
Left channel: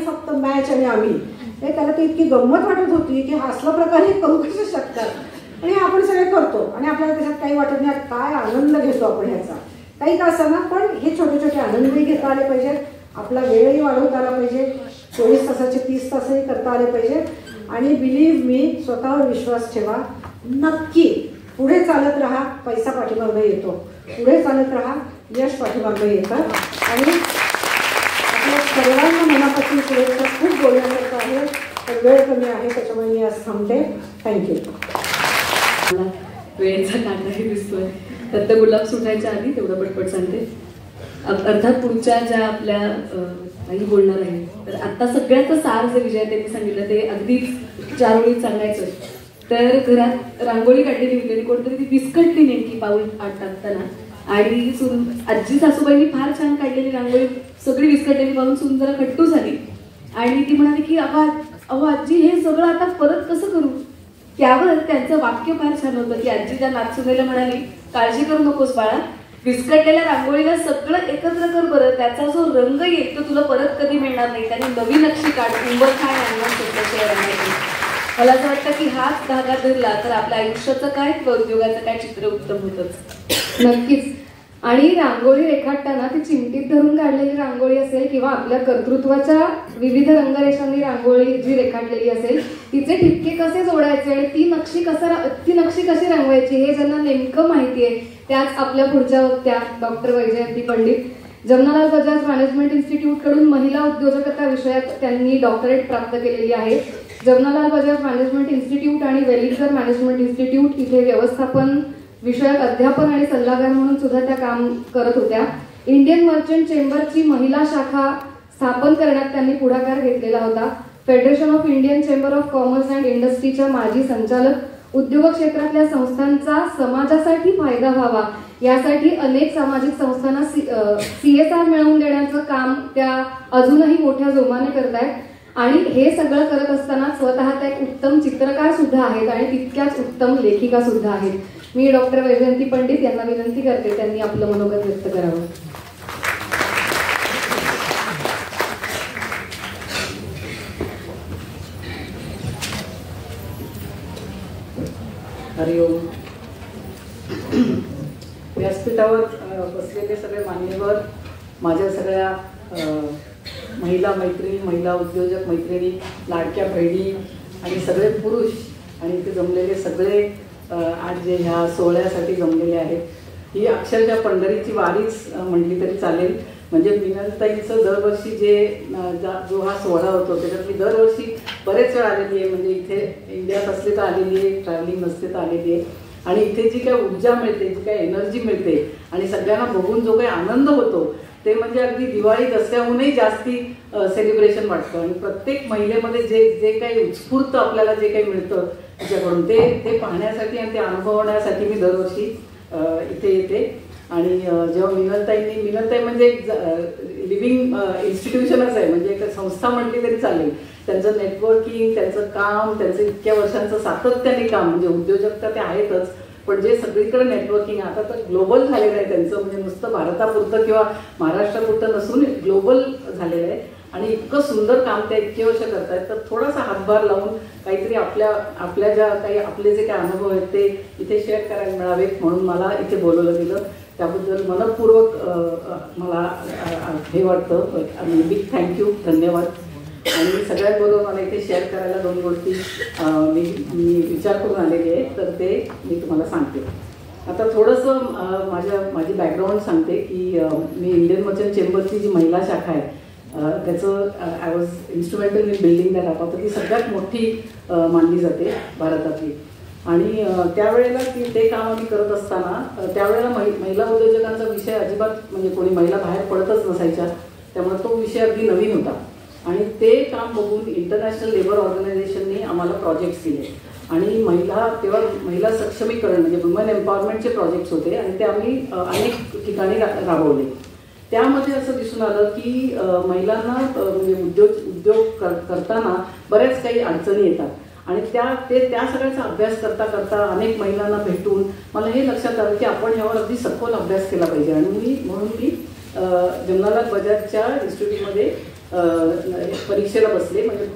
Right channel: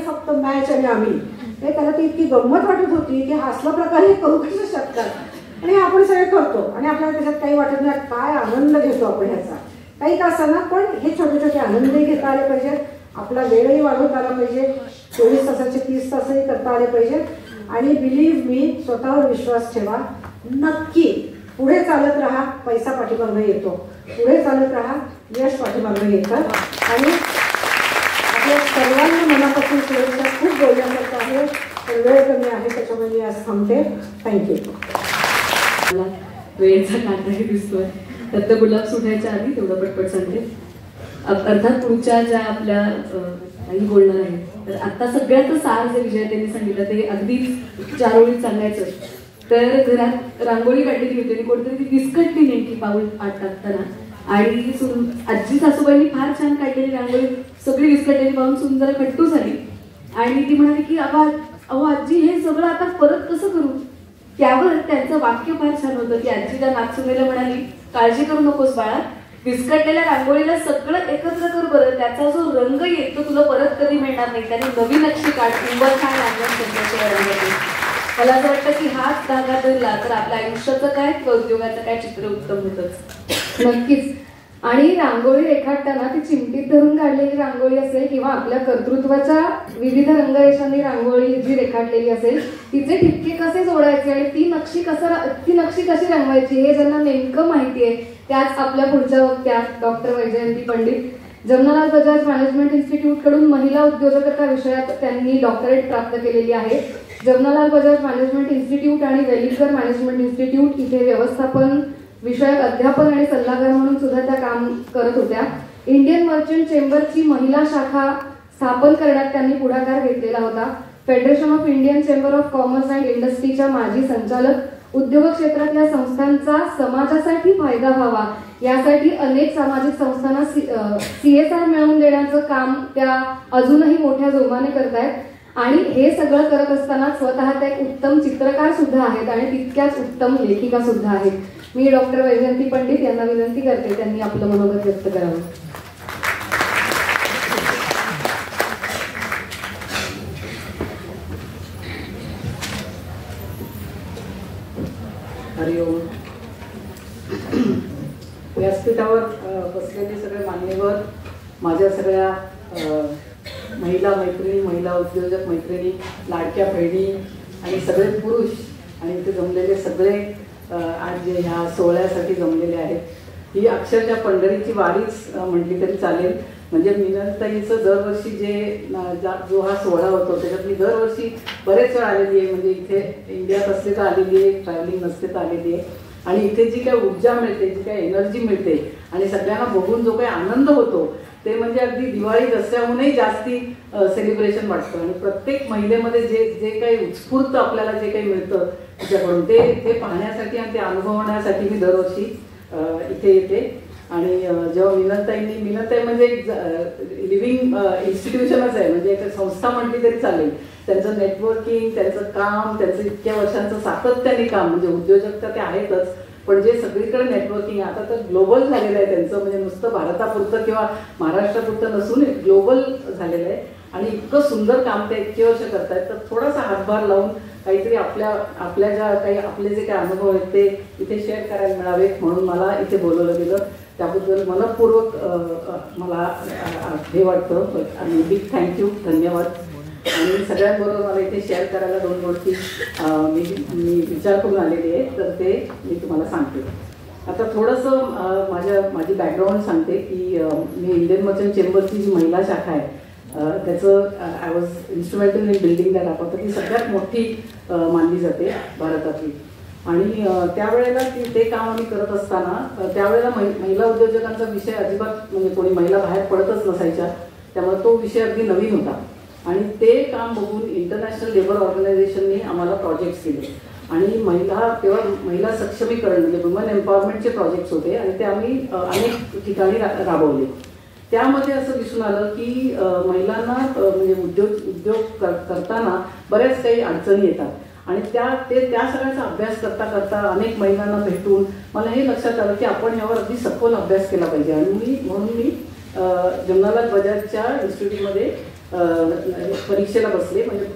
फक्त मॅच आणि आम्ही. त्याला ती इतकी गंमत वाटत होती की असला प्रकारे करू कसे शकतात आणि आपण सगळे करतो आणि आपल्याला त्याच्यात काही वाटत नाही. काय आनंद घेतो आपण ह्याचा, काही का असं ना, पण हे छोटे छोटे आनंदही घेता आले पाहिजे. आपला वेळही वाढवता आला पाहिजे. 24 तासाचे 30 तासही करता आले पाहिजे. आणि बिलीव्ह मी, स्वतःवर विश्वास ठेवा, नक्की पुढे चालत राहा. पैसा पाठीमागं येतो, पुढे चालत राहा, यश पाठीमागं येतं. आणि आपल्या सर्वांना मनापासून शुभेच्छा. खूप बोलण्यासारखं आहे पण वेळ कमी आहे त्याच्यामुळे मी आज थांबते. थँक्यू. वेळेचा कांदाही दिसतोय. दत्त गुलाब सुटायच्या आधी तेवढं पटपट सांगते. अर्थात पुढच्या ज्या आपल्या काही बोलणार आहे तर आता सगळ्याचं सार जे विजय त्यांनी सांगितलं ते अगदी 4 ओळीत सांगायचं तर घरात रांगोळी काढलेली होती आणि कोणतरी ती विस्कटली नेमकी पाऊल टाकताना आणि आजी सासूबाईंनी फार छान काढलेली रांगोळी सगळी विस्कटलेली पाहून सुंदर खट्टू झाली आणि ती म्हणाली की अहो आजी हे सगळं आता परत कसं करू. त्यावर त्यांचं वाक्य फार छान होतं की आजी त्या नागसूनेला म्हणाली, काळजी करू नकोस बाळा, विस्कटलेल्या रांगोळीला सगळं एकत्र कर बरं, त्याचा जो रंग येईल तो तुला परत कधी मिळणार नाही, त्याने नवी नक्षी काढ, उंबर छान मला असं वाटतं की हाच धागा धरला तर आपल्या आयुष्याचं काय किंवा उद्योगाचं काय चित्र उत्तम होतच. नक्कीच. आणि रांगोळी रेखाटताना ती चिमटीत धरून काढलेली रांगोळी असेल किंवा आपल्या कर्तृत्वाच्या विविध रंगरेषांनी रांगोळी जी रेखाटलेली असेल तिचे ठिपके कसे जोडायचे आणि ती नक्षी कशी रंगवायची हे ज्यांना नेमकं माहिती आहे त्याच आपल्या पुढच्या वक्त्या doctor Vaijayanti Pandit. Jamnalal Bajaj management institute कडून महिला उद्योजकता विषयात त्यांनी डॉक्टरेट प्राप्त केलेली आहे. जमनालाल बजाज मॅनेजमेंट इन्स्टिट्यूट आणि वेलिंगकर मॅनेजमेंट इन्स्टिट्यूट इथे व्यवस्थापन विषयक अध्यापन आणि सल्लागार म्हणून सुद्धा त्या काम करत होत्या. इंडियन मर्चंट चेंबरची महिला शाखा स्थापन करण्यात त्यांनी पुढाकार घेतलेला होता. Federation of Indian chamber of commerce and इंडस्ट्रीच्या माजी संचालक. उद्योग क्षेत्रातल्या संस्थांचा समाजासाठी फायदा व्हावा यासाठी अनेक सामाजिक संस्थांना CSR मिळवून देण्याचं काम त्या अजूनही मोठ्या जोमाने करतायत आणि हे सगळं करत असताना स्वतः त्या एक उत्तम चित्रकार सुद्धा आहेत आणि तितक्याच उत्तम लेखिका सुद्धा आहेत. मी डॉक्टर वैजयंती पंडित यांना विनंती करते त्यांनी आपलं मनोगत व्यक्त करावं. हरिओम. व्यासपीठावर बसलेले सगळे मान्यवर, माझ्या सगळ्या महिला मैत्रिणी, महिला उद्योजक मैत्रिणी, लाडक्या बहिणी आणि सगळे पुरुष आणि इथे जमलेले सगळे आज जे ह्या सोहळ्यासाठी जमलेले आहेत, ही अक्षरशः पंढरीची वारीच म्हटली तरी चालेल. म्हणजे मीनाताईचं दरवर्षी जो हा सोहळा होतो त्याच्यात मी दरवर्षी बरेच वेळ आलेली आहे. म्हणजे इथे इंडियात असले तर आलेली आहे, ट्रॅव्हलिंग नसले तर आलेली आहे आणि इथे जी काही ऊर्जा मिळते, जी काही एनर्जी मिळते आणि सगळ्यांना बघून जो काही आनंद होतो ते म्हणजे अगदी दिवाळी दसऱ्याहूनही जास्ती सेलिब्रेशन वाटतं. आणि प्रत्येक महिलेमध्ये जे काही उत्स्फूर्त आपल्याला जे काही मिळतं त्याच्याकडून ते पाहण्यासाठी आणि ते अनुभवण्यासाठी मी दरवर्षी इथे येते. आणि जेव्हा मीनाताई म्हणजे लिव्हिंग इन्स्टिट्यूशनच आहे, म्हणजे एक संस्था म्हटली तरी चालेल. त्यांचं नेटवर्किंग, त्यांचं काम, त्यांचं इतक्या वर्षांचं सातत्याने काम, म्हणजे उद्योजकता ते आहेतच, पण जे सगळीकडे नेटवर्किंग आता तर ग्लोबल झालेलं आहे त्यांचं, म्हणजे नुसतं भारतापुरतं किंवा महाराष्ट्रापुरतं नसून ग्लोबल झालेलं आहे. आणि इतकं सुंदर काम ते इतके वर्ष करतायत, तर थोडासा हातभार लावून काहीतरी आपल्या ज्या काही आपले जे काही अनुभव आहेत ते इथे शेअर करायला मिळावेत म्हणून मला इथे बोलवलं गेलं. त्याबद्दल मनपूर्वक मला हे वाटतं, बिग थँक्यू, धन्यवाद. आणि सगळ्यांबरोबर मला इथे शेअर करायला 2 गोष्टी मी विचार करून आलेले आहे, तर ते मी तुम्हाला सांगते. आता थोडंसं माझी बॅकग्राऊंड सांगते की मी इंडियन मर्चंट चेंबरची जी महिला शाखा आहे त्याचं I was instrumental in building that आपण, तर ती सगळ्यात मोठी मानली जाते भारतातली. आणि त्यावेळेला ते काम आम्ही करत असताना त्यावेळेला महिला उद्योजकांचा विषय अजिबात म्हणजे कोणी महिला बाहेर पडतच नसायच्या, त्यामुळे तो विषय अगदी नवीन होता. आणि ते काम बघून इंटरनॅशनल लेबर ऑर्गनायझेशनने आम्हाला प्रोजेक्ट्स दिले आणि तेव्हा महिला सक्षमीकरण म्हणजे वुमन एम्पॉवरमेंटचे प्रोजेक्ट्स होते आणि ते आम्ही अनेक ठिकाणी राबवले. त्यामध्ये असं दिसून आलं की महिलांना म्हणजे उद्योग करताना बऱ्याच काही अडचणी येतात आणि त्या सगळ्याचा अभ्यास करता अनेक महिलांना भेटून मला हे लक्षात आलं की आपण ह्यावर अगदी सखोल अभ्यास केला पाहिजे. आणि म्हणून मी जमनालाल बजाजच्या इन्स्टिट्यूटमध्ये परीक्षेला बसले. म्हणजे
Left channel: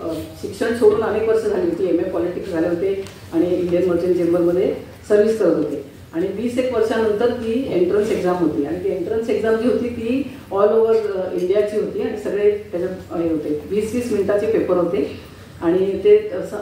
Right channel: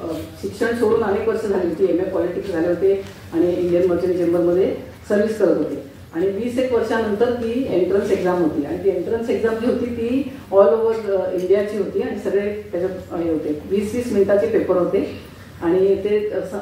शिक्षण सोडून अनेक वर्ष झाली होती, MA पॉलिटिक्स झाले होते आणि इंडियन मर्चंट चेंबरमध्ये सर्व्हिस करत होते. आणि 20 वर्षानंतर ती एंट्रन्स एक्झाम होती आणि ती एंट्रन्स एक्झाम जी होती ती ऑल ओव्हर इंडियाची होती आणि सगळे त्याच्यात हे होते 20-20 मिनिटाचे पेपर होते आणि ते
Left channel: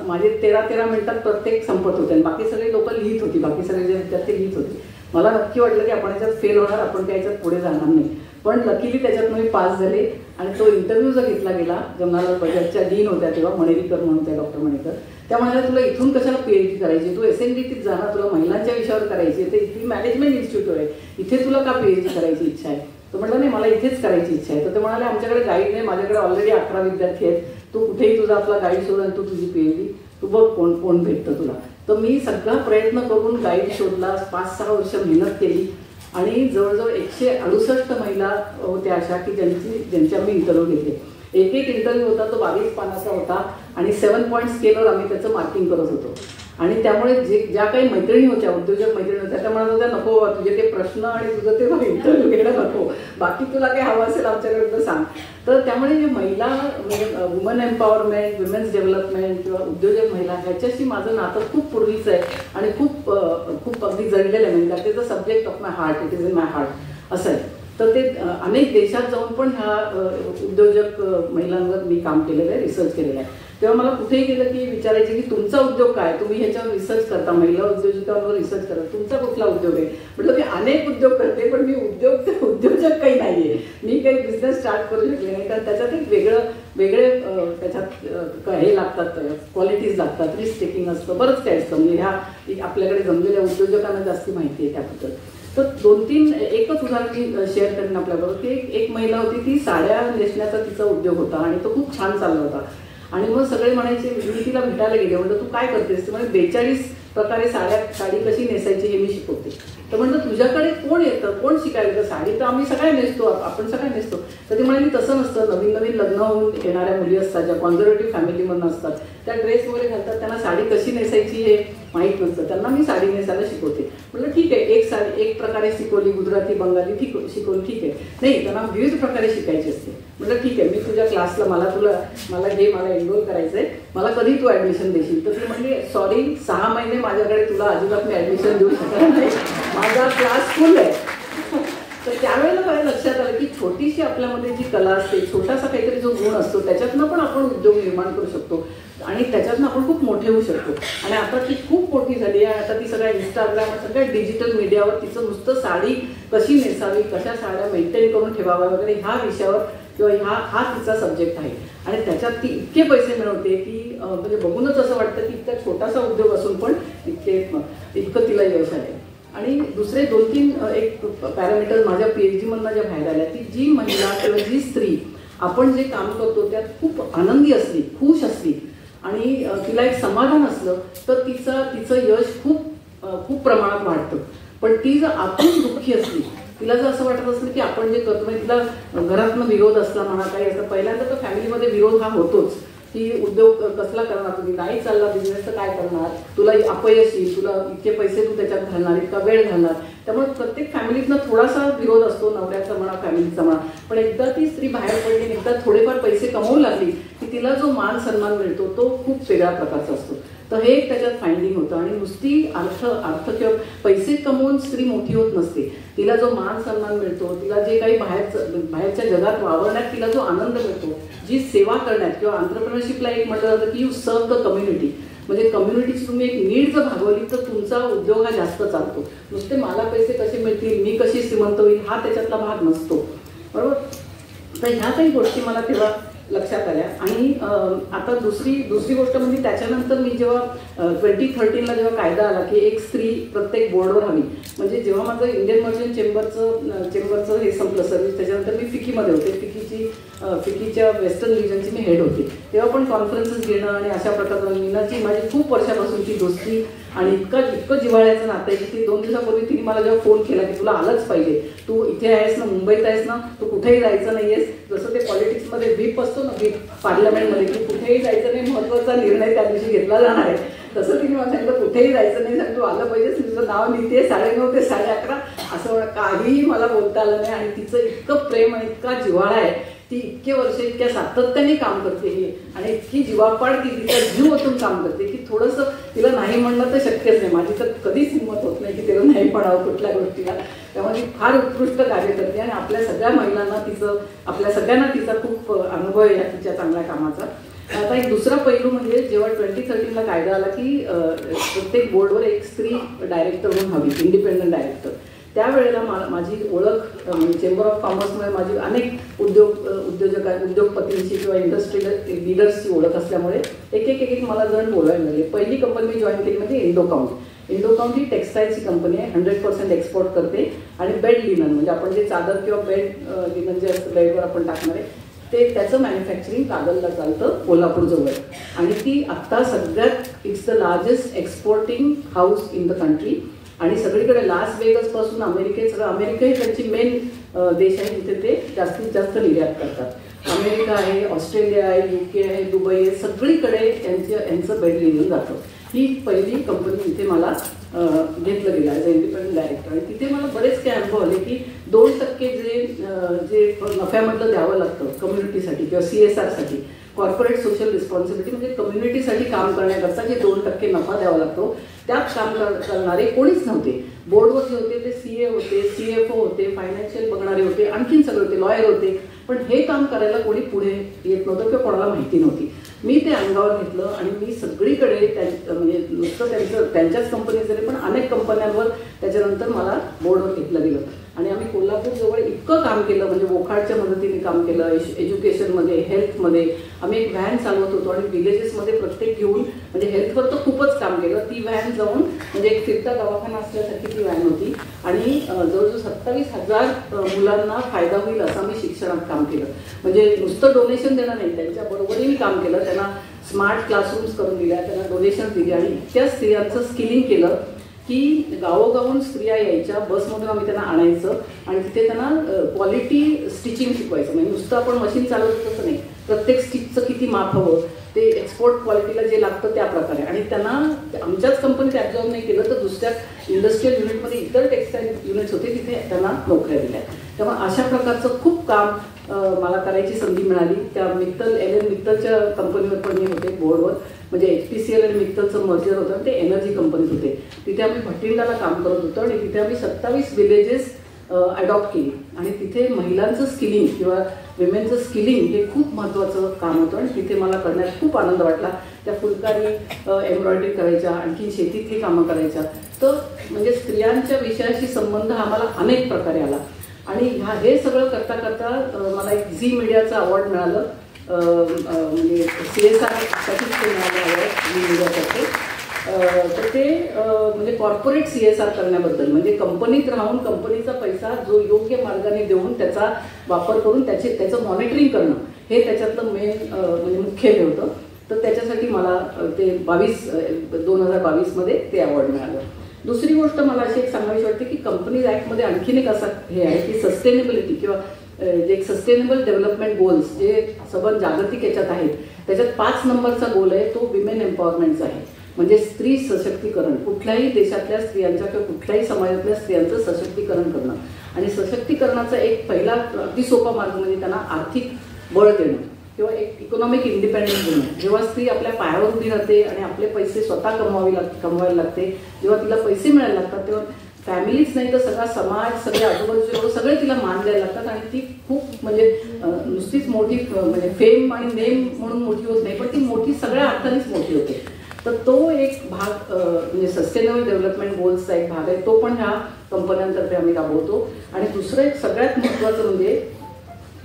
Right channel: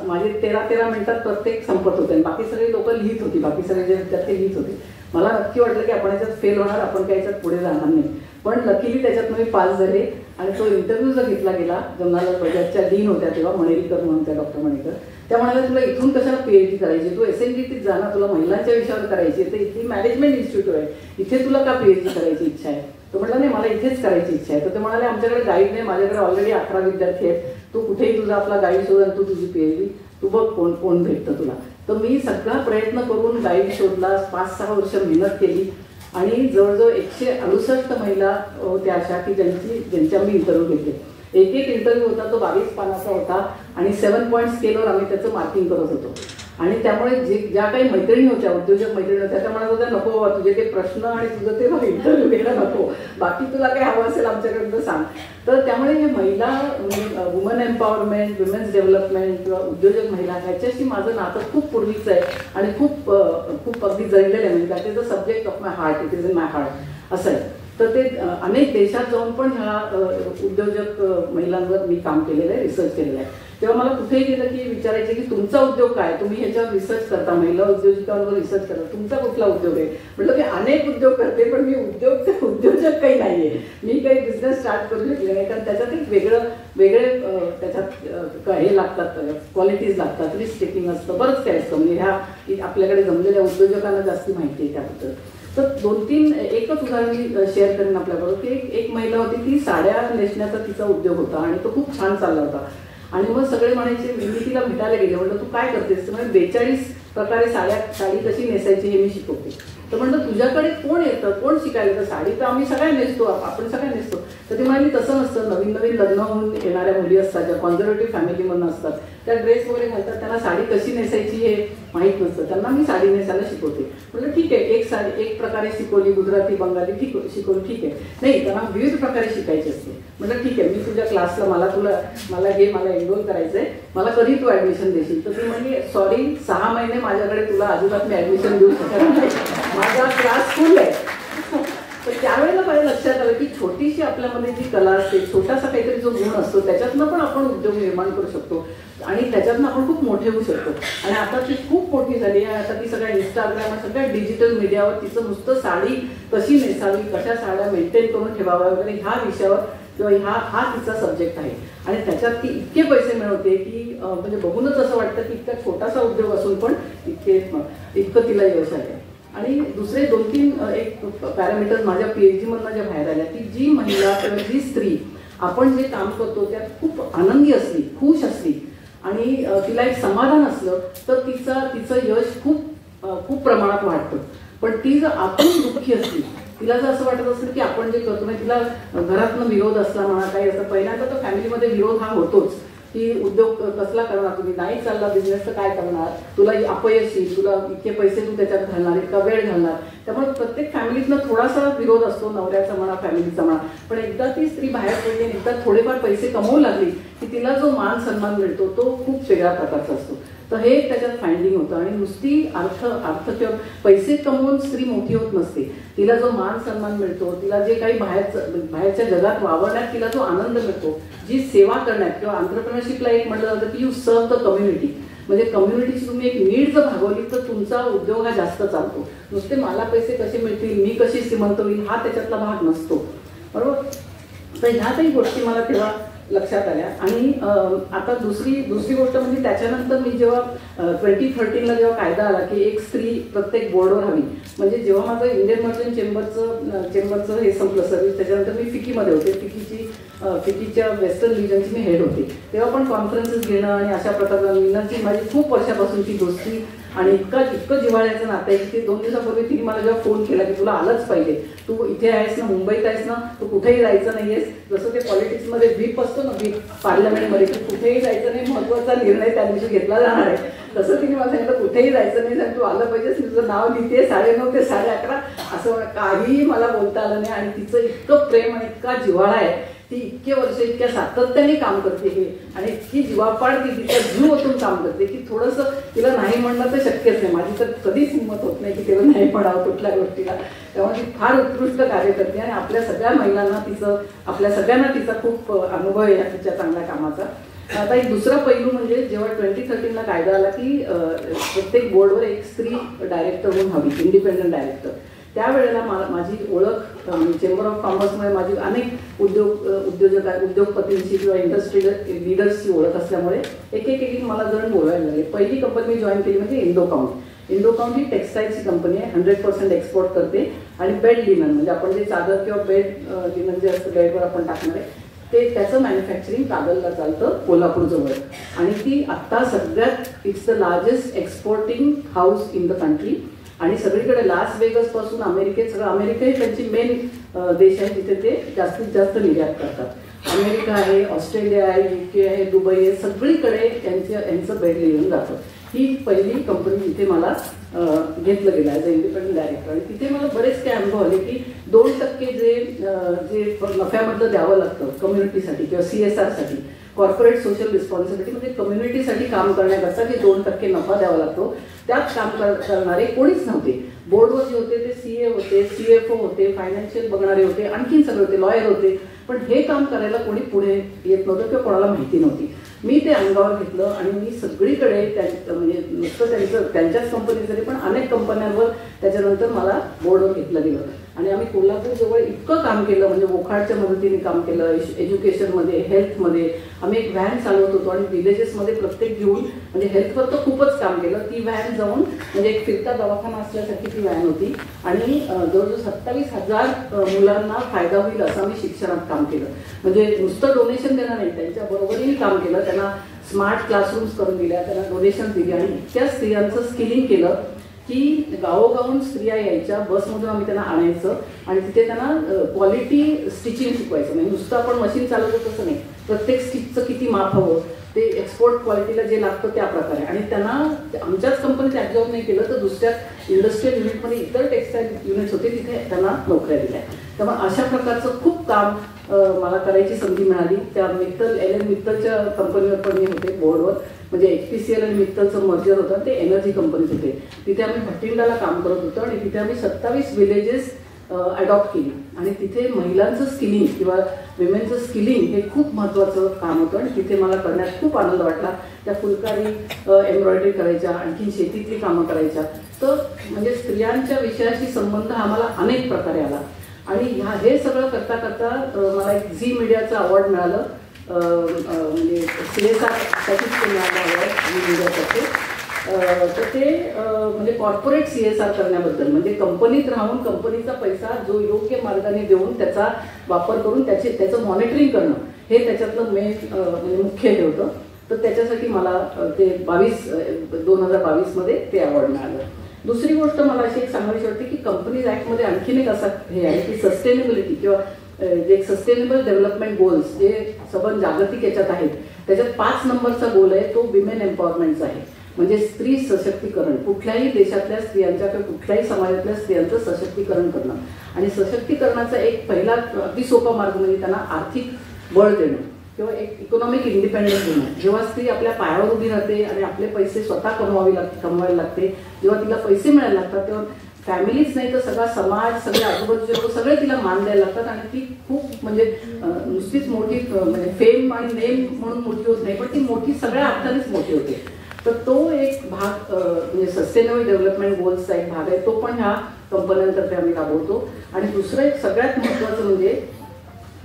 माझे 13 मिनिटात प्रत्येक संपत होते आणि बाकी सगळे लोक लिहित होती, बाकी सगळे जे विद्यार्थी लिहित होते. मला नक्की वाटलं की आपण याच्यात फेल होणार, आपण काही याच्यात पुढे जाणार नाही, पण लकीली त्याच्यात मी पास झाले. आणि तो इंटरव्ह्यू जर घेतला गेला, जमनालाल बजाजच्या डीन होत्या तेव्हा मणेरीकर म्हणून त्या डॉक्टर मणेरीकर, त्या म्हणाल्या तुला इथून कशाला PhD करायची, तू SNDTत जाणार, तुला महिलांच्या विषयावर करायची, तर इथली मॅनेजमेंट इन्स्टिट्यूट आहे, इथे तुला का PhD करायची इच्छा आहे. तो म्हटलं नाही मला इथेच करायची इच्छा आहे. तर ते म्हणाले आमच्याकडे गाईड नाही, माझ्याकडे ऑलरेडी 18 विद्यार्थी आहेत, तू कुठेही तुझा आपला गाईड शोध आणि तू तुझी PhD तू बघ कोण भेटतं तुला. तर मी सगळा प्रयत्न करून गाईड शोधला, 5-6 वर्ष मेहनत केली आणि जवळजवळ 168 महिला होत्या अशा की ज्यांच्या मी इंटरव्ह्यू घेतले. एक इंटरव्ह्यू होता तो 22 पानाचा होता आणि 7 पॉईंट स्केलवर आम्ही त्याचं मार्किंग करत होतो. आणि त्यामुळे ज्या काही मैत्रिणी होत्या, उद्योजक मैत्रिणी होत्या, त्या म्हणत होत्या नको तुझे ते प्रश्न आणि तुझं ते इंटरव्ह्यू घेणं नको, बाकी तुला काय हवं असेल आमच्याकडनं सांग. तर त्यामुळे हे महिला वुमन एम्पॉवरमेंट, विमेन्स डेव्हलपमेंट किंवा उद्योजक महिला ह्याच्याशी माझं नातं खूप पूर्वीचं आहे आणि खूप खूप अगदी जळलेलं आहे. म्हणजे is a subject of my heart, it is in my heart असं आहे. तर ते अनेक देशात जाऊन पण ह्या उद्योजक महिलांवर मी काम केलेलं आहे, रिसर्च केलेलं आहे. तेव्हा मला कुठेही गेलं की विचारायचे की तुमचा उद्योग काय, तुम्ही ह्याच्यावर रिसर्च करता, महिला उद्योजकांवर रिसर्च करता, तुमचा कुठला उद्योग आहे. म्हटलं मी अनेक उद्योग करते पण मी उद्योजक काही नाहीये, मी काही बिझनेस स्टार्ट करू शकले नाही. कारण त्याच्यात एक वेगळे त्याच्यात हे लागतात, क्वालिटीज लागतात, रिस्क टेकिंग असतं, बरंच काय असतं. म्हणजे ह्या आपल्याकडे जमलेल्या उद्योजकांना जास्ती माहिती आहे त्याबद्दल. तर 2-3 एकच उदाहरण मी शेअर करेन आपल्याबरोबर की एक महिला होती, ती साड्या नेसण्याचा तिचा उद्योग होता आणि तो खूप छान चालला होता. आणि मग सगळे म्हणायचे, मी तिला भेटायला गेले, म्हणलं तू काय करतेस. म्हणजे 42 प्रकारे साडी कशी नेसायची हे मी शिकवते. तर म्हणलं तुझ्याकडे कोण येतं, कोण शिकायला. तर साडी तर आम्ही सगळ्या नेसतो, आपण सगळ्या नेसतो. तर ती म्हणाली तसं नसतं, नवीन लग्न होऊन येणाऱ्या मुली असतात ज्या कॉन्झर्वेटिव्ह फॅमिलीमधून असतात, त्या ड्रेस वगैरे घालतात, त्यांना साडी कशी नेसायची हे माहीत नसतं, त्यांना मी साडी नेसायला शिकवते. म्हटलं ठीक आहे, एक प्रकारे शिकवली, गुजराती बंगाली शिकवली, ठीक आहे. नाही, त्यांना विविध प्रकारे शिकायची असते. म्हटलं ठीक आहे, मी तुझ्या क्लासला मला एनरोल करायचंय, मला कधी तू ऍडमिशन देशील. तर ती म्हणजे सॉरी, 6 महिने माझ्याकडे तुला अजिबात मी ऍडमिशन देऊ शकणार नाही, माझा क्लास फुल आहे. तर त्यावेळेला माझ्या लक्षात आलं की छोटीशी आपल्यामध्ये जी कला असते, छोटासा काहीतरी जो गुण असतो, त्याच्यातनं पण आपण उद्योग निर्माण करू शकतो आणि त्याच्यातनं आपण खूप मोठे होऊ शकतो. आणि आता ती खूप मोठी झाली आहे. आता ती सगळ्या इंस्टाग्राम, सगळ्या डिजिटल मीडियावर तिचं नुसतं साडी कशी नेसावी, कशा साड्या मेंटेन करून ठेवाव्या वगैरे ह्या विषयावर किंवा हा तिचा सब्जेक्ट आहे. आणि त्याच्यात ती इतके पैसे मिळवते की म्हणजे बघूनच असं वाटतं की इतका छोटासा उद्योग असून पण इतकं तिला यश आहे. आणि दुसरे 2-3 एक पॅरामीटर माझ्या PhD मधनं ज्या बाहेर आल्या, की जी महिला किंवा जी स्त्री आपण जे काम करतो त्यात खूप आनंदी असली, खुश असली आणि तिला एक समाधान असलं तर तिचं यश खूप प्रमाणात वाढतं. पण ती जर आतून दुःखी असली, तिला जर असं वाटत असेल की आपण जे करतो म्हणजे तिला घरातनं विरोध असला म्हणा, काही असं, पहिल्यांदा तर फॅमिलीमध्ये विरोध हा होतोच की उद्योग कसला करणार, तुम्ही नाही चालला बिझनेस तर काय करणार, तुला अपयश येईल, तुला इतके पैसे तू त्याच्यात घालणार, इतका वेळ घालणार. त्यामुळे प्रत्येक फॅमिलीतनं थोडासा विरोध असतो, नवऱ्याचा म्हणा, फॅमिलीचा म्हणा. पण एकदा ती स्त्री बाहेर पडली, एकदा थोडेफार पैसे कमवू लागली की तिला जो मान सन्मान मिळतो तो खूप वेगळ्या प्रकारचा असतो. तर हे त्याच्यात फाइंडिंग होतं. आणि नुसती अर्थ किंवा पैसे कमवून स्त्री मोठी होत नसते. तिला जो मान सन्मान मिळतो, तिला जे काही बाहेरच्या जगात वावरण्यात तिला जो आनंद मिळतो, जी सेवा करण्यात किंवा एंटरप्रेन्योरशिपला एक म्हटलं जातं की यू सर्व द कम्युनिटी. म्हणजे कम्युनिटीची तुम्ही एक नीड जर भागवली तर तुमचा उद्योग हा जास्त चालतो. नुसते मला पैसे कसे मिळतील, मी कशी श्रीमंत होईल, हा त्याच्यातला भाग नसतो, बरोबर. तर ह्या काही गोष्टी मला तेव्हा लक्षात आल्या. आणि आता दुसरी गोष्ट म्हणजे त्याच्यानंतर मी जेव्हा 2013ला जेव्हा कायदा आला की एक स्त्री प्रत्येक बोर्डवर हवी, म्हणजे जेव्हा माझं इंडियन मर्चंट चेंबरचं हे संपलं सर्व्हिस, त्याच्यानंतर मी फिकीमध्ये होते, फिकीच्या वेस्टर्न रिजनची मी हेड होते. तेव्हा पण कॉन्फरन्सेस घेणं आणि अशा प्रकारचं मीनाची माझी खूप वर्षापासूनची दोस्ती आणि इतकं जिव्हाळ्याचं नातं आहे की 2 दिवसापूर्वी तिने मला जेव्हा फोन केला की तुला आलंच पाहिजे, तू इथे आहेस ना, मुंबईत आहेस ना, तू कुठेही जायचं नाहीयेस. जसं ते पॉलिटिक्समध्ये व्हीप असतो ना, व्हीप पार्लमेंटमध्ये, की कुठेही जायचं नाही, महत्वाचा निर्णय त्या दिवशी घेतला जाणार आहे, तसं तिने मला सांगितलं कुठेही जायचं नाही, सांग तू आलं पाहिजेस, तुझं नाव लिहिते 9:30 ते 11:30 असं काहीही मला बोलता आलं नाही. आणि तिचं इतकं प्रेम आणि इतका जिव्हाळा आहे, ती इतके वर्ष इतक्या सातत्याने काम करते हे, आणि इतकी जीवापाड ती तिच्या जीव ओतून काम करते की थोडंसं तिला नाही म्हणणं तर शक्यच नाही. माझी तर कधीच हिंमत होत नाही की तेव्हा नाही म्हणावं कुठल्या गोष्टीला. तेव्हा ती फार उत्कृष्ट कार्य करते आणि आपल्या सगळ्या महिलांना आपल्या सगळ्यांना तिचा खूप अनुभव आहे तिच्या चांगल्या कामाचा. आता एक दुसरा पैलू म्हणजे जेव्हा 2013ला कायदा आला की प्रत्येक बोर्डवर एक स्त्री डायरेक्टर म्हणून हवी, इंडिपेंडंट डायरेक्टर. त्यावेळेला माझी ओळख चेंबर ऑफ कॉमर्समध्ये माझी अनेक उद्योगपतींची किंवा इंडस्ट्रियल लिडर्सची ओळख असल्यामुळे एक मला जण बोलायला लागले. पहिली कंपनी मी जॉईन केली म्हणजे इंडोकाउंट ही टेक्सटाईलची कंपनी आहे, 100% एक्सपोर्ट करते आणि बेड लिनन म्हणजे आपण जे चादर किंवा बेड लिनन जे असतं बेडवर आपण टाकणार आहे त्याचं मॅन्युफॅक्चरिंग कागलला चालतं कोल्हापूरजवळ. आणि ती आता सगळ्यात it's the largest exporting house in the country. आणि सगळीकडे लास वेगस पासून अमेरिकेत सगळं, अमेरिका ही त्यांची मेन देश आहे जिथे ते जास्तीत जास्त निर्यात करतात. अमेरिका आहे, ऑस्ट्रेलिया आहे, UK आहे, दुबई आहे, सगळीकडे यांचं बेड लिहून जातं. ही पहिली कंपनी इथे मला घेतलं गेलं ॲज अ इंडिपेंडंट डायरेक्टर. आणि तिथे मला बरेच काही अनुभव आले की 2% जे नफ्यामधलं द्यावं लागतं कम्युनिटीसाठी किंवा CSR साठी, कॉर्पोरेट सोशल रिस्पॉन्सिबिलिटी, म्हणजे कम्युनिटीसाठी काम करण्याकरता जे 2% नफा द्यावा लागतो त्यात काम करणारे कोणीच नव्हते. बोर्डवर जे होते ते CA होते, CFO होते, फायनान्शियल बघणारे होते, आणखीन सगळे होते, लॉयर होते. पण हे काम करायला कोणी पुढे येत नव्हतं किंवा कोणाला माहिती नव्हती. मी ते अंगावर घेतलं आणि मी सगळीकडे म्हणजे नुसतं त्यांच्याच कंपनीत जरी पण अनेक कंपन्यांवर त्याच्यानंतर मला बोर्डवर घेतलं गेलं. आणि आम्ही कोल्हापूरजवळ इतकं काम केलं, म्हणजे वोखाडच्या मदतीने काम केलं, एज्युकेशनमध्ये, हेल्थमध्ये. आम्ही एक व्हॅन चालवत होतो आणि विलेजेसमध्ये प्रत्येक घेऊन, म्हणजे हेल्थवर तर खूपच काम केलं. ती व्हॅन जाऊन म्हणजे एक फिरता दवाखाना असल्यासारखी ती व्हॅन होती. आणि जवळजवळ 27,000 मुलांना फायदा होईल असं आम्ही शिक्षणात काम केलं. म्हणजे नुसतं डोनेशन देणं नाही, त्यांच्या बरोबरीने काम केलं. त्यांना स्मार्ट क्लासरूम्स करून दिल्या, त्यांना डोनेशन दिली आणि इतक्या स्त्रियांचं स्किलिंग केलं की गावोगावून स्त्रिया यायच्या, बसमधून आम्ही त्यांना आणायचं आणि तिथे त्यांना क्वालिटी स्टिचिंग शिकवायचं. म्हणजे नुसतं आपण मशीन चालवतो तसं नाही, प्रत्येक स्टिचचं किती माप हवं, ते एक्सपोर्ट क्वालिटीला जे लागतं त्या प्रकारे. आणि त्यांना आमच्याच कंपनीत ॲब्झॉर्ब नाही केलं तर दुसऱ्या इंडस्ट्रियल युनिटमध्ये इतर टेक्सटाईल युनिट्स होते, तिथे त्यांना नोकऱ्या दिल्या. त्यामुळे अशा प्रकारचं खूप काम मला करायची संधी मिळाली. त्या LN मित्तलच्या कंपनीवर पण मी होते बोर्डवर. म्हणजे HPCL आणि मित्तलचं मर्जर होतं, ते एनर्जी कंपनीत होते. तिथे आम्ही भटिंडाला काम करत होतो आणि तिथे आम्ही 27 विलेजेस अडॉप्ट केली. आणि तिथे महिलांचं स्किलिंग किंवा विमेनचं स्किलिंग हे खूप महत्वाचं काम होतं आणि तिथे मला करण्यात खूप आनंद वाटला. त्या फुलकारी एम्ब्रॉयडरी करायच्या, आणखी शेतीतली कामं करायच्या. तर म्हणजे स्त्रियांच्या विषयाशी संबंध हा मला अनेक प्रकारे आला. आणि हे सगळं करता करता मला एक झी मीडियाचं अवॉर्ड मिळालं. म्हणजे CSR साठीच ते मिळालं झी मीडियासाठी. तर ते म्हणजे कॉर्पोरेट CSR करण्याबद्दल, म्हणजे कंपनीत राहून कंपनीचा पैसा जो योग्य मार्गाने देऊन त्याचा वापर करून त्याचं मॉनिटरिंग करणं हे त्याच्यातलं मेन म्हणजे मुख्य हे होतं. तर त्याच्यासाठी मला ते 2022 मध्ये ते अवॉर्ड मिळालं. दुसरी गोष्ट मला अशी एक सांगायची वाटते की कंपनीज ऍक्टमध्ये आणखीन एक असा हे आहे की सस्टेनेबिलिटी किंवा जे सस्टेनेबल डेव्हलपमेंट गोल्स जे सबंध जागतिक याच्यात आहेत, त्याच्यात 5 नंबरचा गोल आहे तो विमेन एम्पॉवरमेंटचा आहे. म्हणजे स्त्री सशक्तीकरण, कुठल्याही देशातल्या स्त्रियांच्या किंवा कुठल्याही समाजातल्या स्त्रियांचं सशक्तीकरण करणं. आणि सशक्तीकरणाचा एक पहिला अगदी सोपा मार्ग म्हणजे त्यांना आर्थिक बळ देणं किंवा एक इकॉनॉमिक इंडिपेंडन्स देणं. जेव्हा स्त्री आपल्या पायावर उभी राहते आणि आपले पैसे स्वतः कमवायला लागते, जेव्हा तिला पैसे मिळायला लागतात, तेव्हा फॅमिलीच नाही तर सगळा समाज, सगळे आजूबाजूचे सगळे तिला मान द्यायला लागतात. आणि ती खूप म्हणजे नुसतीच मोठी म्हणजे फेम आणि नेम म्हणून मोठी होत नाही, पण ती मोठी सगळ्या अर्थानेच मोठी होते. तर तो एक भाग म्हणजे सस्टेनेबल डेव्हलपमेंट गोल्सचा एक भाग आहे, तो पण ह्या कंपन्यांतर्फे आम्ही राबवतो. आणि दुसरं एक सगळ्यात महत्वाचं म्हणजे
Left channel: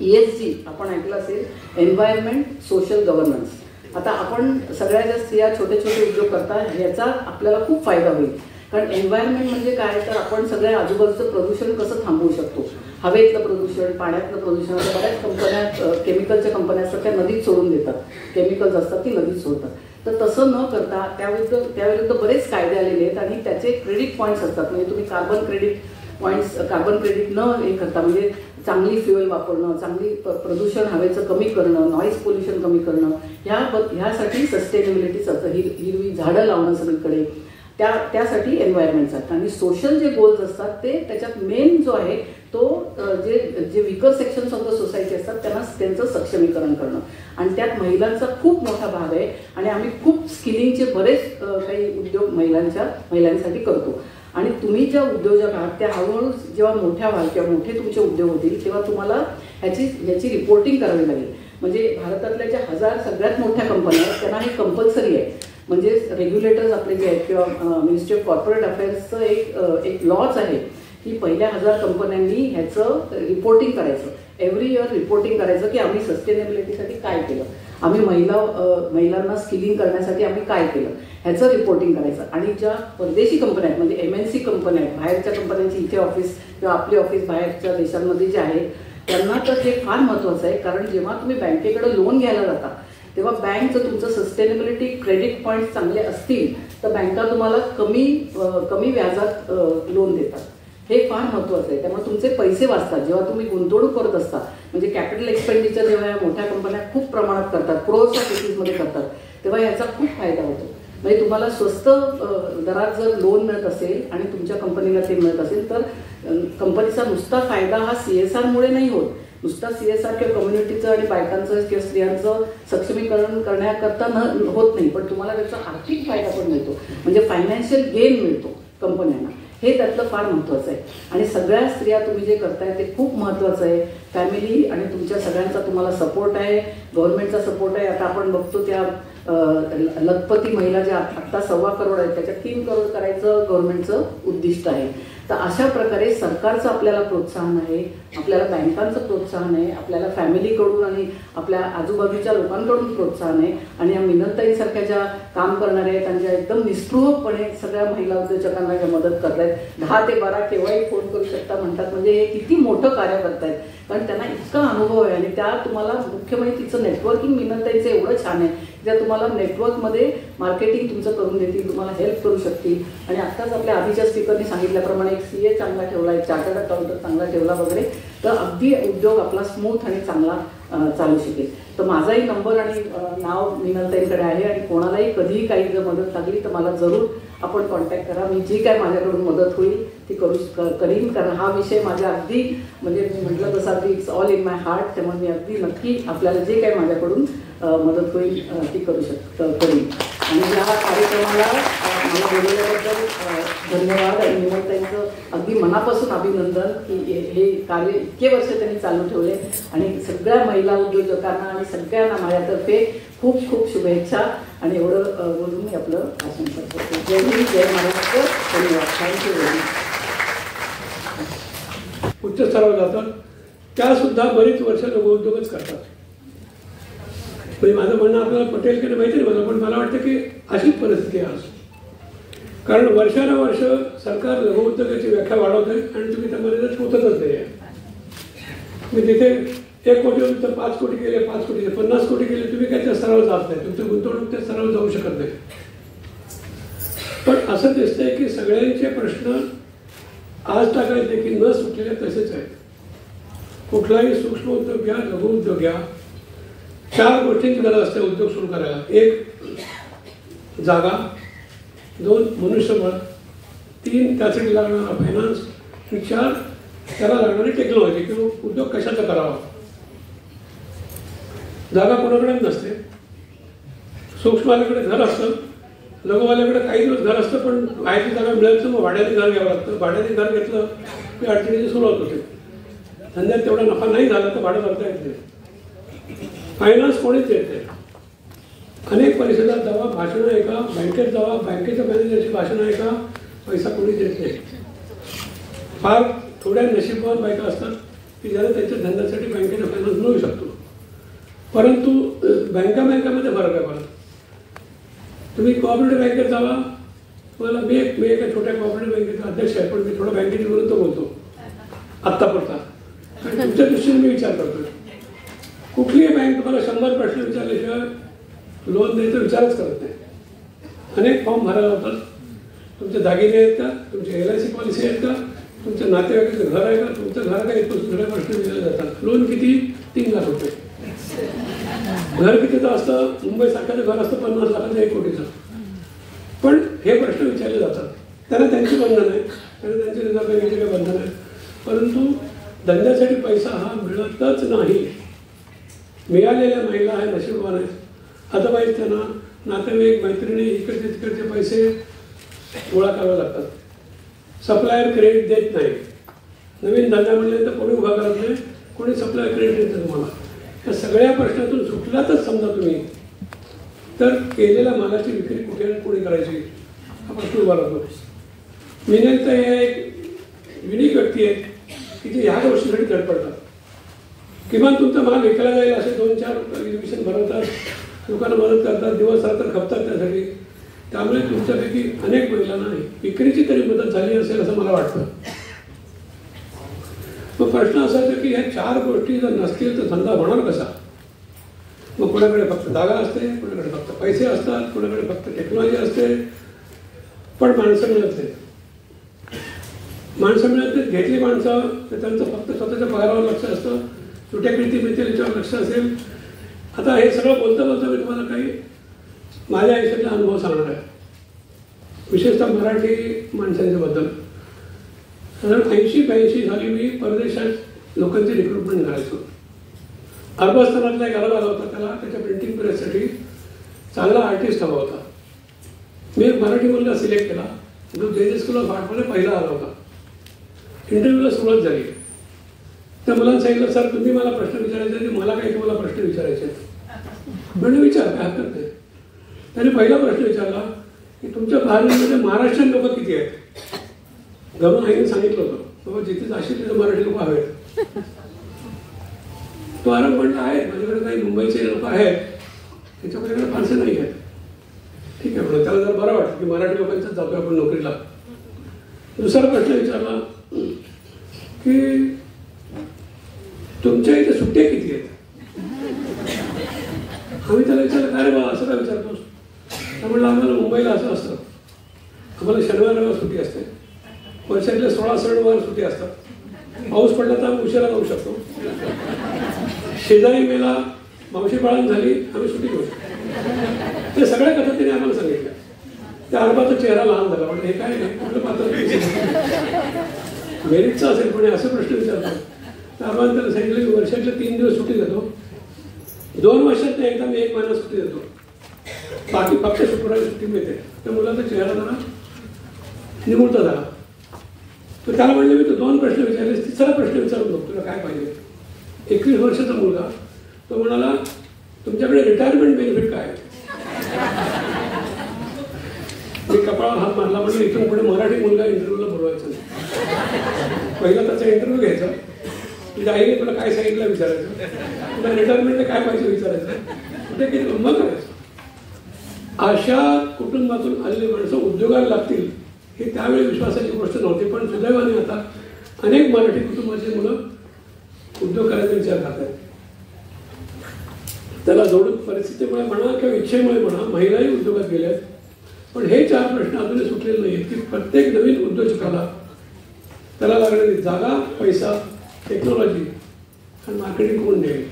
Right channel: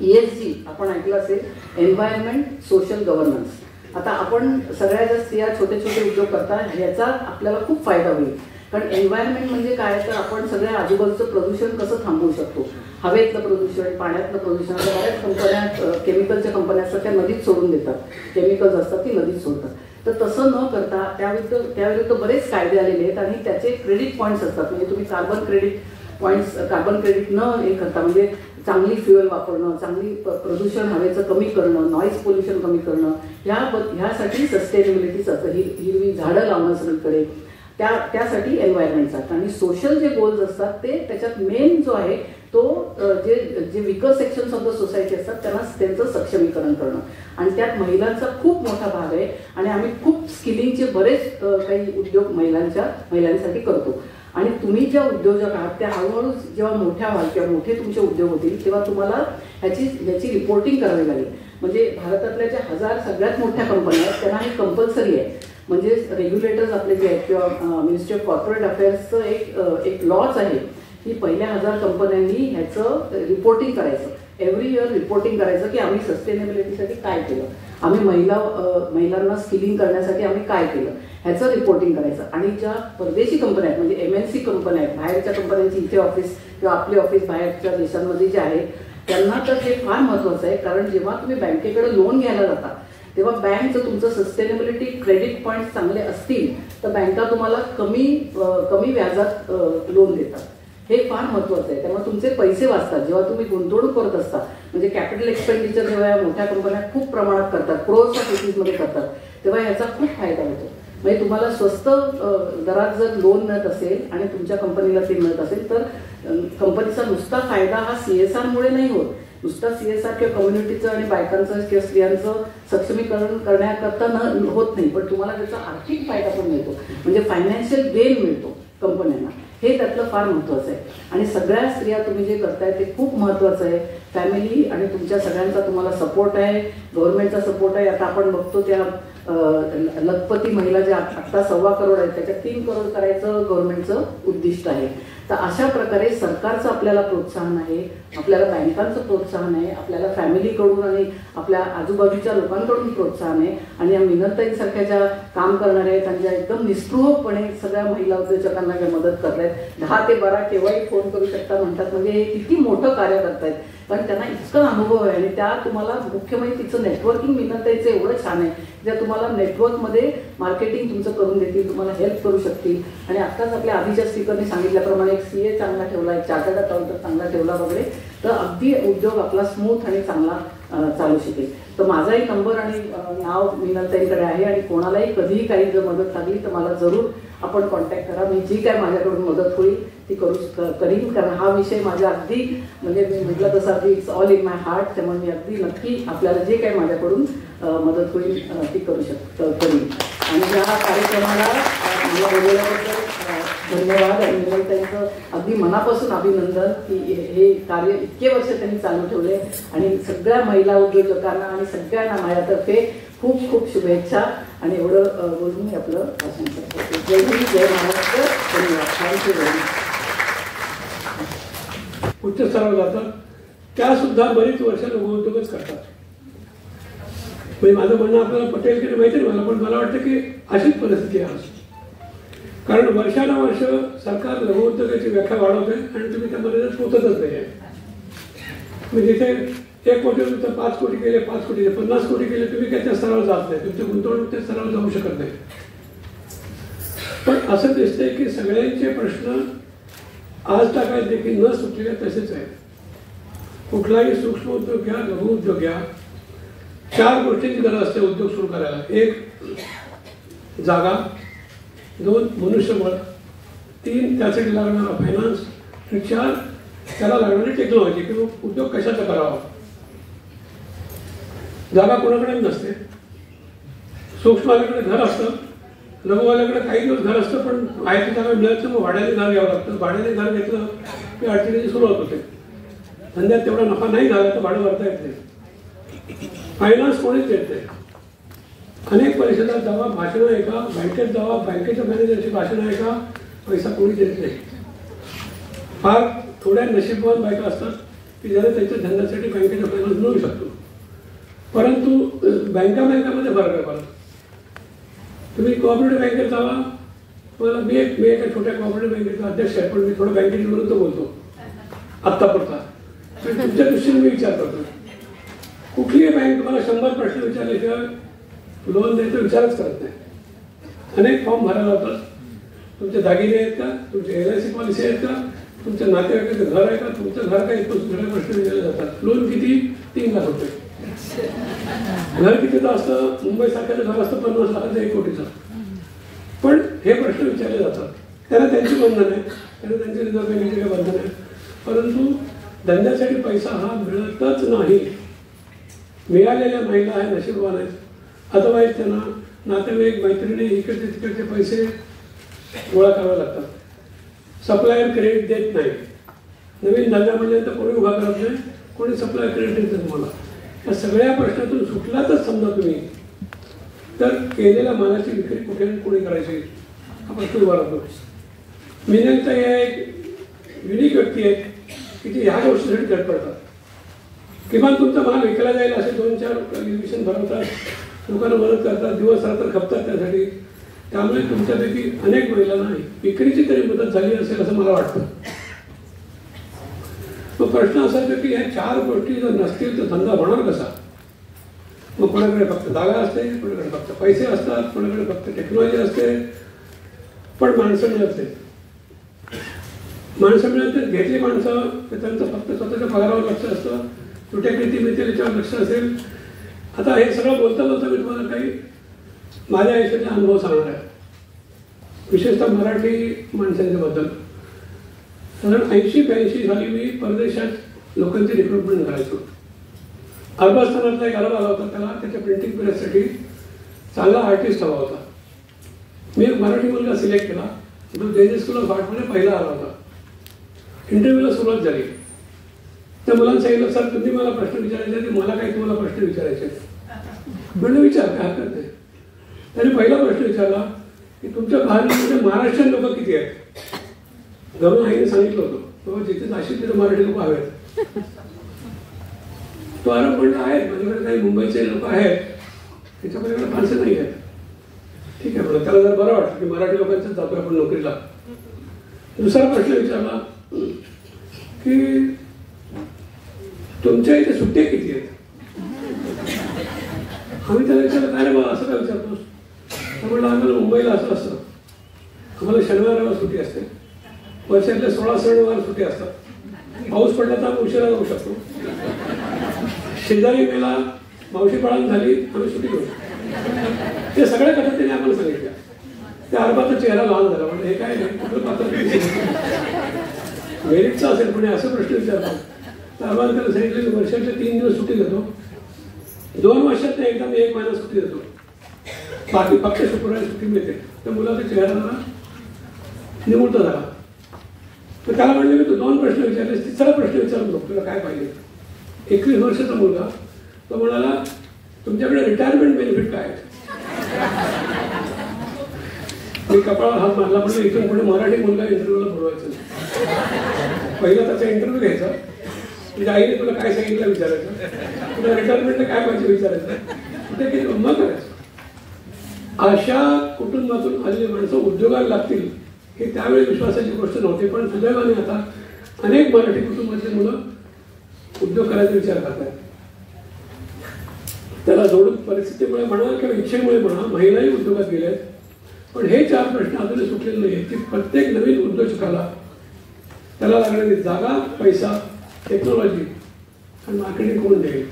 ESG आपण ऐकलं असेल, एन्व्हायरमेंट सोशल गव्हर्नन्स. आता आपण सगळ्या ज्या स्त्रिया छोटे छोटे उद्योग करतात याचा आपल्याला खूप फायदा होईल. कारण एन्व्हायरमेंट म्हणजे काय, तर आपण सगळ्या आजूबाजूचं प्रदूषण कसं थांबवू शकतो. हवेतलं प्रदूषण, पाण्यातलं प्रदूषण, बऱ्याच कंपन्या केमिकलच्या कंपन्या असतात त्या नदीत सोडून देतात, केमिकल्स असतात ती नदीत सोडतात. तर तसं न करता त्याविरुद्ध बरेच कायदे आलेले आहेत आणि त्याचे क्रेडिट पॉईंट्स असतात. म्हणजे तुम्ही कार्बन क्रेडिट न हे करता, म्हणजे चांगली फ्युएल वापरणं, चांगली प्रदूषण हवेचं कमी करणं, नॉईज पोल्युशन कमी करणं, ह्यासाठी सस्टेनेबिलिटीचं हिरवी झाडं लावणं सगळीकडे, त्यासाठी एन्व्हायरमेंटचा. आणि सोशल जे गोल्स असतात ते त्याच्यात मेन जो आहे तो जे विकर सेक्शन्स ऑफ द सोसायटी असतात त्यांचं सक्षमीकरण करणं. आणि त्यात महिलांचा खूप मोठा भाग आहे. आणि आम्ही खूप स्किलिंगचे बरेच काही उद्योग महिलांसाठी करतो. आणि तुम्ही ज्या उद्योजक आहात त्या हळूहळू जेव्हा मोठ्या व्हाल किंवा मोठे तुमचे उद्योग होतील तेव्हा तुम्हाला ह्याची रिपोर्टिंग करावी लागेल. म्हणजे भारतातल्या ज्या 1000 सगळ्यात मोठ्या कंपन्या आहेत त्यांना हे कंपल्सरी आहे. म्हणजे रेग्युलेटर्स आपले जे आहेत किंवा मिनिस्ट्री ऑफ कॉर्पोरेट अफेअर्सचं एक लॉच आहे की पहिल्या 1000 कंपन्यांनी ह्याचं रिपोर्टिंग करायचं, एव्हरी इयर रिपोर्टिंग करायचं की आम्ही सस्टेनेबिलिटीसाठी काय केलं, आम्ही महिलांना स्किलिंग करण्यासाठी आम्ही काय केलं, ह्याचं रिपोर्टिंग करायचं. आणि ज्या परदेशी कंपन्या आहेत म्हणजे MNC कंपन्या आहेत, बाहेरच्या कंपन्यांची इथे ऑफिस किंवा आपली ऑफिस बाहेरच्या देशांमध्ये जे आहे त्यांना तर हे फार महत्वाचं आहे. कारण जेव्हा तुम्ही बँकेकडे लोन घ्यायला जाता तेव्हा बँक जर तुमचं सस्टेनेबिलिटी क्रेडिट पॉईंट चांगले असतील तर बँका तुम्हाला कमी व्याजात लोन देतात. हे फार महत्वाचं आहे. त्यामुळे तुमचे पैसे वाचतात. जेव्हा तुम्ही गुंतवणूक करत असता म्हणजे कॅपिटल एक्सपेंडिचर जेव्हा मोठ्या कंपन्या खूप प्रमाणात करतात, क्रोर्स ऑफ रुपीजमध्ये करतात, तेव्हा याचा खूप फायदा होतो. म्हणजे तुम्हाला स्वस्त दरात जर लोन मिळत असेल आणि तुमच्या कंपनीला ते मिळत असेल तर कंपनीचा नुसता फायदा हा CSR मुळे नाही होत. नुसता CSR किंवा कम्युनिटीचं आणि बायकांचं किंवा स्त्रियांचं सक्षमीकरण करण्याकरता होत नाही, पण तुम्हाला त्याचा आर्थिक फायदा पण मिळतो. म्हणजे फायनान्शियल गेन मिळतो कंपन्यांना. हे त्यातलं फार महत्वाचं आहे. आणि सगळ्या स्त्रिया तुम्ही जे करताय ते खूप महत्वाचं आहे. फॅमिली आणि तुमच्या सगळ्यांचा तुम्हाला सपोर्ट आहे, गव्हर्नमेंटचा सपोर्ट आहे. आता आपण बघतो त्या लखपती महिला ज्या आता 1.25 करोड आहेत त्याच्यात 3 करोड करायचं गव्हर्नमेंटचं उद्दिष्ट आहे. तर अशा प्रकारे सरकारचं आपल्याला प्रोत्साहन आहे, आपल्याला बँकांचं प्रोत्साहन आहे, आपल्याला फॅमिलीकडून आणि आपल्या आजूबाजूच्या लोकांकडून प्रोत्साहन आहे. आणि या मिनलताईंसारख्या ज्या काम करणाऱ्या आहेत आणि ज्या एकदम निस्पृहपणे सगळ्या महिला उद्योजकांना ज्या मदत करतायत, 10 ते 12 केव्हाही फोन करू शकता म्हणतात, म्हणजे हे किती मोठं कार्य करतायत. कारण त्यांना इतका अनुभव आहे आणि त्या तुम्हाला मुख्य म्हणजे तिचं नेटवर्किंग मिनलताईंचं एवढं छान आहे ज्या तुम्हाला नेटवर्कमध्ये मार्केटिंग तुमचं करून देतील, तुम्हाला हेल्प करू शकतील. आणि आत्ताच आपल्या आधीच्या स्पीकरने सांगितल्याप्रमाणे एक CA चांगला ठेवला, एक चार्टर्ड अकाउंटंट चांगला ठेवला वगैरे, तर अगदी उद्योग आपला स्मूथ आणि चांगला चालू शकेल. तर माझाही नंबर आणि नाव मिनलताईंकडे आहे आणि कोणालाही कधीही काही जर मदत लागली तर मला जरूर आपण कॉन्टॅक्ट करा. मी जी काय माझ्याकडून मदत होईल ती करीन. कारण हा विषय माझ्या अगदी म्हणजे मी म्हटलं तसं अगदी it's all in my heart. त्यामुळे मी अगदी नक्की आपल्याला जे काही माझ्याकडून मदत होईल ती करीन. आणि या कार्यक्रमाला मला बोलवल्याबद्दल धन्यवाद आणि मिनलताईंचं अगदी मनापासून अभिनंदन की हे कार्य इतके वर्ष त्यांनी चालू ठेवले. आणि सगळ्या महिला उद्योजकांना आणि सगळ्यांना माझ्यातर्फे खूप खूप शुभेच्छा. आणि एवढं बोलून मी आपलं भाषण करतो. जय हिंद, जय महाराष्ट्र. धन्यवाद. Thank you very much. उच्च स्तरावर जातात त्या सुद्धा बरीच वर्ष लघुउद्योगच करतात. म्हणजे माझं म्हणणं आपल्याला पटेल की माहिती नाही मला, पण मला वाटतं की अशीच परिस्थिती आहे. कारण वर्षानुवर्ष सरकार लघुउद्योगाची व्याख्या वाढवतंय आणि तुम्ही त्या मर्यादेत पोहोचतच नाही आहे. म्हणजे तिथे 1 कोटी तर 5 कोटी केले, 5 कोटी 50 कोटी केले, तुम्ही काय त्या स्तरावर जात नाही, तुमची गुंतवणूक त्या स्तरावर जाऊ शकत नाही. पण असं दिसतंय की सगळ्यांचे प्रश्न आज तागायत देखील न सुटलेले तसेच आहेत. कुठलाही सूक्ष्म उद्योग घ्या, लघु उद्योग घ्या, 4 गोष्टींची गरज असते उद्योग सुरू करायला. 1 जागा, 2 मनुष्यबळ, 3 त्यासाठी लागणारा फायनान्स आणि 4 त्याला लागणारी टेक्नॉलॉजी किंवा उद्योग कशाचा करावा. जागा कोणाकडे नसते. सूक्ष्मवाल्याकडे घर असतं, लघुवाल्याकडे काही दिवस घर असतं, पण आयची जागा मिळायचं मग भाड्याने घर घ्यावं लागतं. भाड्याने घर घेतलं की अडचणीची सुरुवात होते. धंद्यात तेवढा नफा नाही झाला तर भाडं भरता येत नाही. फायनान्स कोणीच देत नाही. अनेक परिषदात जावा, भाषणं ऐका, बँकेत जावा, बँकेच्या मॅनेजरची भाषणं ऐका, पैसा कोणी देत नाही. फार थोड्या नशीबवान बायका असतात की ज्याला त्यांच्या धंद्यासाठी बँकेचा फायनान्स मिळू शकतो. परंतु बँकामध्ये फरक आहे. मला तुम्ही कोऑपरेटिव्ह बँकेत जावा, तुम्हाला मी एका छोट्या कोऑपरेटिव्ह बँकेचा अध्यक्ष आहे, पण मी थोडं बँकेच्या विरुद्ध बोलतो आत्तापुरता. तुमच्या दृष्टीने मी विचार करतो. कुठलीही बँक तुम्हाला 100 प्रश्न विचारल्याशिवाय लोन द्यायचा विचारच करत नाही. अनेक फॉर्म भरायला होतात. तुमचे दागिने आहेत का, तुमचे LIC पॉलिसी आहेत का, तुमच्या नातेवाईकाचं घर आहे का, तुमचं घर काय येतो, सगळे प्रश्न विचारले जातात. लोन किती? 3 लाख रुपये. घर कितीचं असतं? मुंबईसारख्याचं घर असतं 50 लाखाचं, 1 कोटीचं. पण हे प्रश्न विचारले जातात. त्यांना त्यांची बंधन आहे, त्यांना त्यांची रिझर्व्ह बँकेची काही बंधन आहे. परंतु धंद्यासाठी पैसा हा मिळतच नाही. मिळालेल्या महिला आहे नशीबवान आहेत. अदरवाईज त्यांना नातेवाईक मैत्रिणी इकडचे तिकडचे पैसे गोळा करावे लागतात. सप्लायर क्रेडिट देत नाही. नवीन धंदा म्हणले तर कोणी उभा करत नाही, कोणी सप्लायर क्रेडिट देत नाही तुम्हाला. या सगळ्या प्रश्नातून सुटल्यातच समजा तुम्ही तर केलेल्या मालाची विक्री कुठे कुठे करायची हा प्रश्न उभा राहतो. मिनलताई या एक युनिक व्यक्ती आहेत की ते ह्या गोष्टीसाठी धडपडतात. किमान तुमचा माल विकला जाईल असे 2-4 एक्झिबिशन भरवतात, लोकांना मदत करतात, दिवस रात्र खपतात त्यासाठी. त्यामुळे तुमच्यापैकी अनेक महिलांना विक्रीची तरी मदत झाली असेल असं मला वाटतं. मग प्रश्न असायचा की ह्या 4 गोष्टी जर नसतील तर धंदा होणार कसा. मग कोणाकडे फक्त जागा असते, कोणाकडे फक्त पैसे असतात, कोणाकडे फक्त टेक्नॉलॉजी असते, पण माणसं मिळत नाही. माणसं मिळत नाही, घेतली माणसं तर त्यांचं फक्त स्वतःच्या पगारावर लक्ष असतं, कुठे किती मिळतील याच्यावर लक्ष असेल. आता हे सगळं बोलता बोलता मी तुम्हाला काही माझ्या आयुष्याचा अनुभव सांगणार आहे, विशेषतः मराठी माणसांच्याबद्दल. साधारण 80-82 साली मी परदेशात लोकांची रिक्रुटमेंट करायचो. अरबस्थानातला एक अरब आला होता, त्याला त्याच्या प्रिंटिंग प्रेससाठी चांगला आर्टिस्ट हवा होता. मी एक मराठी मुलगा सिलेक्ट केला, जो जेजे स्कूल ऑफ आर्टमध्ये पहिला आला होता. इंटरव्ह्यूला सुरुवात झाली. त्या मुलांना सांगितलं, सर तुम्ही मला प्रश्न विचारायचे आणि मला काही तुम्हाला प्रश्न विचारायचे. म्हणजे विचार, काय हरकत नाही. त्याने पहिला प्रश्न विचारला की तुमच्या भारतामध्ये महाराष्ट्रीयन लोक किती आहेत. घरून आईने सांगितलं होतं बाबा जिथे जाशील तिथे मराठी लोक हवेत. तो आराम म्हणलं आहेत, माझ्याकडे काही मुंबईचे लोक आहेत, त्याच्याकडे फारसे नाही आहेत. ठीक आहे, पण त्याला जरा बरं वाटतं की मराठी लोकांचाच जातो आपण नोकरीला. दुसरा प्रश्न विचारला की तुमच्या इथे सुट्ट्या किती आहेत. आम्ही त्याला विचारलं, काय रे मला असं काय विचारतोस. म्हणलं आम्हाला मुंबईला असं असतं, आम्हाला शनिवार रविवार सुट्टी असते, वर्षातले 16 सणवार सुट्टी असतात. पाऊस पडला तर आम्ही उशिरा जाऊ शकतो. शेजारी मेला, मावशी पाळण झाली, आम्ही सुट्टी घेऊ शकतो. ते सगळ्या कथा त्याने आम्हाला सांगितल्या. त्या अरबाचा चेहरा लहान झाला. म्हणजे हे काय नाही, कुठलं पात्र मेरिटचा असेल कोणी असे प्रश्न विचारतात. तर अरबाने त्याला सांगितलं की वर्षाच्या 3 दिवस सुट्टी देतो, 2 वर्षात एकदा मी 1 महिना सुट्टी देतो, बाकी फक्त शुक्रवारी सुट्टी मिळते. तर मुलाचा चेहरा जरा निमुळता झाला. तर त्याला म्हणले मी तू 2 प्रश्न विचारले, तिसरा प्रश्न विचारून बघ तुला काय पाहिजे. 21 वर्षाचा मुलगा तो म्हणाला तुमच्याकडे रिटायरमेंट बेनिफिट काय आहे. मी कपाळावर हात मारला. म्हणजे इथून पुढे मराठी मुलगा इंटरव्ह्यूला बोलवायचं नाही. पहिला त्याचा इंटरव्ह्यू घ्यायचा, तुझ्या आईने तुला काय सांगितलं विचारायचं, तुला रिटायरमेंटला काय पाहिजे विचारायचं, कुठे किती मग करायचं. अशा कुटुंबातून आलेली माणसं उद्योगाला लागतील हे त्यावेळी विश्वासाची गोष्ट नव्हती. पण सुदैवाने आता अनेक मराठी कुटुंबाचे मुलं उद्योग करायचा विचार करतात. त्याला जोडून परिस्थितीमुळे म्हणा किंवा इच्छेमुळे म्हणा महिलाही उद्योगात गेल्या आहेत. पण हे 4 प्रश्न अजूनही सुटलेले नाहीत की प्रत्येक नवीन उद्योजकाला त्याला लागणारी जागा, पैसा, टेक्नॉलॉजी आणि मार्केटिंग कोण देईल.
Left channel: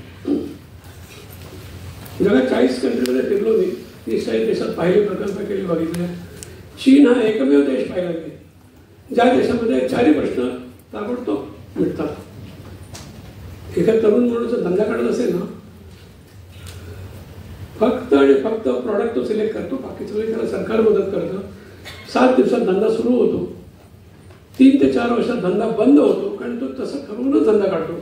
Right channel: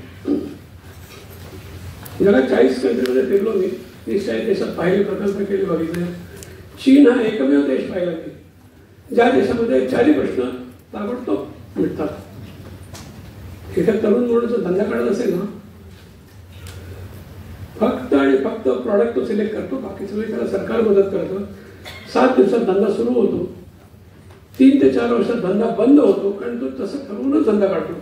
जगात 40 कंट्रीमध्ये फिरलो मी. 30-40 देशात पाहिले, प्रकल्प केले, बघितले. चीन हा एकमेव देश पाहिला मी ज्या देशामध्ये 4 प्रश्न ताबडतोब मिळतात. एका तरुण मुलाचा धंदा काढत असेल ना, फक्त आणि फक्त प्रॉडक्ट तो सिलेक्ट करतो, बाकी सगळे त्याला सरकार मदत करतं. 7 दिवसात धंदा सुरू होतो, 3 ते 4 वर्षात धंदा बंद होतो, कारण तो तसं ठरवूनच धंदा काढतो.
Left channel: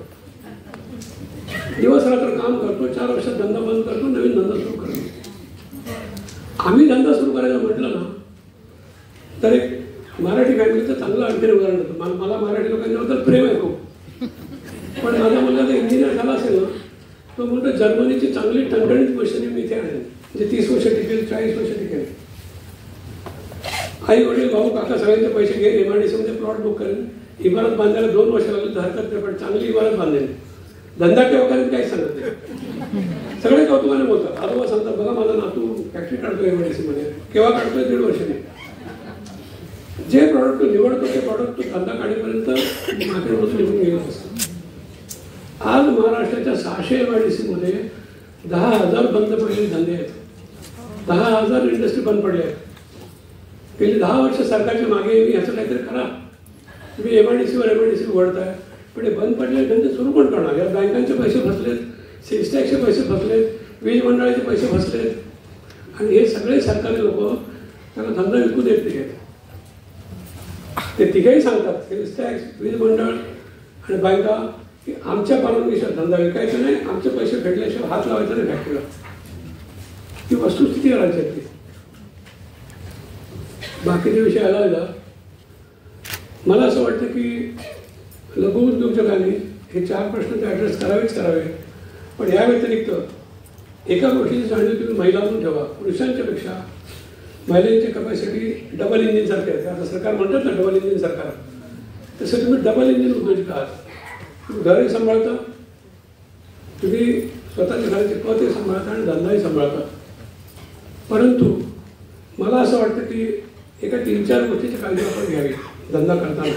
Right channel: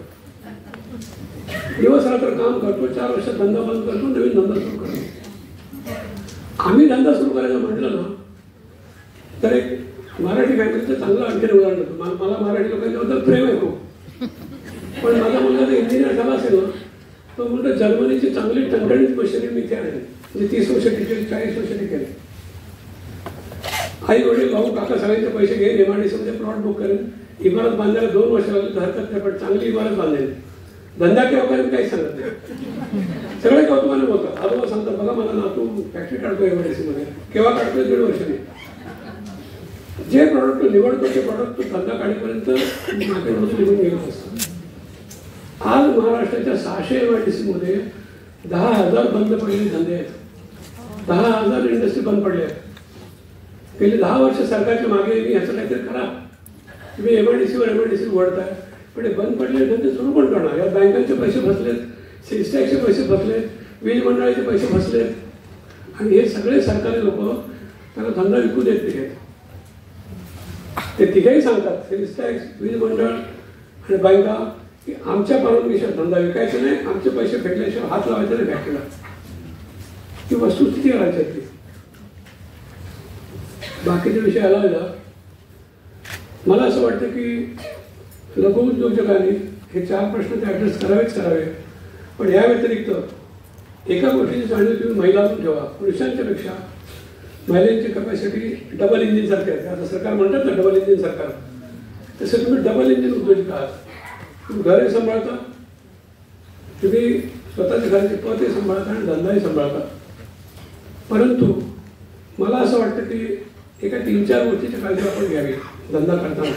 दिवस रात्र काम करतो, 4 वर्षात धंदा बंद करतो, नवीन धंदा सुरू करतो. आम्ही धंदा सुरू करायचं म्हटलं ना तर एक मराठी फॅमिलीचं चांगलं आणखी उदाहरण होतं. मला मराठी लोकांच्याबद्दल प्रेम आहे खूप. पण माझा मुलगा जर इंजिनियर झाला असेल ना, तो म्हणतो जर्मनीची चांगली टणटणीत मशिनरी मी इथे आणेल, म्हणजे 30 वर्ष टिकेल, 40 वर्ष टिकेल. आई वडील भाऊ काका सगळ्यांचे पैसे घेईल, MIDC मध्ये प्लॉट बुक करेल, इमारत बांधायला 2 वर्ष लागली तर हरकत नाही, पण चांगली इमारत बांधेल. धंदा केव्हा करेल काही सांगत नाही. सगळे कौतुकाने बोलतात. आजोबा सांगतात बघा मला नातू फॅक्टरी काढतोय MIDC मध्ये. केव्हा काढतोय? 1.5 वर्षाने. जे प्रॉडक्ट तो निवडतो ते प्रॉडक्ट तो धंदा काढीपर्यंत मार्केटमध्ये निघून गेलं असतं. आज महाराष्ट्राच्या 600 MIDC मध्ये 10,000 बंद पडलेले धंदे आहेत. 10,000 इंडस्ट्री बंद पडल्या आहेत. गेली 10 वर्ष सरकारच्या मागे ह्याचं काहीतरी करा. तुम्ही MIDC वळताय, पण हे बंद पडलेले धंदे सुरू पण करणार. या बँकांचे पैसे फसलेत, सेल्स टॅक्सचे पैसे फसलेत, वीज मंडळाचे पैसे फसलेत, आणि हे सगळे सरकारी लोक त्याला धंदा विकू देत नाही. ते तिघेही सांगतात, सेल्स टॅक्स, वीज मंडळ आणि बँका, की आमच्या परवानगीशिवाय धंदा विकायचा नाही, आमचे पैसे भेटल्याशिवाय हात लावायचा नाही फॅक्टरीला. ती वस्तुस्थिती करायची आहे. बाकीच्या विषय आला मला असं वाटतं की लघु उद्योजकांनी हे 4 प्रश्न ते ॲड्रेस करावे. पण या व्यतिरिक्त एका गोष्टीची जाणीव तुम्ही महिलांना ठेवा. पुरुषांच्या पेक्षा महिलांची कपॅसिटी डबल इंजिन सारखी आहे. आता सरकार म्हणतात ना डबल इंजिन सरकार, तसं तुम्ही डबल इंजिन उद्योजक आहात. तुम्ही घरही सांभाळता, तुम्ही स्वतःच्या घराची पतही सांभाळता आणि धंदाही सांभाळता. परंतु मला असं वाटतं की एका 3-4 गोष्टीची काळजी आपण घ्यावी धंदा करताना.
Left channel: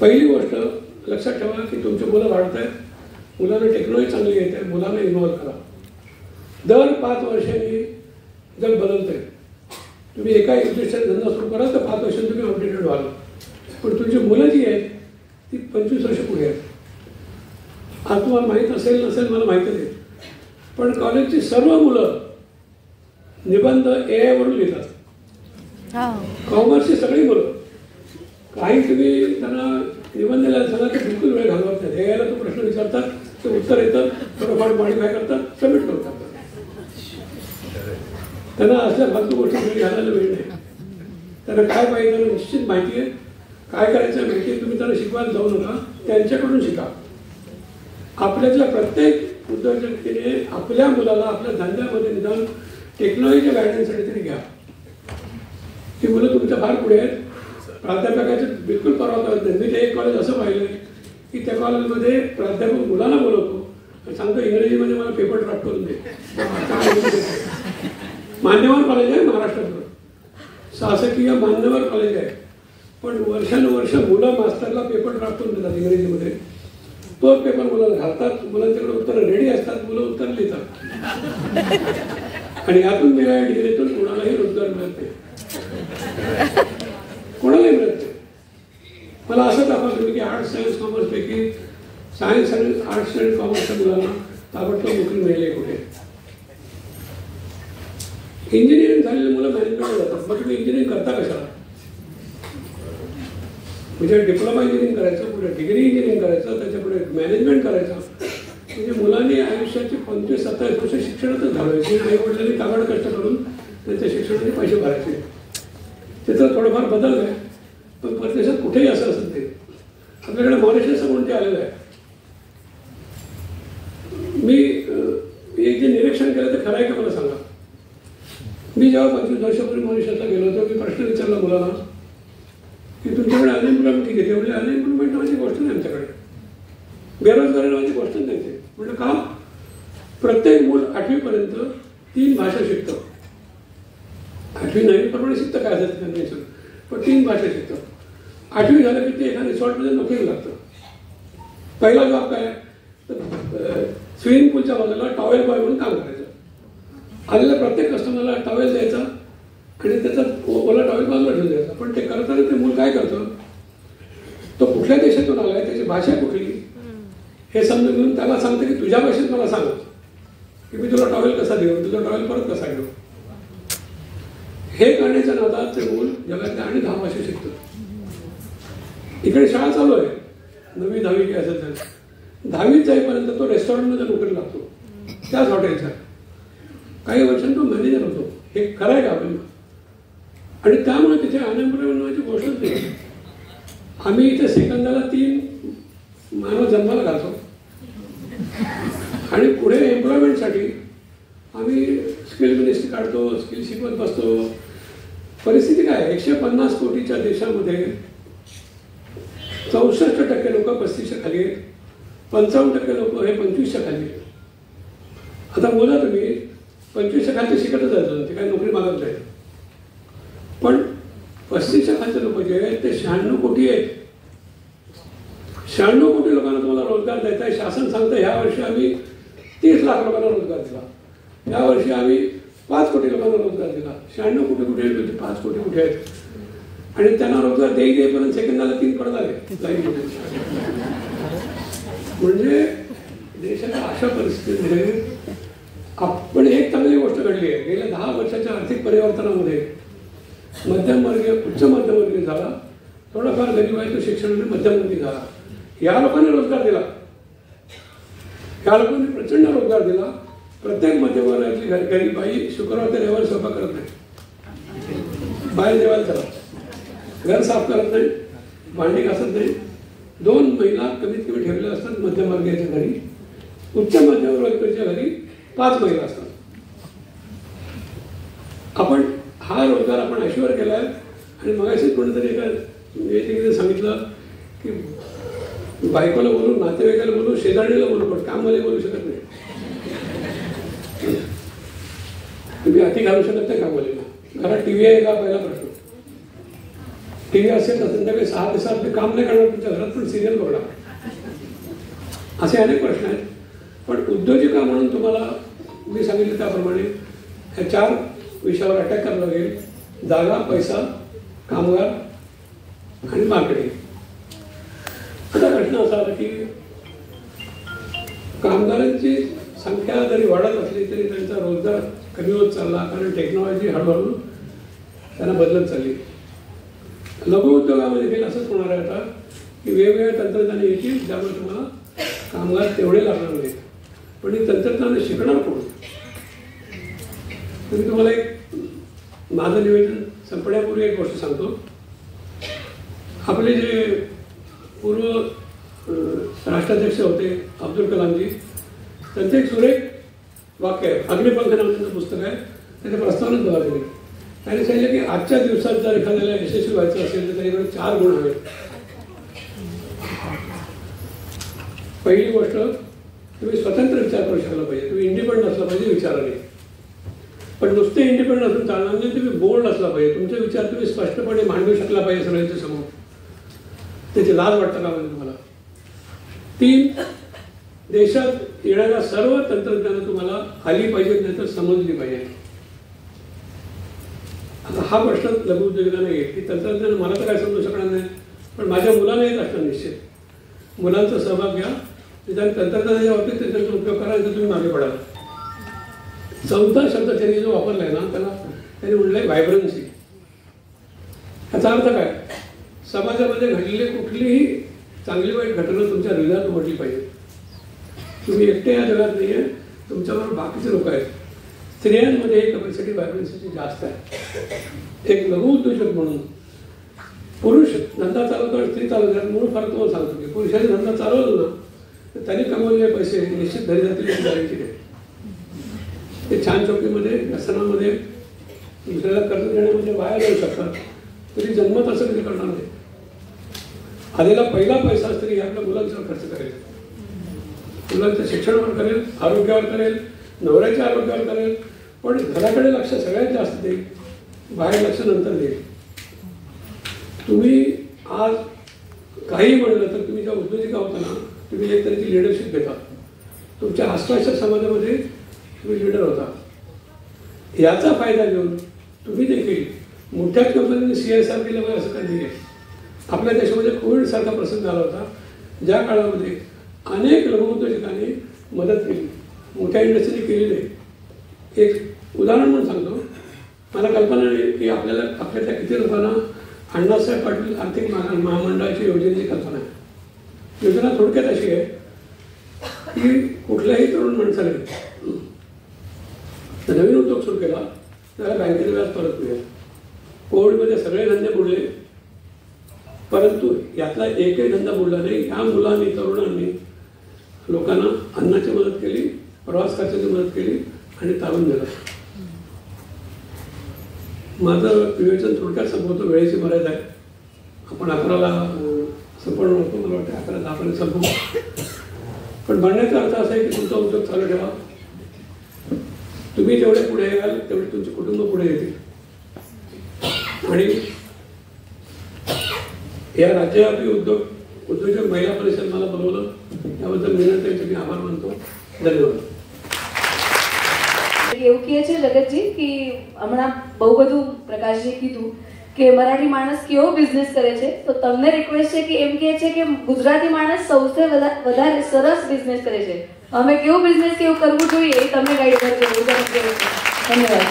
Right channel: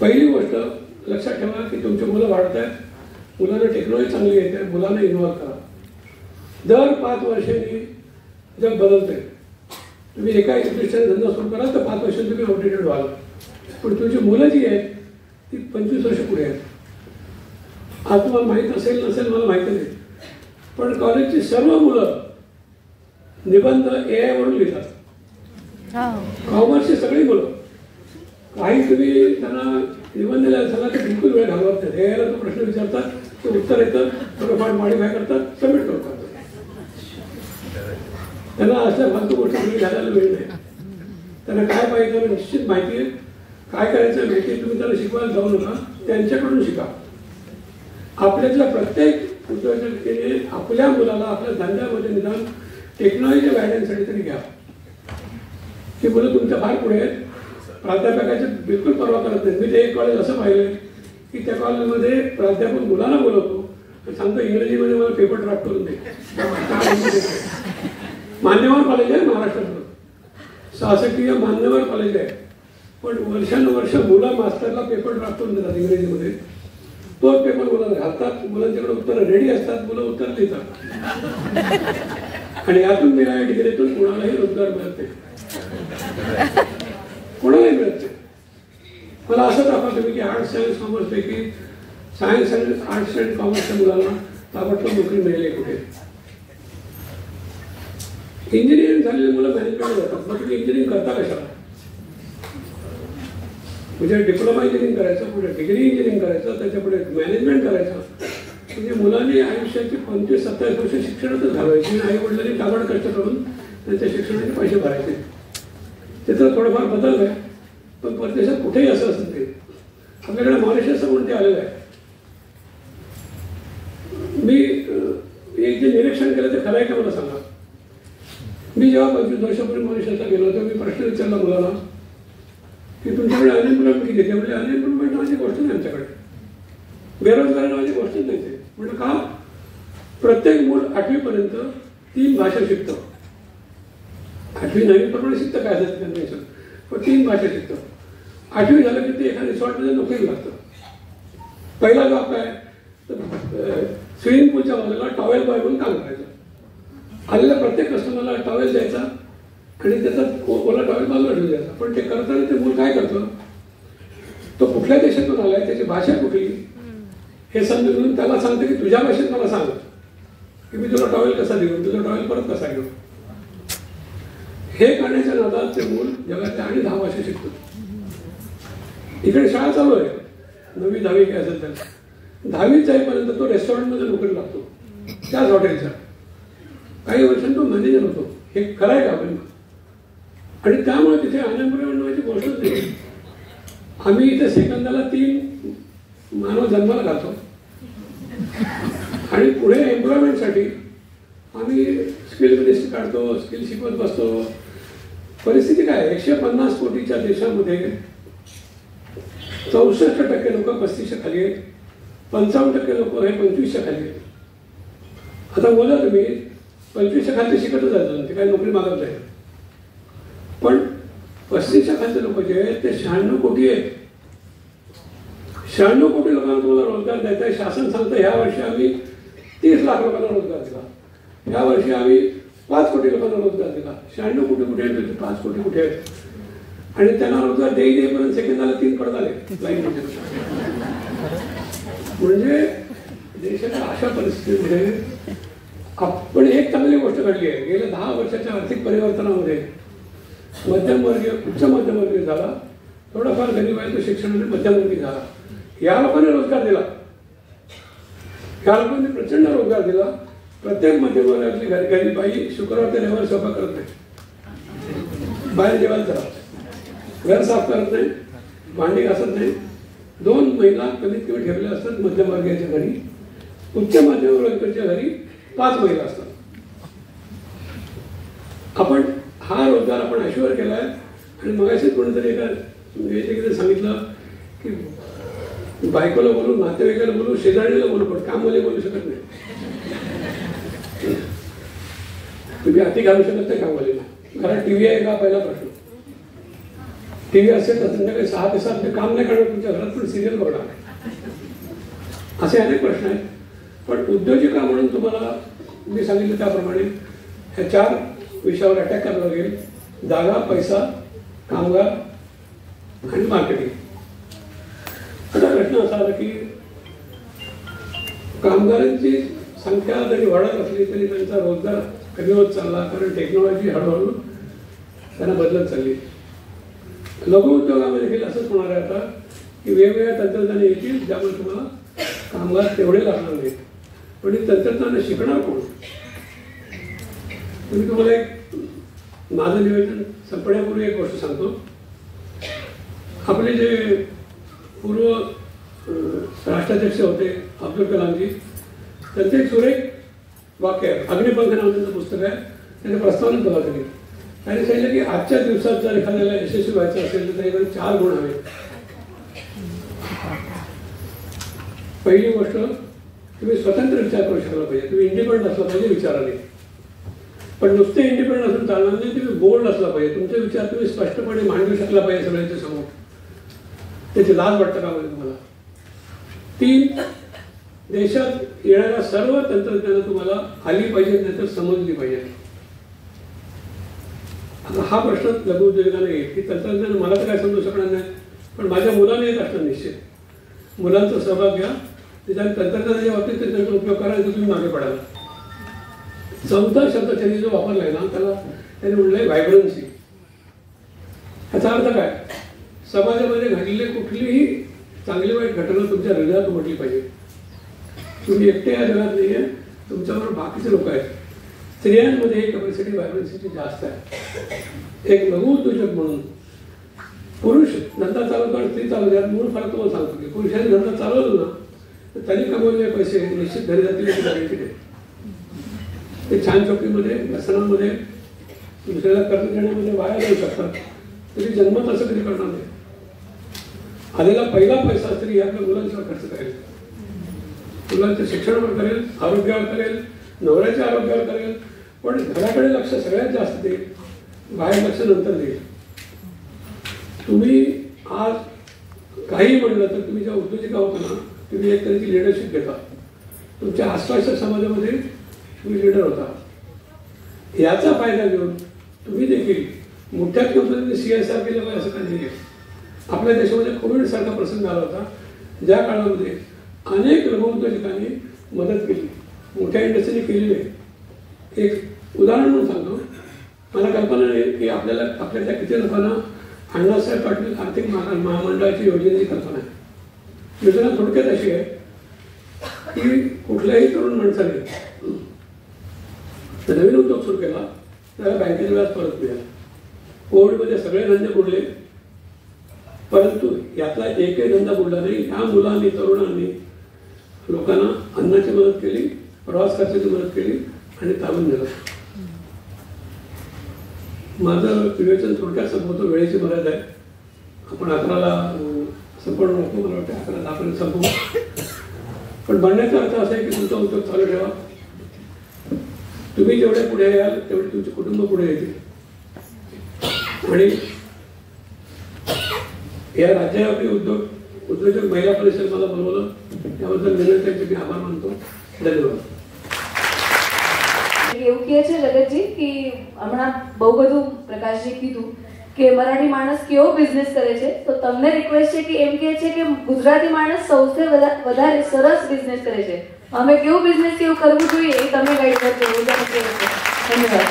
पहिली गोष्ट लक्षात ठेवा की तुमची मुलं वाढत आहेत, मुलांना टेक्नॉलॉजी चांगली येते, मुलांना इन्व्हॉल्व करा. दर 5 वर्षांनी जग बदलतंय. तुम्ही एका दृष्टीने धंदा सुरू कराल तर 5 वर्षांनी तुम्ही आउटडेटेड व्हाल. पण तुमची मुलं जी आहेत ती 25 वर्ष पुढे आहेत. आज तुम्हाला माहीत असेल नसेल मला माहिती नाही, पण कॉलेजची सर्व मुलं निबंध AI वरून लिहितात. कॉमर्सची सगळी मुलं. काही तुम्ही त्यांना निबंध लिहायला सांगा तर बिलकुल वेळ घालवत नाही. AI ला तो प्रश्न विचारतात, ते उत्तर येतं, थोडंफार मॉडिफाय करतात, सबमिट करतात. त्यांना अशा फालतू गोष्टी घालायला वेळ नाही. त्यांना काय पाहिजे त्यांना निश्चित माहिती आहे, काय करायचं माहिती आहे. तुम्ही त्यांना शिकवायला जाऊ नका, त्यांच्याकडून शिका. आपल्यातल्या प्रत्येक उद्योजकतेने आपल्या मुलाला आपल्या धंद्यामध्ये निदान टेक्नॉलॉजी गायडन्ससाठी तरी घ्या. ही मुलं तुमच्या फार पुढे आहेत. प्राध्यापकाचे बिलकुल परवा करत नाही. मी ते एक कॉलेज असं पाहिलं की त्या कॉलेजमध्ये प्राध्यापक मुलांना बोलवतो आणि सांगतो इंग्रजीमध्ये मला पेपर ड्राफ्ट करून दे. मान्यवर कॉलेज आहे महाराष्ट्रातलं, शासकीय मान्यवर कॉलेज आहे, पण वर्षानुवर्ष मुलं मास्टरला पेपर ड्राफ्ट करून देतात इंग्रजीमध्ये. तोच पेपर मुलांना घालतात, मुलांच्याकडे उत्तरं रेडी असतात, मुलं उत्तर लिहितात. आणि यातून मिळालेल्या डिग्रीतून कोणालाही रोजगार मिळत नाही, कोणालाही मिळत नाही. मला असं दाखवलं तुम्ही की आर्ट्स सायन्स कॉमर्स पैकी सायन्स आणि आर्ट्स अँड कॉमर्सच्या मुलांना ताबडतोब नोकरी मिळली आहे कुठे. इंजिनिअरिंग झालेली मुलं मॅनेजमेंट जातात. मग तुम्ही इंजिनिअरिंग करता कशाला? म्हणजे डिप्लोमा इंजिनिअरिंग करायचं, पुढे डिग्री इंजिनिअरिंग करायचं, त्याच्या पुढे मॅनेजमेंट करायचं. म्हणजे मुलांनी आयुष्याची 25-27 वर्ष शिक्षणातच घालवायची. आई वडिलांनी काबाड कष्ट करून त्यांच्या शिक्षणाचे पैसे भरायचे. त्याचा थोडंफार बदल आहे, पण परदेशात कुठेही असं असत नाही. आपल्याकडे मॉरिशस म्हणून ते आलेलं आहे. मी एक जे निरीक्षण केलं ते खरं आहे का मला सांगा. मी जेव्हा 25 वर्षापूर्वी मॉरिशसला गेलो होतो, मी प्रश्न विचारला मुलांना की तुमच्याकडे अनएम्प्लॉयमेंट किती येते. म्हणजे अनएम्प्लॉयमेंट माझी गोष्ट नाही आमच्याकडे, बेरोजगार माझी गोष्ट नाही. म्हणजे का प्रत्येक मूल 8वीपर्यंत 3 भाषा शिकतं. 8वी 9वी प्रमाणे शिकतं काय असेल कन्व्हेन्शन, पण 3 भाषा शिकतं. 8वी झालं की ते एका रिसॉर्टमध्ये नोकरी लागतं. पहिला जॉब काय, स्विमिंग पूलच्या बाजूला टॉवेल बॉय म्हणून काम करायचं. आलेल्या प्रत्येक कस्टमरला टॉवेल द्यायचा आणि त्याचा ओला टॉवेल बाजूला ठेवून द्यायचा. पण ते करताना ते मूल काय करतं, तो कुठल्या देशातून आलाय, त्याची भाषा कुठली हे समजून घेऊन त्याला सांगतं की तुझ्या भाषेत मला सांग की मी तुला टॉवेल कसा देऊ, तुझा टॉवेल परत कसा घेऊ. हे करण्याच्या नादात ते मूल जगातल्या आणि 10 भाषा शिकतो. इकडे शाळा चालू आहे, 9वी 10वी काय असेल त्याला. 10वी जाईपर्यंत तो रेस्टॉरंटमध्ये नोकरी लागतो, त्याच हॉटेलच्या. काही वर्षांनी तो मॅनेजर होतो. हे खरं आहे का आपण? आणि त्यामुळे तिथे अनएम्प्लॉयमेंट व्हायची गोष्टच नाही. आम्ही इथे सेकंदाला 3 मानव जन्माला घालतो आणि पुढे एम्प्लॉयमेंटसाठी आम्ही स्किल मिनिस्ट्री काढतो, स्किल शिकवत बसतो. परिस्थिती काय, 150 कोटीच्या देशामध्ये 64% लोक 35च्या खाली आहेत, 55% लोक हे 25च्या खाली आहेत. आता बोला तुम्ही 25च्या खालचे शिकतच जायचं, ते काही नोकरी मागत नाही. पण 35च्या खालचे लोक जे आहेत ते 96 कोटी आहेत. 96 कोटी लोकांना तुम्हाला रोजगार द्यायचा आहे. शासन सांगतं ह्या वर्षी आम्ही 30 लाख लोकांना रोजगार दिला, या वर्षी आम्ही 5 कोटी लोकांना रोजगार दिला. 96 कोटी कुठे आहेत, 5 कोटी कुठे आहेत. आणि त्यांना रोजगार देईपर्यंत सेकंदाला 3 पडत आले लाईनमध्ये. म्हणजे देशाच्या अशा परिस्थितीमध्ये आपण एक चांगली गोष्ट घडली आहे. गेल्या 10 वर्षाच्या आर्थिक परिवर्तनामध्ये मध्यमवर्गीय उच्च मध्यमवर्गीय झाला, थोडाफार गरीब आहे तो शिक्षणाने मध्यमवर्गीय झाला. या लोकांनी रोजगार दिला, या लोकांनी प्रचंड रोजगार दिला. प्रत्येक मध्यमवर्गातली घरी बाई शुक्रवार ते रविवार स्वयंपाक करत नाही, बाहेर जेवायला जातात, घर साफ करत नाही, भांडी घासत नाही. 2 महिला कमीत कमी ठेवलेल्या असतात मध्यमवर्गीयाच्या घरी. उच्च मध्यमवर्गीयाच्या घरी 5 महिला असतात. आपण हा रोजगार आपण ऐश्वर केलाय. आणि मगाशी कोणीतरी एका सांगितलं की बायकोला बोलू, नातेवाईकाला बोलू, शेजारीला बोलू, पण कामवाले बोलू शकत नाही. तुम्ही हाती घालू शकत नाही कामवालीला. घरात टीव्ही आहे का पहिला प्रश्न. टीव्ही असेल तर संध्याकाळी 6 ते 7 ते काम नाही करणार तुमच्या घरात, पण सिरियल बघणार. असे अनेक प्रश्न आहेत. पण उद्योजिका म्हणून तुम्हाला मी सांगितलं त्याप्रमाणे या 4 विषयावर अटॅक करावा लागेल. जागा, पैसा, कामगार आणि मार्केटिंग. आता प्रश्न असा आला की कामगारांची संख्या जरी वाढत असली तरी त्यांचा रोजगार कमी होत चालला, कारण टेक्नॉलॉजी हळूहळू त्यांना बदलत चालली. लघु उद्योगामध्ये देखील असंच होणार आहे आता की वेगवेगळ्या तंत्रज्ञान येतील ज्यामुळे तुम्हाला कामगार तेवढे लागणार नाहीत. पण हे तंत्रज्ञान शिकणार कोण? मी तुम्हाला एक माझं निवेदन संपण्यापूर्वी एक गोष्ट सांगतो. आपले जे पूर्व राष्ट्राध्यक्ष होते अब्दुल कलामजी, त्यांचं एक सुरेख वाक्य आहे. अग्निपंख नावाचं पुस्तक आहे, त्याने प्रस्तावना दिला त्यांनी. त्यांनी सांगितलं की आजच्या दिवसात जर एखाद्याला यशस्वी व्हायचं असेल तर त्याच्याकडे 4 गुण हवेत. पहिली गोष्ट, तुम्ही स्वतंत्र विचार करू शकला पाहिजे. तुम्ही इंडिपेंडंट असला पाहिजे विचाराने. पण नुसते इंडिपेंडंट असून चालणार नाही. तुम्ही बोल्ड असला पाहिजे. तुमचे विचार तुम्ही स्पष्टपणे मांडू शकला पाहिजे सगळ्यांच्या समोर. त्याची लाज वाटतं का म्हणजे तुम्हाला? 3, देशात येणाऱ्या सर्व तंत्रज्ञान तुम्हाला आली पाहिजे, नाहीतर समजली पाहिजे. आता हा प्रश्न लघु उद्योजकांना येईल की तंत्रज्ञान मला तर काय समजू शकणार नाही, पण माझ्या मुलांना येत असणार निश्चित. मुलांचा सहभाग घ्या. त्याच्या तंत्रज्ञानाच्या बाबतीत त्याचा उपयोग करा, तुम्ही मागे पडाल. 4था शब्द त्यांनी जो वापरलाय ना, त्याला त्यांनी म्हणलंय व्हायब्रन्सी. याचा अर्थ काय? समाजामध्ये घडलेली कुठलीही चांगली वाईट घटना तुमच्या हृदयात म्हटली पाहिजे. तुम्ही एकटे या जगात नाही आहे, तुमच्याबरोबर बाकीचे लोक आहेत. स्त्रियांमध्ये ही कॅपॅसिटी व्हायब्रन्सीची जास्त आहे. एक लघु उद्योजक म्हणून पुरुष धंदा चालवतो आणि स्त्री चालवतात, मूळ फरक तुम्हाला सांगतो की पुरुषाने धंदा चालवतो ना तर त्यांनी कमवलेले पैसे निश्चित घरी जातील. ते छान चौकीमध्ये, व्यसनामध्ये, दुसऱ्याला कर्ज देण्यामध्ये वाया जाऊ शकतात. तरी जन्मत असं कधी करणार नाही. आलेला पहिला पैसा स्त्री आपल्या मुलांचा खर्च करेल, मुलांच्या शिक्षणावर करेल, आरोग्यावर करेल, नवऱ्याच्या आरोग्यावर करेल. पण घराकडे लक्ष सगळ्यात जास्त देईल, बाहेर लक्ष नंतर देईल. तुम्ही आज काही म्हणलं तर तुम्ही ज्या उद्योजिका होता ना, तुम्ही एक तऱ्हेची लिडरशिप घेता. तुमच्या आसपासच्या समाजामध्ये तुम्ही लिडर होता. याचा फायदा घेऊन तुम्ही देखील मोठ्या किंमतीने CSR केलं पाहिजे असं काही नाही. आपल्या देशामध्ये कोविडसारखा प्रसंग झाला होता, ज्या काळामध्ये अनेक लघु उद्योजकांनी मदत केली, मोठ्या इंडस्ट्रीने केलेली आहे. एक उदाहरण म्हणून सांगतो. मला कल्पना नाही की आपल्याला आपल्याच्या किती लोकांना अण्णासाहेब पाटील आर्थिक महामंडळाची योजनेची कल्पना आहे. योजना थोडक्यात अशी आहे की कुठल्याही तरुण माणसाने नवीन उद्योग सुरू केला त्याला बँकेचे व्याज परत मिळेल. कोविडमध्ये सगळे धंदे बुडले, परंतु यातला एकही धंदा बुडला नाही. ह्या मुलांनी, तरुणांनी लोकांना अन्नाची मदत केली, प्रवास खर्चाची मदत केली आणि तारून दिलं. माझं विवेचन थोडक्यात संपवतो, वेळेची मर्यादा आहे. आपण 11ला संपवणं नसतो, मला वाटतं 11-10 पर्यंत संपवू. पण म्हणण्याचा अर्थ असा आहे की तुमचा उद्योग चालू ठेवा. तुम्ही जेवढे पुढे याल तेवढे तुमचे कुटुंब पुढे येतील. आणि या राज्यव्यापी उद्योजक महिला परिषद मला बोलवलं, त्याबद्दल विनंती मी आभार मानतो. धन्यवाद. એવું કહે છે જગતજી કે હમણાં બહુ બધું પ્રકાશજી કીધું કે મરાઠી માણસ કેવો બિઝનેસ કરે છે, તો તમને રિક્વેસ્ટ છે કે એમ કહે છે કે ગુજરાતી માણસ સૌથી વધારે સરસ બિઝનેસ કરે છે. અમે કેવું બિઝનેસ કેવું કરવું જોઈએ એ તમે ગાઈડ કરજો. ધન્યવાદ.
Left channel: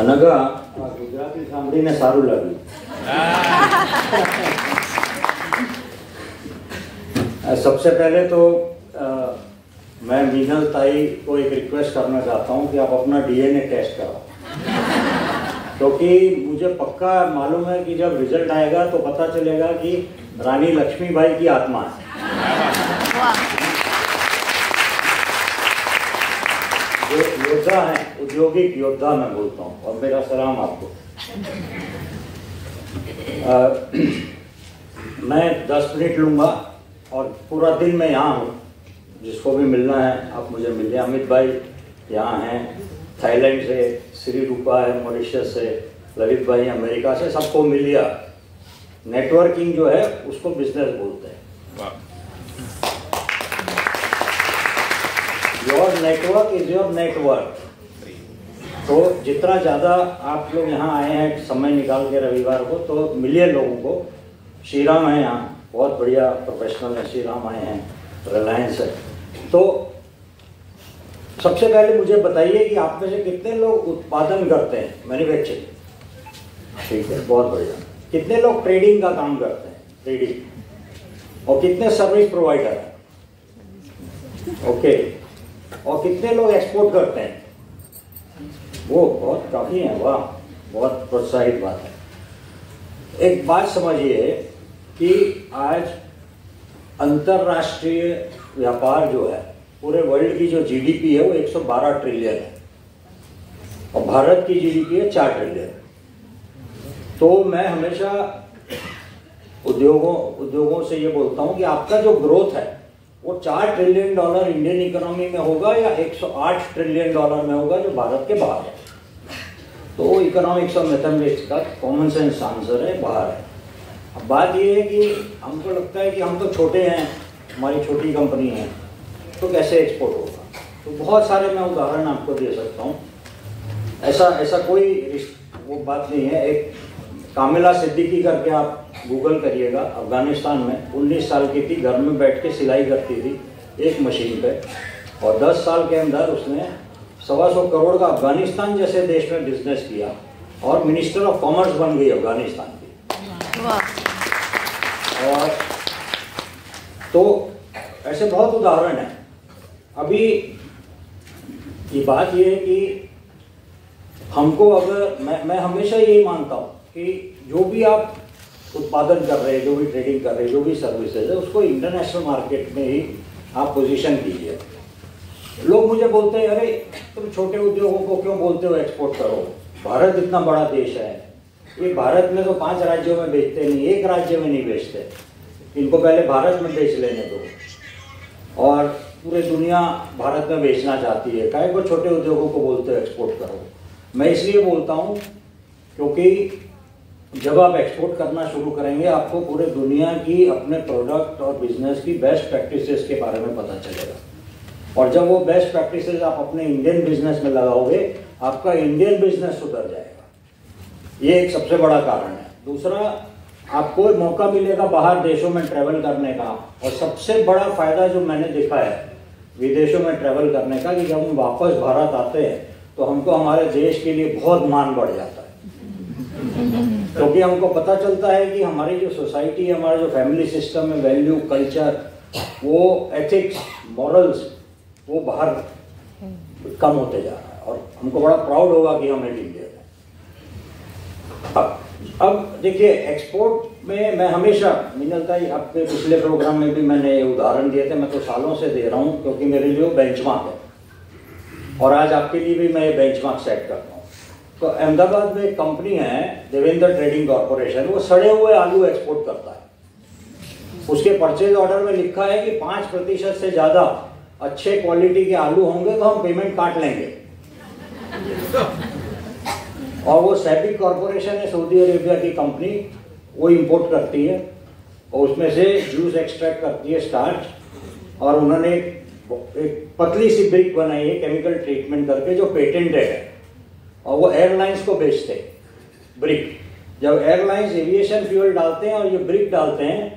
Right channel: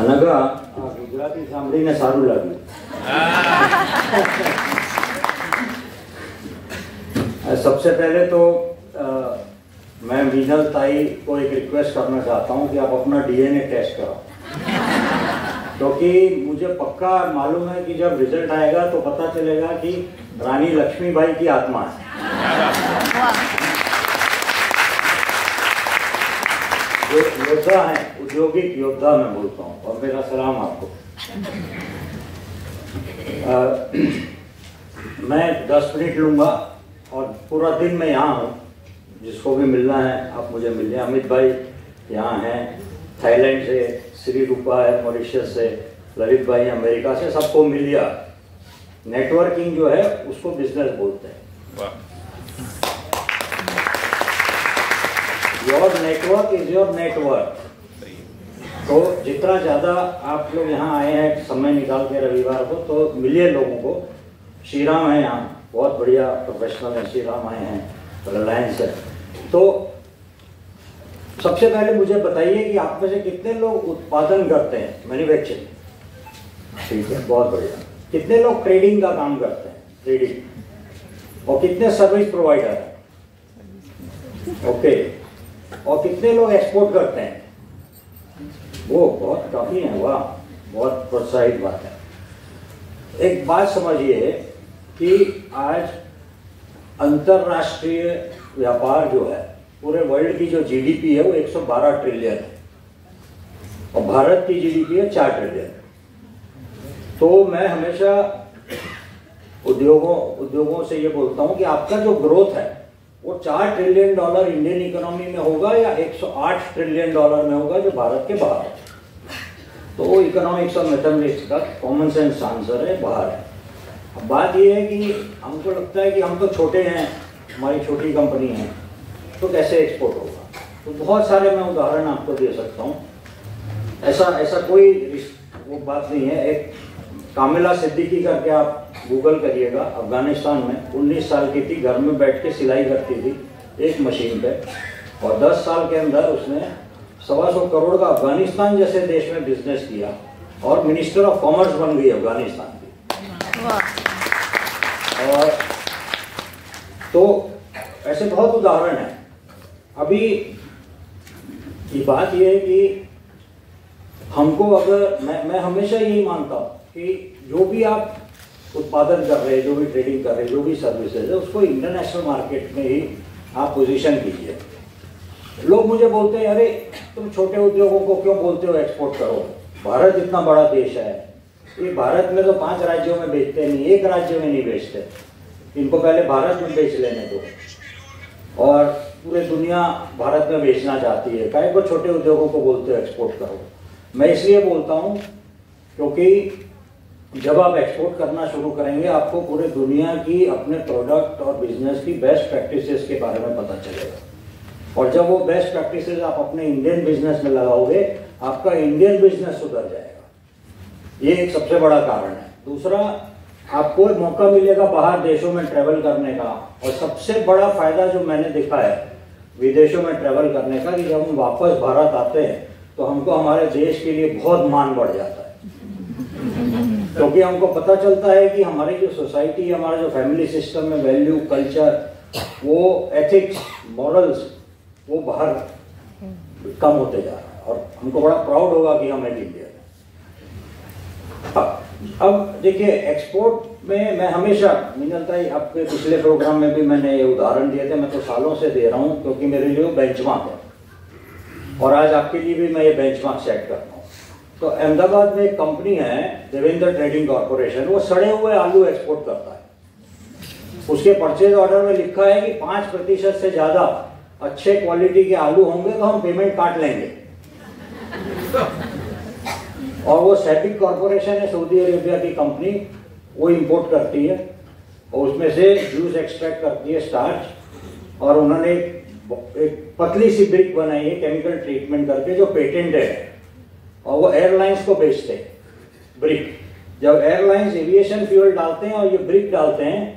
અનઘા ગુજરાતી સાંભળીને સારું લાગ્યું. सबसे पहले तो मैं मीनल ताई को एक रिक्वेस्ट करना चाहता हूँ कि आप अपना DNA टेस्ट कराओ, क्योंकि मुझे पक्का मालूम है कि जब रिजल्ट आएगा तो पता चलेगा कि रानी लक्ष्मीबाई की आत्मा है। जो योद्धा है, औद्योगिक योद्धा मैं बोलता हूँ, और मेरा सलाम आपको। मैं 10 मिनट लूंगा और पूरा दिन मैं यहाँ हूँ। जिसको भी मिलना है आप मुझे मिलिए। अमित भाई यहाँ हैं, थाईलैंड से, श्री रूपा है मॉरिशस से, ललित भाई अमेरिका से, सबको मिलिए। नेटवर्किंग जो है उसको बिजनेस बोलते हैं। Your network is your network. तो जितना ज्यादा आप लोग यहाँ आए हैं समय निकाल के रविवार को, तो मिलिए लोगों को। श्रीराम है यहाँ, बहुत बढ़िया प्रोफेशनल है, श्रीराम आए हैं, रिलायंस है। तो सबसे पहले मुझे बताइए कि आप में से कितने लोग उत्पादन करते हैं, मैन्युफैक्चरिंग? ठीक है, बहुत बढ़िया। कितने लोग ट्रेडिंग का काम करते हैं, ट्रेडिंग? और कितने सर्विस प्रोवाइडर हैं? ओके। और कितने लोग एक्सपोर्ट करते हैं? वो बहुत काफी है, वाह, बहुत प्रोत्साहित बात है। एक बात समझिए कि आज अंतरराष्ट्रीय व्यापार जो है, पूरे वर्ल्ड की जो जीडीपी है वो 112 ट्रिलियन है, और भारत की जीडीपी है 4 ट्रिलियन। तो मैं हमेशा उद्योगों से ये बोलता हूं कि आपका जो ग्रोथ है वो 4 ट्रिलियन डॉलर इंडियन इकोनॉमी में होगा या 108 ट्रिलियन डॉलर में होगा जो भारत के बाहर है। तो इकोनॉमिक्स और मैथमेटिक्स का कॉमन सेंस आंसर है, बाहर है। अब बात ये है कि हमको लगता है कि हम तो छोटे हैं, हमारी छोटी कंपनी है, तो कैसे एक्सपोर्ट होगा? तो बहुत सारे मैं उदाहरण आपको दे सकता हूँ। ऐसा कोई वो बात नहीं है। एक कामिला सिद्दीकी करके आप गूगल करिएगा, अफगानिस्तान में 19 साल की थी, घर में बैठ के सिलाई करती थी एक मशीन पे, और 10 साल के अंदर उसने 125 करोड़ का अफगानिस्तान जैसे देश में बिजनेस किया और मिनिस्टर ऑफ कॉमर्स बन गई अफगानिस्तान की। और तो ऐसे बहुत उदाहरण हैं। अभी ये बात ये है कि हमको, अगर मैं हमेशा यही मानता हूँ कि जो भी आप उत्पादन कर रहे हैं, जो भी ट्रेडिंग कर रहे हैं, जो भी सर्विसेज है, उसको इंटरनेशनल मार्केट में ही आप पोजीशन कीजिए। लोग मुझे बोलते हैं, अरे तुम छोटे उद्योगों को क्यों बोलते हो एक्सपोर्ट करो, भारत इतना बड़ा देश है। ये भारत में तो 5 राज्यों में बेचते नहीं, एक राज्य में नहीं बेचते, इनको पहले भारत में बेच लेने दो। और पूरे दुनिया भारत में बेचना चाहती है, काहे को छोटे उद्योगों को बोलते हो एक्सपोर्ट करो? मैं इसलिए बोलता हूँ क्योंकि जब आप एक्सपोर्ट करना शुरू करेंगे, आपको पूरे दुनिया की अपने प्रोडक्ट और बिजनेस की बेस्ट प्रैक्टिसेस के बारे में पता चलेगा। और जब वो बेस्ट प्रैक्टिसेस आप अपने इंडियन बिजनेस में लगाओगे, आपका इंडियन बिजनेस सुधर जाएगा। ये एक सबसे बड़ा कारण है। दूसरा, आपको मौका मिलेगा बाहर देशों में ट्रेवल करने का। और सबसे बड़ा फायदा जो मैंने देखा है विदेशों में ट्रेवल करने का, कि जब हम वापस भारत आते हैं तो हमको हमारे देश के लिए बहुत मान बढ़ जाता है। क्योंकि हमको पता चलता है कि हमारी जो सोसाइटी है, हमारा जो फैमिली सिस्टम में वैल्यू, कल्चर, वो एथिक्स, मॉरल्स, वो बाहर कम होते जा रहा है। और हमको बड़ा प्राउड होगा कि हम एक इंडियन है। अब देखिए, एक्सपोर्ट में मैं हमेशा, मिनलता ही आपके पिछले प्रोग्राम में भी मैंने उदाहरण दिए थे, मैं तो सालों से दे रहा हूँ क्योंकि मेरे लिए वो बेंचमार्क है, और आज आपके लिए भी मैं ये बेंचमार्क सेट करता हूँ। तो अहमदाबाद में एक कंपनी है, देवेंद्र ट्रेडिंग कॉर्पोरेशन, वो सड़े हुए आलू एक्सपोर्ट करता है। उसके परचेज ऑर्डर में लिखा है कि 5% से ज्यादा अच्छे क्वालिटी के आलू होंगे तो हम पेमेंट काट लेंगे। और वो सैपिक कॉर्पोरेशन है, सऊदी अरेबिया की कंपनी, वो इंपोर्ट करती है और उसमें से जूस एक्सट्रैक्ट करती है, स्टार्च। और उन्होंने एक पतली सी ब्रिक बनाई है केमिकल ट्रीटमेंट करके, जो पेटेंटेड है, और वो एयरलाइंस को बेचते हैं ब्रिक। जब एयरलाइंस एविएशन फ्यूल डालते हैं और ये ब्रिक डालते हैं,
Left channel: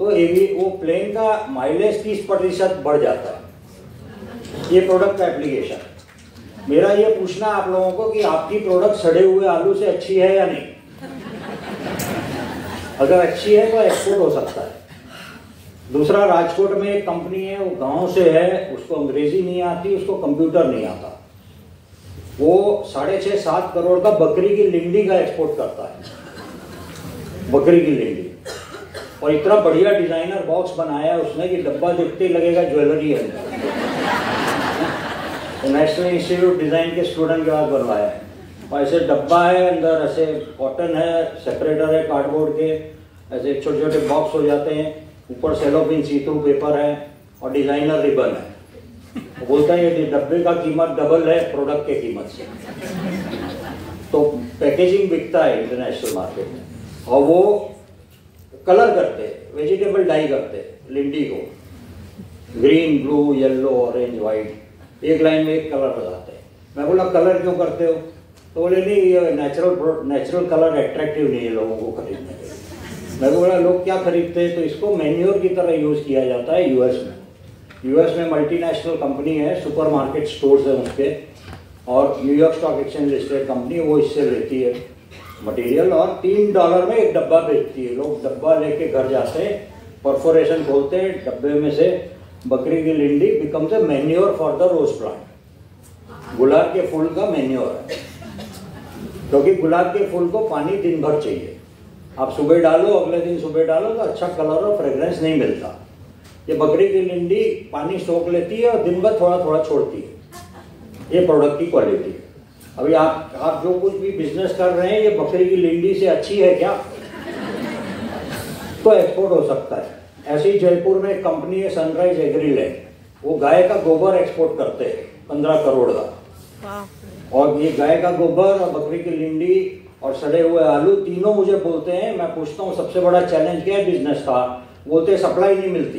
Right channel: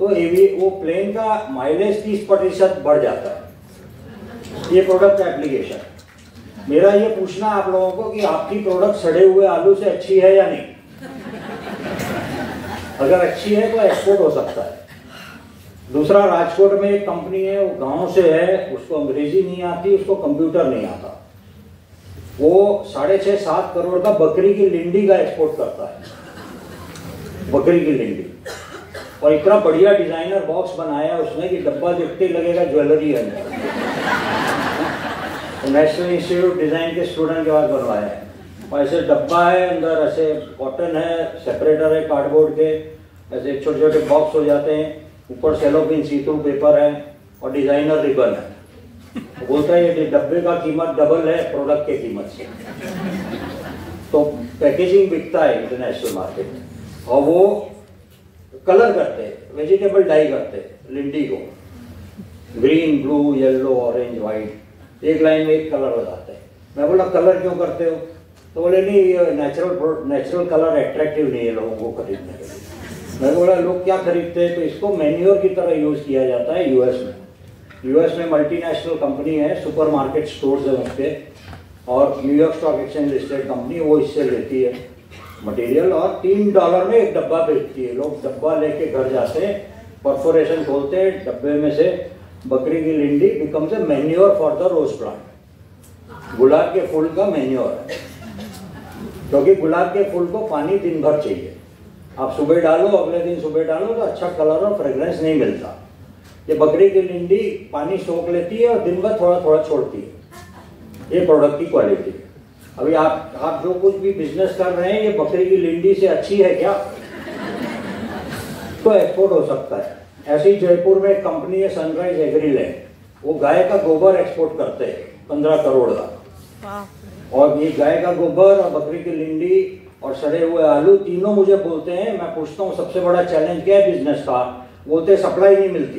तो वो प्लेन का माइलेज 30% बढ़ जाता है। ये प्रोडक्ट का एप्लीकेशन। मेरा ये पूछना आप लोगों को कि आपकी प्रोडक्ट सड़े हुए आलू से अच्छी है या नहीं? अगर अच्छी है तो एक्सपोर्ट हो सकता है। दूसरा, राजकोट में एक कंपनी है, वो गांव से है, उसको अंग्रेजी नहीं आती, उसको कंप्यूटर नहीं आता, वो 6.5-7 करोड़ का बकरी की लिंडी का एक्सपोर्ट करता है, बकरी की लिंडी। और इतना बढ़िया डिजाइनर बॉक्स बनाया है उसने कि डब्बा देखते लगेगा ज्वेलरी है। तो नेशनल इंस्टीट्यूट डिजाइन के स्टूडेंट के पास बनवाया है, और ऐसे डब्बा है, अंदर ऐसे कॉटन है, सेपरेटर है कार्डबोर्ड के, ऐसे छोटे छोटे बॉक्स हो जाते हैं, ऊपर सेलोपिन सीटू पेपर है और डिजाइनर रिबन है। तो बोलता है ये डब्बे का कीमत डबल है प्रोडक्ट के कीमत से। तो पैकेजिंग बिकता है इंटरनेशनल मार्केट में, और वो कलर करते, वेजिटेबल डाई करते लिंडी को, green, blue, yellow, orange, white, एक लाइन में एक कलर लगाते हैं। मैं बोला कलर क्यों करते हो? तो बोले नहीं ये नेचुरल कलर अट्रैक्टिव नहीं है लोगों को खरीदने के लिए। मैं बोला लोग क्या खरीदते हैं? तो इसको मैन्योर की तरह यूज किया जाता है यूएस में। यूएस में मल्टीनेशनल कंपनी है, सुपरमार्केट स्टोर्स है उसके, और New York stock exchange listed company, वो इससे लेती है मटेरियल और $3 में एक डब्बा बेचती है। लोग डब्बा लेके घर जाते हैं, परफोरेशन खोलते हैं, डब्बे में से बकरी की लिंडी becomes a manure for the rose plant. गुलाब के फूल का मैन्योर है, क्योंकि गुलाब के फूल को पानी दिन भर चाहिए। आप सुबह डालो, अगले दिन सुबह डालो तो अच्छा कलर और फ्रेग्रेंस नहीं मिलता। ये बकरी की लिंडी पानी सोख लेती है और दिन भर थोड़ा थोड़ा छोड़ती है। ये प्रोडक्ट की क्वालिटी। अभी आप जो कुछ भी बिजनेस कर रहे हैं, ये बकरी की लिंडी से अच्छी है क्या? तो एक्सपोर्ट हो सकता है। ऐसे ही जयपुर में एक कंपनी है सनराइज एग्रीलैंड, वो गाय का गोबर एक्सपोर्ट करते हैं 15 करोड़ का। और ये गाय का गोबर और बकरी की लिंडी और सड़े हुए आलू तीनों मुझे बोलते हैं, मैं पूछता हूँ सबसे बड़ा चैलेंज क्या है बिजनेस का? बोलते सप्लाई नहीं मिलती।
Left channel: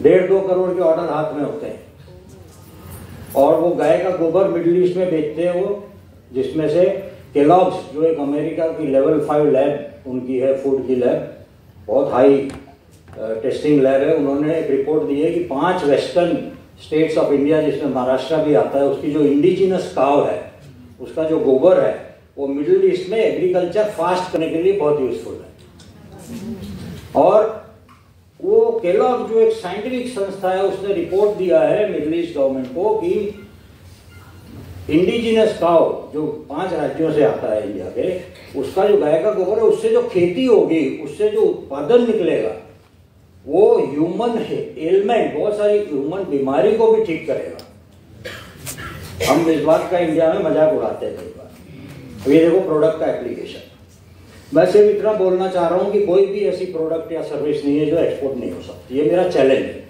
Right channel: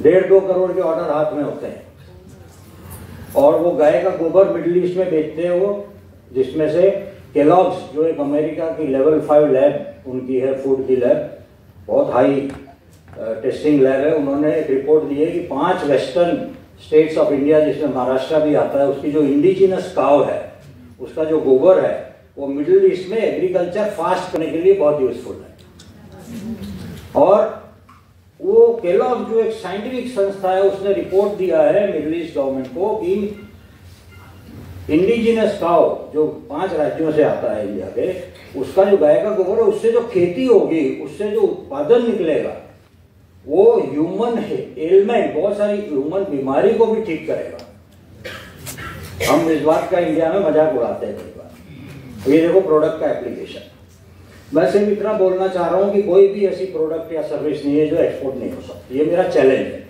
1.5-2 करोड़ के ऑर्डर हाथ में होते हैं, और वो गाय का गोबर मिडिल ईस्ट में बेचते हैं वो, जिसमें से केलॉग्स जो एक अमेरिका की लेवल 5 लैब उनकी है, फूड की लैब, बहुत हाई टेस्टिंग लैब है, उन्होंने एक रिपोर्ट दी है कि 5 वेस्टर्न स्टेट्स ऑफ इंडिया जिसमें महाराष्ट्र भी आता है, उसकी जो इंडिजिनस काव है, उसका जो गोबर है, वो मिडिल ईस्ट में एग्रीकल्चर फास्ट करने के लिए बहुत यूजफुल है। और वो केलॉग जो एक साइंटिफिक संस्था है, उसने रिपोर्ट दिया है मिडिल ईस्ट गवर्नमेंट को कि इंडिजिनस काव जो 5 राज्यों से आता है इंडिया के, उसका जो गाय का गोबर है, उससे जो खेती होगी, उससे जो उत्पादन निकलेगा, वो ह्यूमन एलिमेंट, बहुत सारी ह्यूमन बीमारी को भी ठीक करेगा। हम इस बात का इंडिया में मजाक उड़ाते हैं। ये देखो प्रोडक्ट का एप्लीकेशन। मैं सिर्फ इतना बोलना चाह रहा हूं कि कोई भी ऐसी प्रोडक्ट या सर्विस नहीं है जो एक्सपोर्ट नहीं हो सकती। ये मेरा चैलेंज है,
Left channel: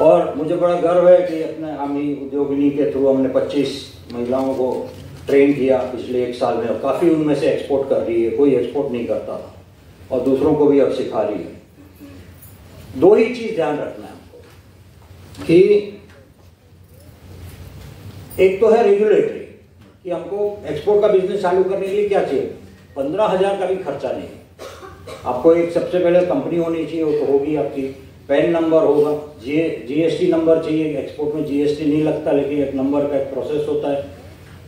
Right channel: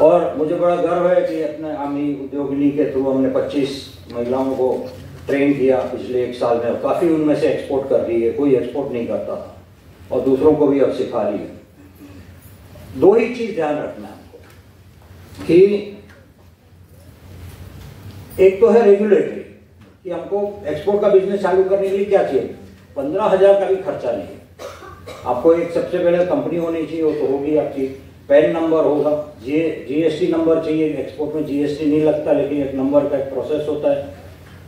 और मुझे बड़ा गर्व है कि अपने आमी उद्योगिनी के थ्रू हमने 25 महिलाओं को ट्रेन किया पिछले 1 साल में, काफी उनमें से एक्सपोर्ट कर रही है, कोई एक्सपोर्ट नहीं करता, और दूसरों को भी अब सिखा रही है। 2 ही चीज ध्यान रखना है कि एक तो है रेगुलेटरी, कि हमको एक्सपोर्ट का बिजनेस चालू करने के लिए क्या चाहिए? 15,000 का भी खर्चा नहीं है। आपको एक सबसे पहले कंपनी होनी चाहिए, वो तो होगी आपकी, पैन नंबर होगा, जीएसटी नंबर चाहिए। एक्सपोर्ट में जीएसटी नहीं लगता, लेकिन एक नंबर का एक प्रोसेस होता है।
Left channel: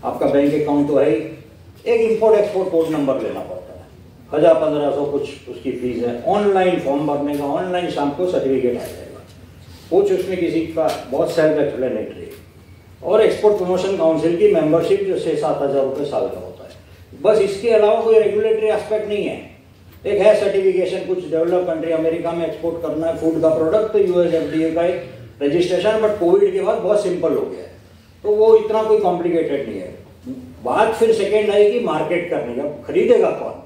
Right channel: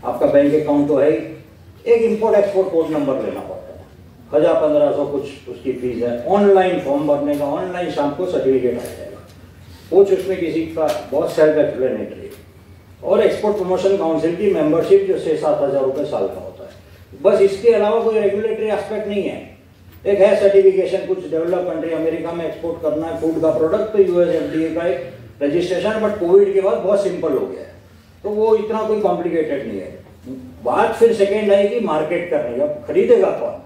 आपका बैंक अकाउंट तो है ही, एक इंपोर्ट एक्सपोर्ट कोड नंबर लेना पड़ता है, 1000-1500 कुछ उसकी फीस है। ऑनलाइन फॉर्म भरने का, ऑनलाइन शाम को सर्टिफिकेट आ जाएगा, कुछ उसमें किसी का बहुत सेल्फ एक्सप्लेनेटरी। और एक्सपोर्ट प्रमोशन काउंसिल की मेंबरशिप जो 6-7 हजार रुपए साल का होता है। बस इसके अलावा कोई रेगुलेटरी एस्पेक्ट नहीं है। एक है सर्टिफिकेशन, कुछ डेवलप कंट्री, अमेरिका में एक्सपोर्ट करना है फूड का प्रोडक्ट, तो यूएस एफडीए का एक रजिस्ट्रेशन, बट कोविड के बाद बहुत सिंपल हो गया है, तो वो इतना कोई कॉम्प्लिकेटेड नहीं है। बात फिर सेकेंड आएगी मार्केट करने का, खरीदेगा कौन?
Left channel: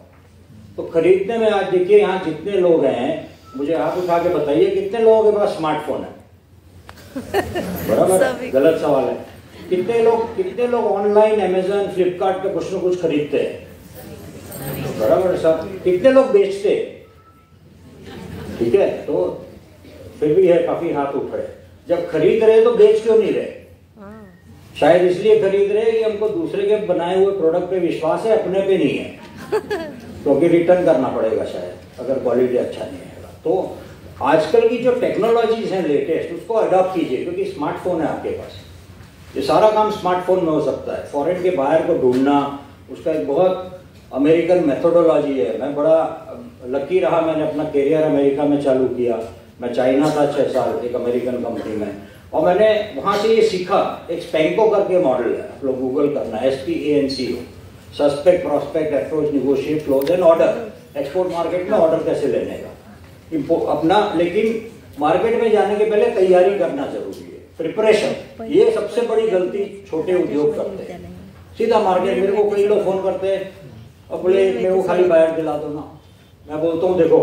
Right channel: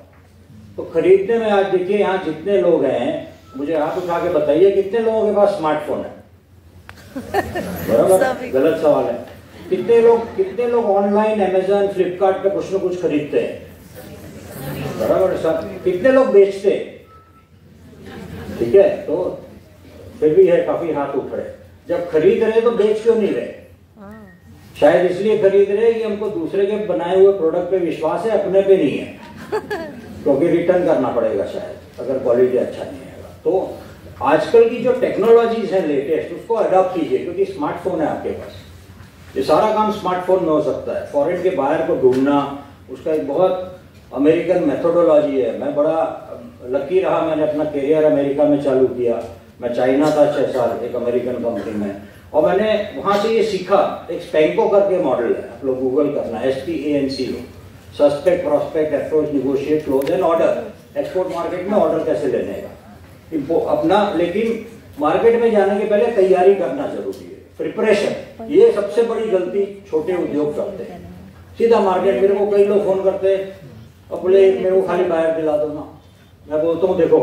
तो खरीदने में आज देखिए यहाँ जितने लोग हैं, मुझे हाथ उठा के बताइए कितने लोगों के पास स्मार्टफोन है? बराबर, गलत सवाल है। कितने लोग ऑनलाइन अमेजन, फ्लिपकार्ट पे कुछ न कुछ खरीदते हैं? बराबर सब। कितने लोग बेचते? ठीक है, तो फिर भी है, काफी हाथ उठ रहे। जब खरीद रहे तो बेच क्यों नहीं रहे? शायद इसलिए खरीद रहे कि हमको दूसरे के बनाए हुए प्रोडक्ट पे विश्वास है, अपने पे नहीं है, क्योंकि रिटर्न करना पड़ेगा शायद अगर क्वालिटी अच्छा नहीं है। तो आजकल की जो टेक्नोलॉजीज है लेटेस्ट, उसको अडॉप्ट कीजिए, क्योंकि स्मार्टफोन है आपके पास। ये सारा काम स्मार्टफोन में हो सकता है। फॉरेन के बाहर को ढूंढना, उसका एक बहुत अमेरिकन मेथोडोलॉजी है। मैं बड़ा लकी रहा, मैंने अपना करियर अमेरिका में चालू किया। मैं चाइना था 6 साल एक अमेरिकन कंपनी में, और मैंने वहां से ये सीखा। एक स्पेंको करके मॉडल है, आप लोग गूगल करना, SPANCO। Suspect prospect approach negotiate close end order. Export market में ऑर्डर कैसे लेने का अपना, लेकिन मार्केट में जाने के पहले तैयारी करना जरूरी है, प्रिपरेशन। ये सबसे बड़ी गलती छोटे उद्योग करते हैं। सीधा मार्केट, मेरे को कई लोग फोन करते हैं और बोले मेरे को खाली बायर दिला दो ना। मैं बोलता हूँ देखो,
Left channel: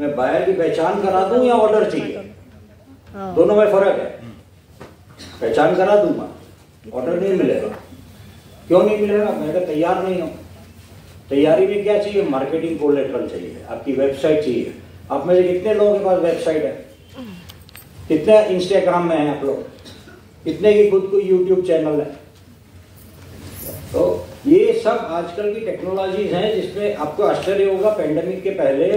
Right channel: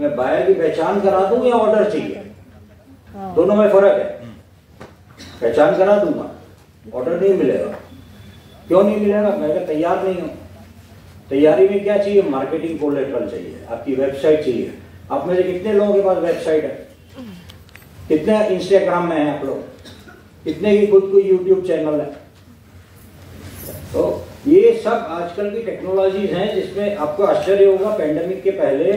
मैं बायर की पहचान करा दूं या ऑर्डर चाहिए, दोनों में फर्क है। पहचान करा दूंगा, ऑर्डर नहीं मिलेगा। क्यों नहीं मिलेगा? मैं तैयार नहीं हूं। तैयारी में क्या चाहिए? मार्केटिंग कोलेटरल चाहिए, आपकी वेबसाइट चाहिए। आप में से कितने लोगों के पास वेबसाइट है? कितने इंस्टाग्राम में है आप लोग? कितने की खुद को यूट्यूब चैनल है? तो ये सब आजकल की टेक्नोलॉजीज हैं जिसमें आपको आश्चर्य होगा, पेंडेमिक के पहले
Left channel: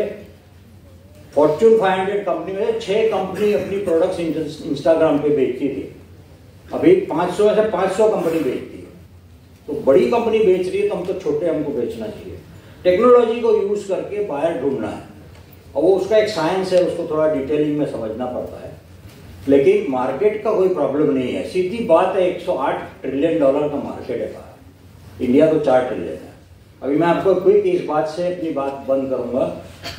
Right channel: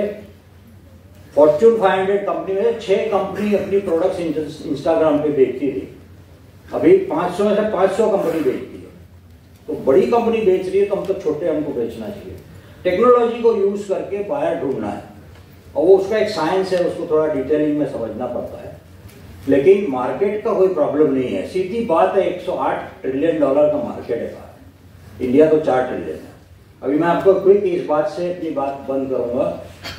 फॉर्च्यून 500 कंपनी में 6 कंपनी अपनी प्रोडक्ट्स इंस्टाग्राम पे बेचती थी। अभी 500 में से 500 कंपनी बेचती है। तो बड़ी कंपनी बेच रही है तो हम तो छोटे, हमको बेचना चाहिए। टेक्नोलॉजी को यूज करके बायर ढूंढना है, और वो उसका एक साइंस है, उसको थोड़ा डिटेलिंग में समझना पड़ता है। लेकिन मार्केट का कोई प्रॉब्लम नहीं है, सीधी बात है। $108 ट्रिलियन का मार्केट है, इंडिया तो 4 ट्रिलियन है। अभी मैं आपको क्विक इस बात से अपनी बात बंद करूंगा।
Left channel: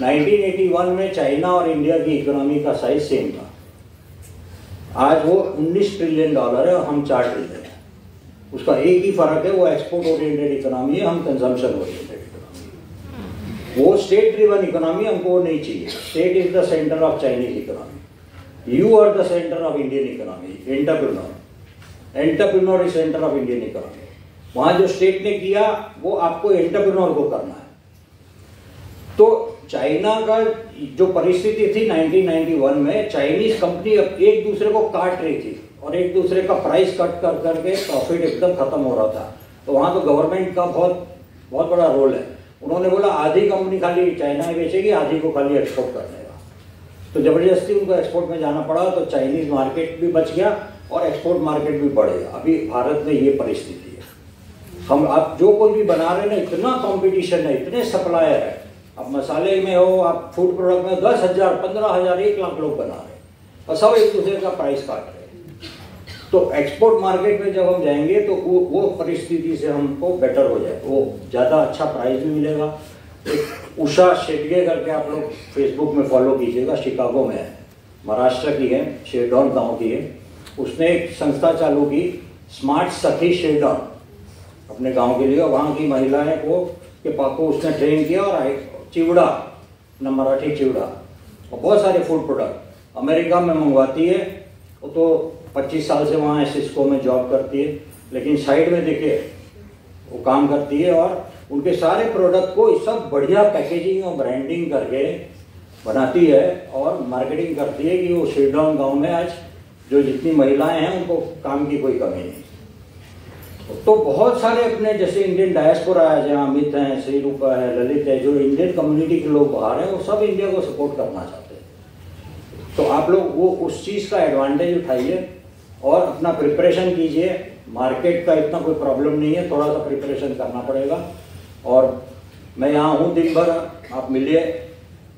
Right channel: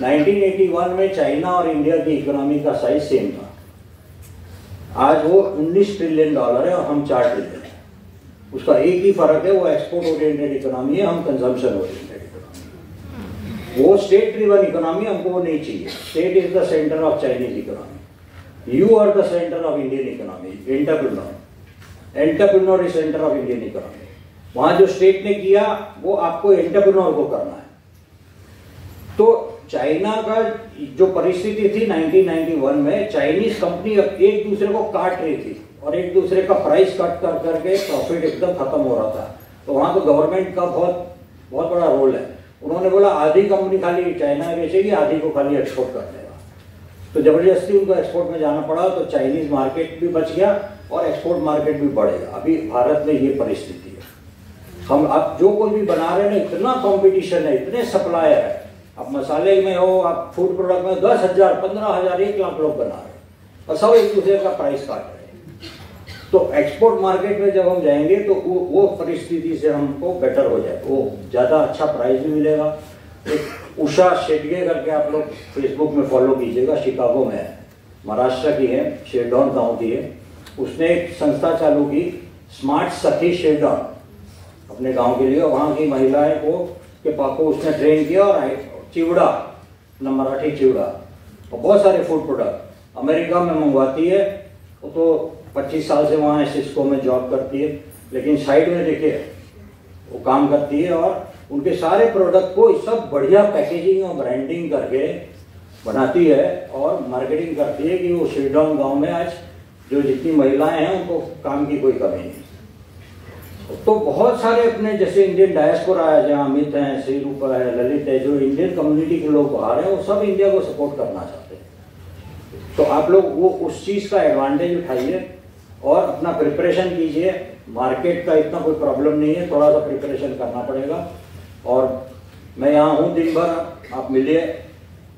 1981 में चाइना और इंडिया की इकोनॉमी का साइज सेम था। आज वो $19 ट्रिलियन है और हम 4 ट्रिलियन है। उसका एक ही फर्क है, वो एक्सपोर्ट ओरिएंटेड इकोनॉमी है, हम कंजम्पशन ओरिएंटेड इकोनॉमी। वो स्टेट ड्रिवन इकोनॉमी, हमको वो नहीं चाहिए। State is the centre of Chinese economy, you are the centre of Indian economy. Entrepreneur is centre of Indian economy. वहां जो स्टेट ने किया वो आपको एंटरप्रेन्योर को करना है। तो चाइना का जो परिस्थिति थी 1991 में, चाइनीज कंपनी एक दूसरे को काट रही थी और एक दूसरे का प्राइस कट कर करके प्रॉफिट एकदम खत्म हो रहा था। तो वहां तो गवर्नमेंट का बहुत बड़ा रोल है। उन्होंने बोला आधी कंपनी खाली चाइना में बेचेगी, आधी को खाली एक्सपोर्ट कर देगा। तो जबरदस्ती उनको एक्सपोर्ट में जाना पड़ा, तो चाइनीज मार्केट भी बच गया और एक्सपोर्ट मार्केट भी बढ़ेगा। अभी भारत में ये परिस्थिति है। हम अब जो कोई भी बना रहे हैं, इतना कंपटीशन है, इतने सप्लायर है। अब मसाले में हो, आप फूड प्रोडक्ट में 10,000, 15,000, 1 लाख लोग बना रहे हैं और सब एक दूसरे का प्राइस काट रहे हैं। तो एक्सपोर्ट मार्केट में जब हम जाएंगे तो वो परिस्थिति से हमको बेटर हो जाए, वो ज्यादा अच्छा प्राइस भी मिलेगा। एक उषा शेडगे करके आप लोग फेसबुक में फॉलो कीजिएगा, शिकागो में है, महाराष्ट्र की है, शेरडॉन गांव की है। उसने एक संस्था चालू की, स्मार्ट सखी शेरडॉन, अपने गांव के लिए। वहां की महिलाएं के पापा उसने ट्रेन किया और चिवड़ा, मराठी चिवड़ा और बहुत सारे फूड प्रोडक्ट अमेरिका में मंगवाती है। वो तो 25 साल से वहां सिस्को में जॉब करती है, लेकिन साइड में देखिए वो काम करती है और उनके सारे प्रोडक्ट को सब बढ़िया पैकेजिंग और ब्रांडिंग करके बनाती है और मार्केटिंग करती है कि वो शेरडॉन गांव में आज जो जितनी महिलाएं हैं उनको काम की कोई कमी नहीं। तो बहुत सारे अपने जैसे इंडियन डायस्पोरा है, जहाँ अमित है, श्रीरूपा है, ललित है, जो इंडियन कम्युनिटी के लोग बाहर हैं, वो सब इंडिया को सपोर्ट करना चाहते हैं। तो आप लोग वो उस चीज का एडवांटेज उठाइए और अपना प्रिपरेशन कीजिए। मार्केट का इतना कोई प्रॉब्लम नहीं है, थोड़ा सा प्रिपरेशन करना पड़ेगा। और मैं यहाँ हूँ दिन भर, आप मिलिए।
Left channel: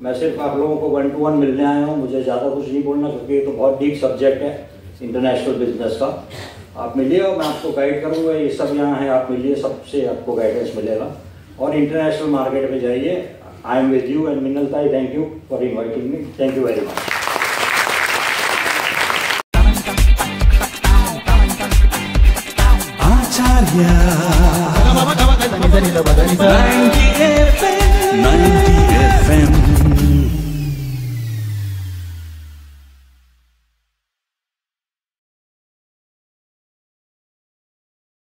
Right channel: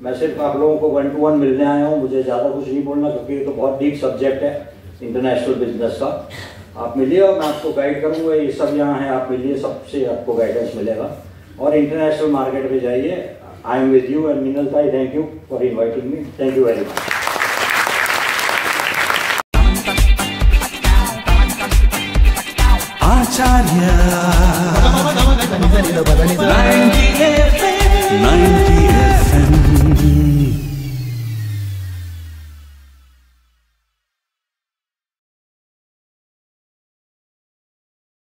मैं सिर्फ आप लोगों को 1 to 1 मिलने आया हूँ, मुझे ज्यादा कुछ नहीं बोलना क्योंकि ये तो बहुत डीप सब्जेक्ट है इंटरनेशनल बिजनेस का। आप मिलिए और मैं आपको गाइड करूंगा। ये सब यहाँ है, आप मिलिए, सबसे आपको गाइडेंस मिलेगा। और इंटरनेशनल मार्केट पे जाइए। I am with you end Minal ताई, thank you for inviting me. Thank you very much.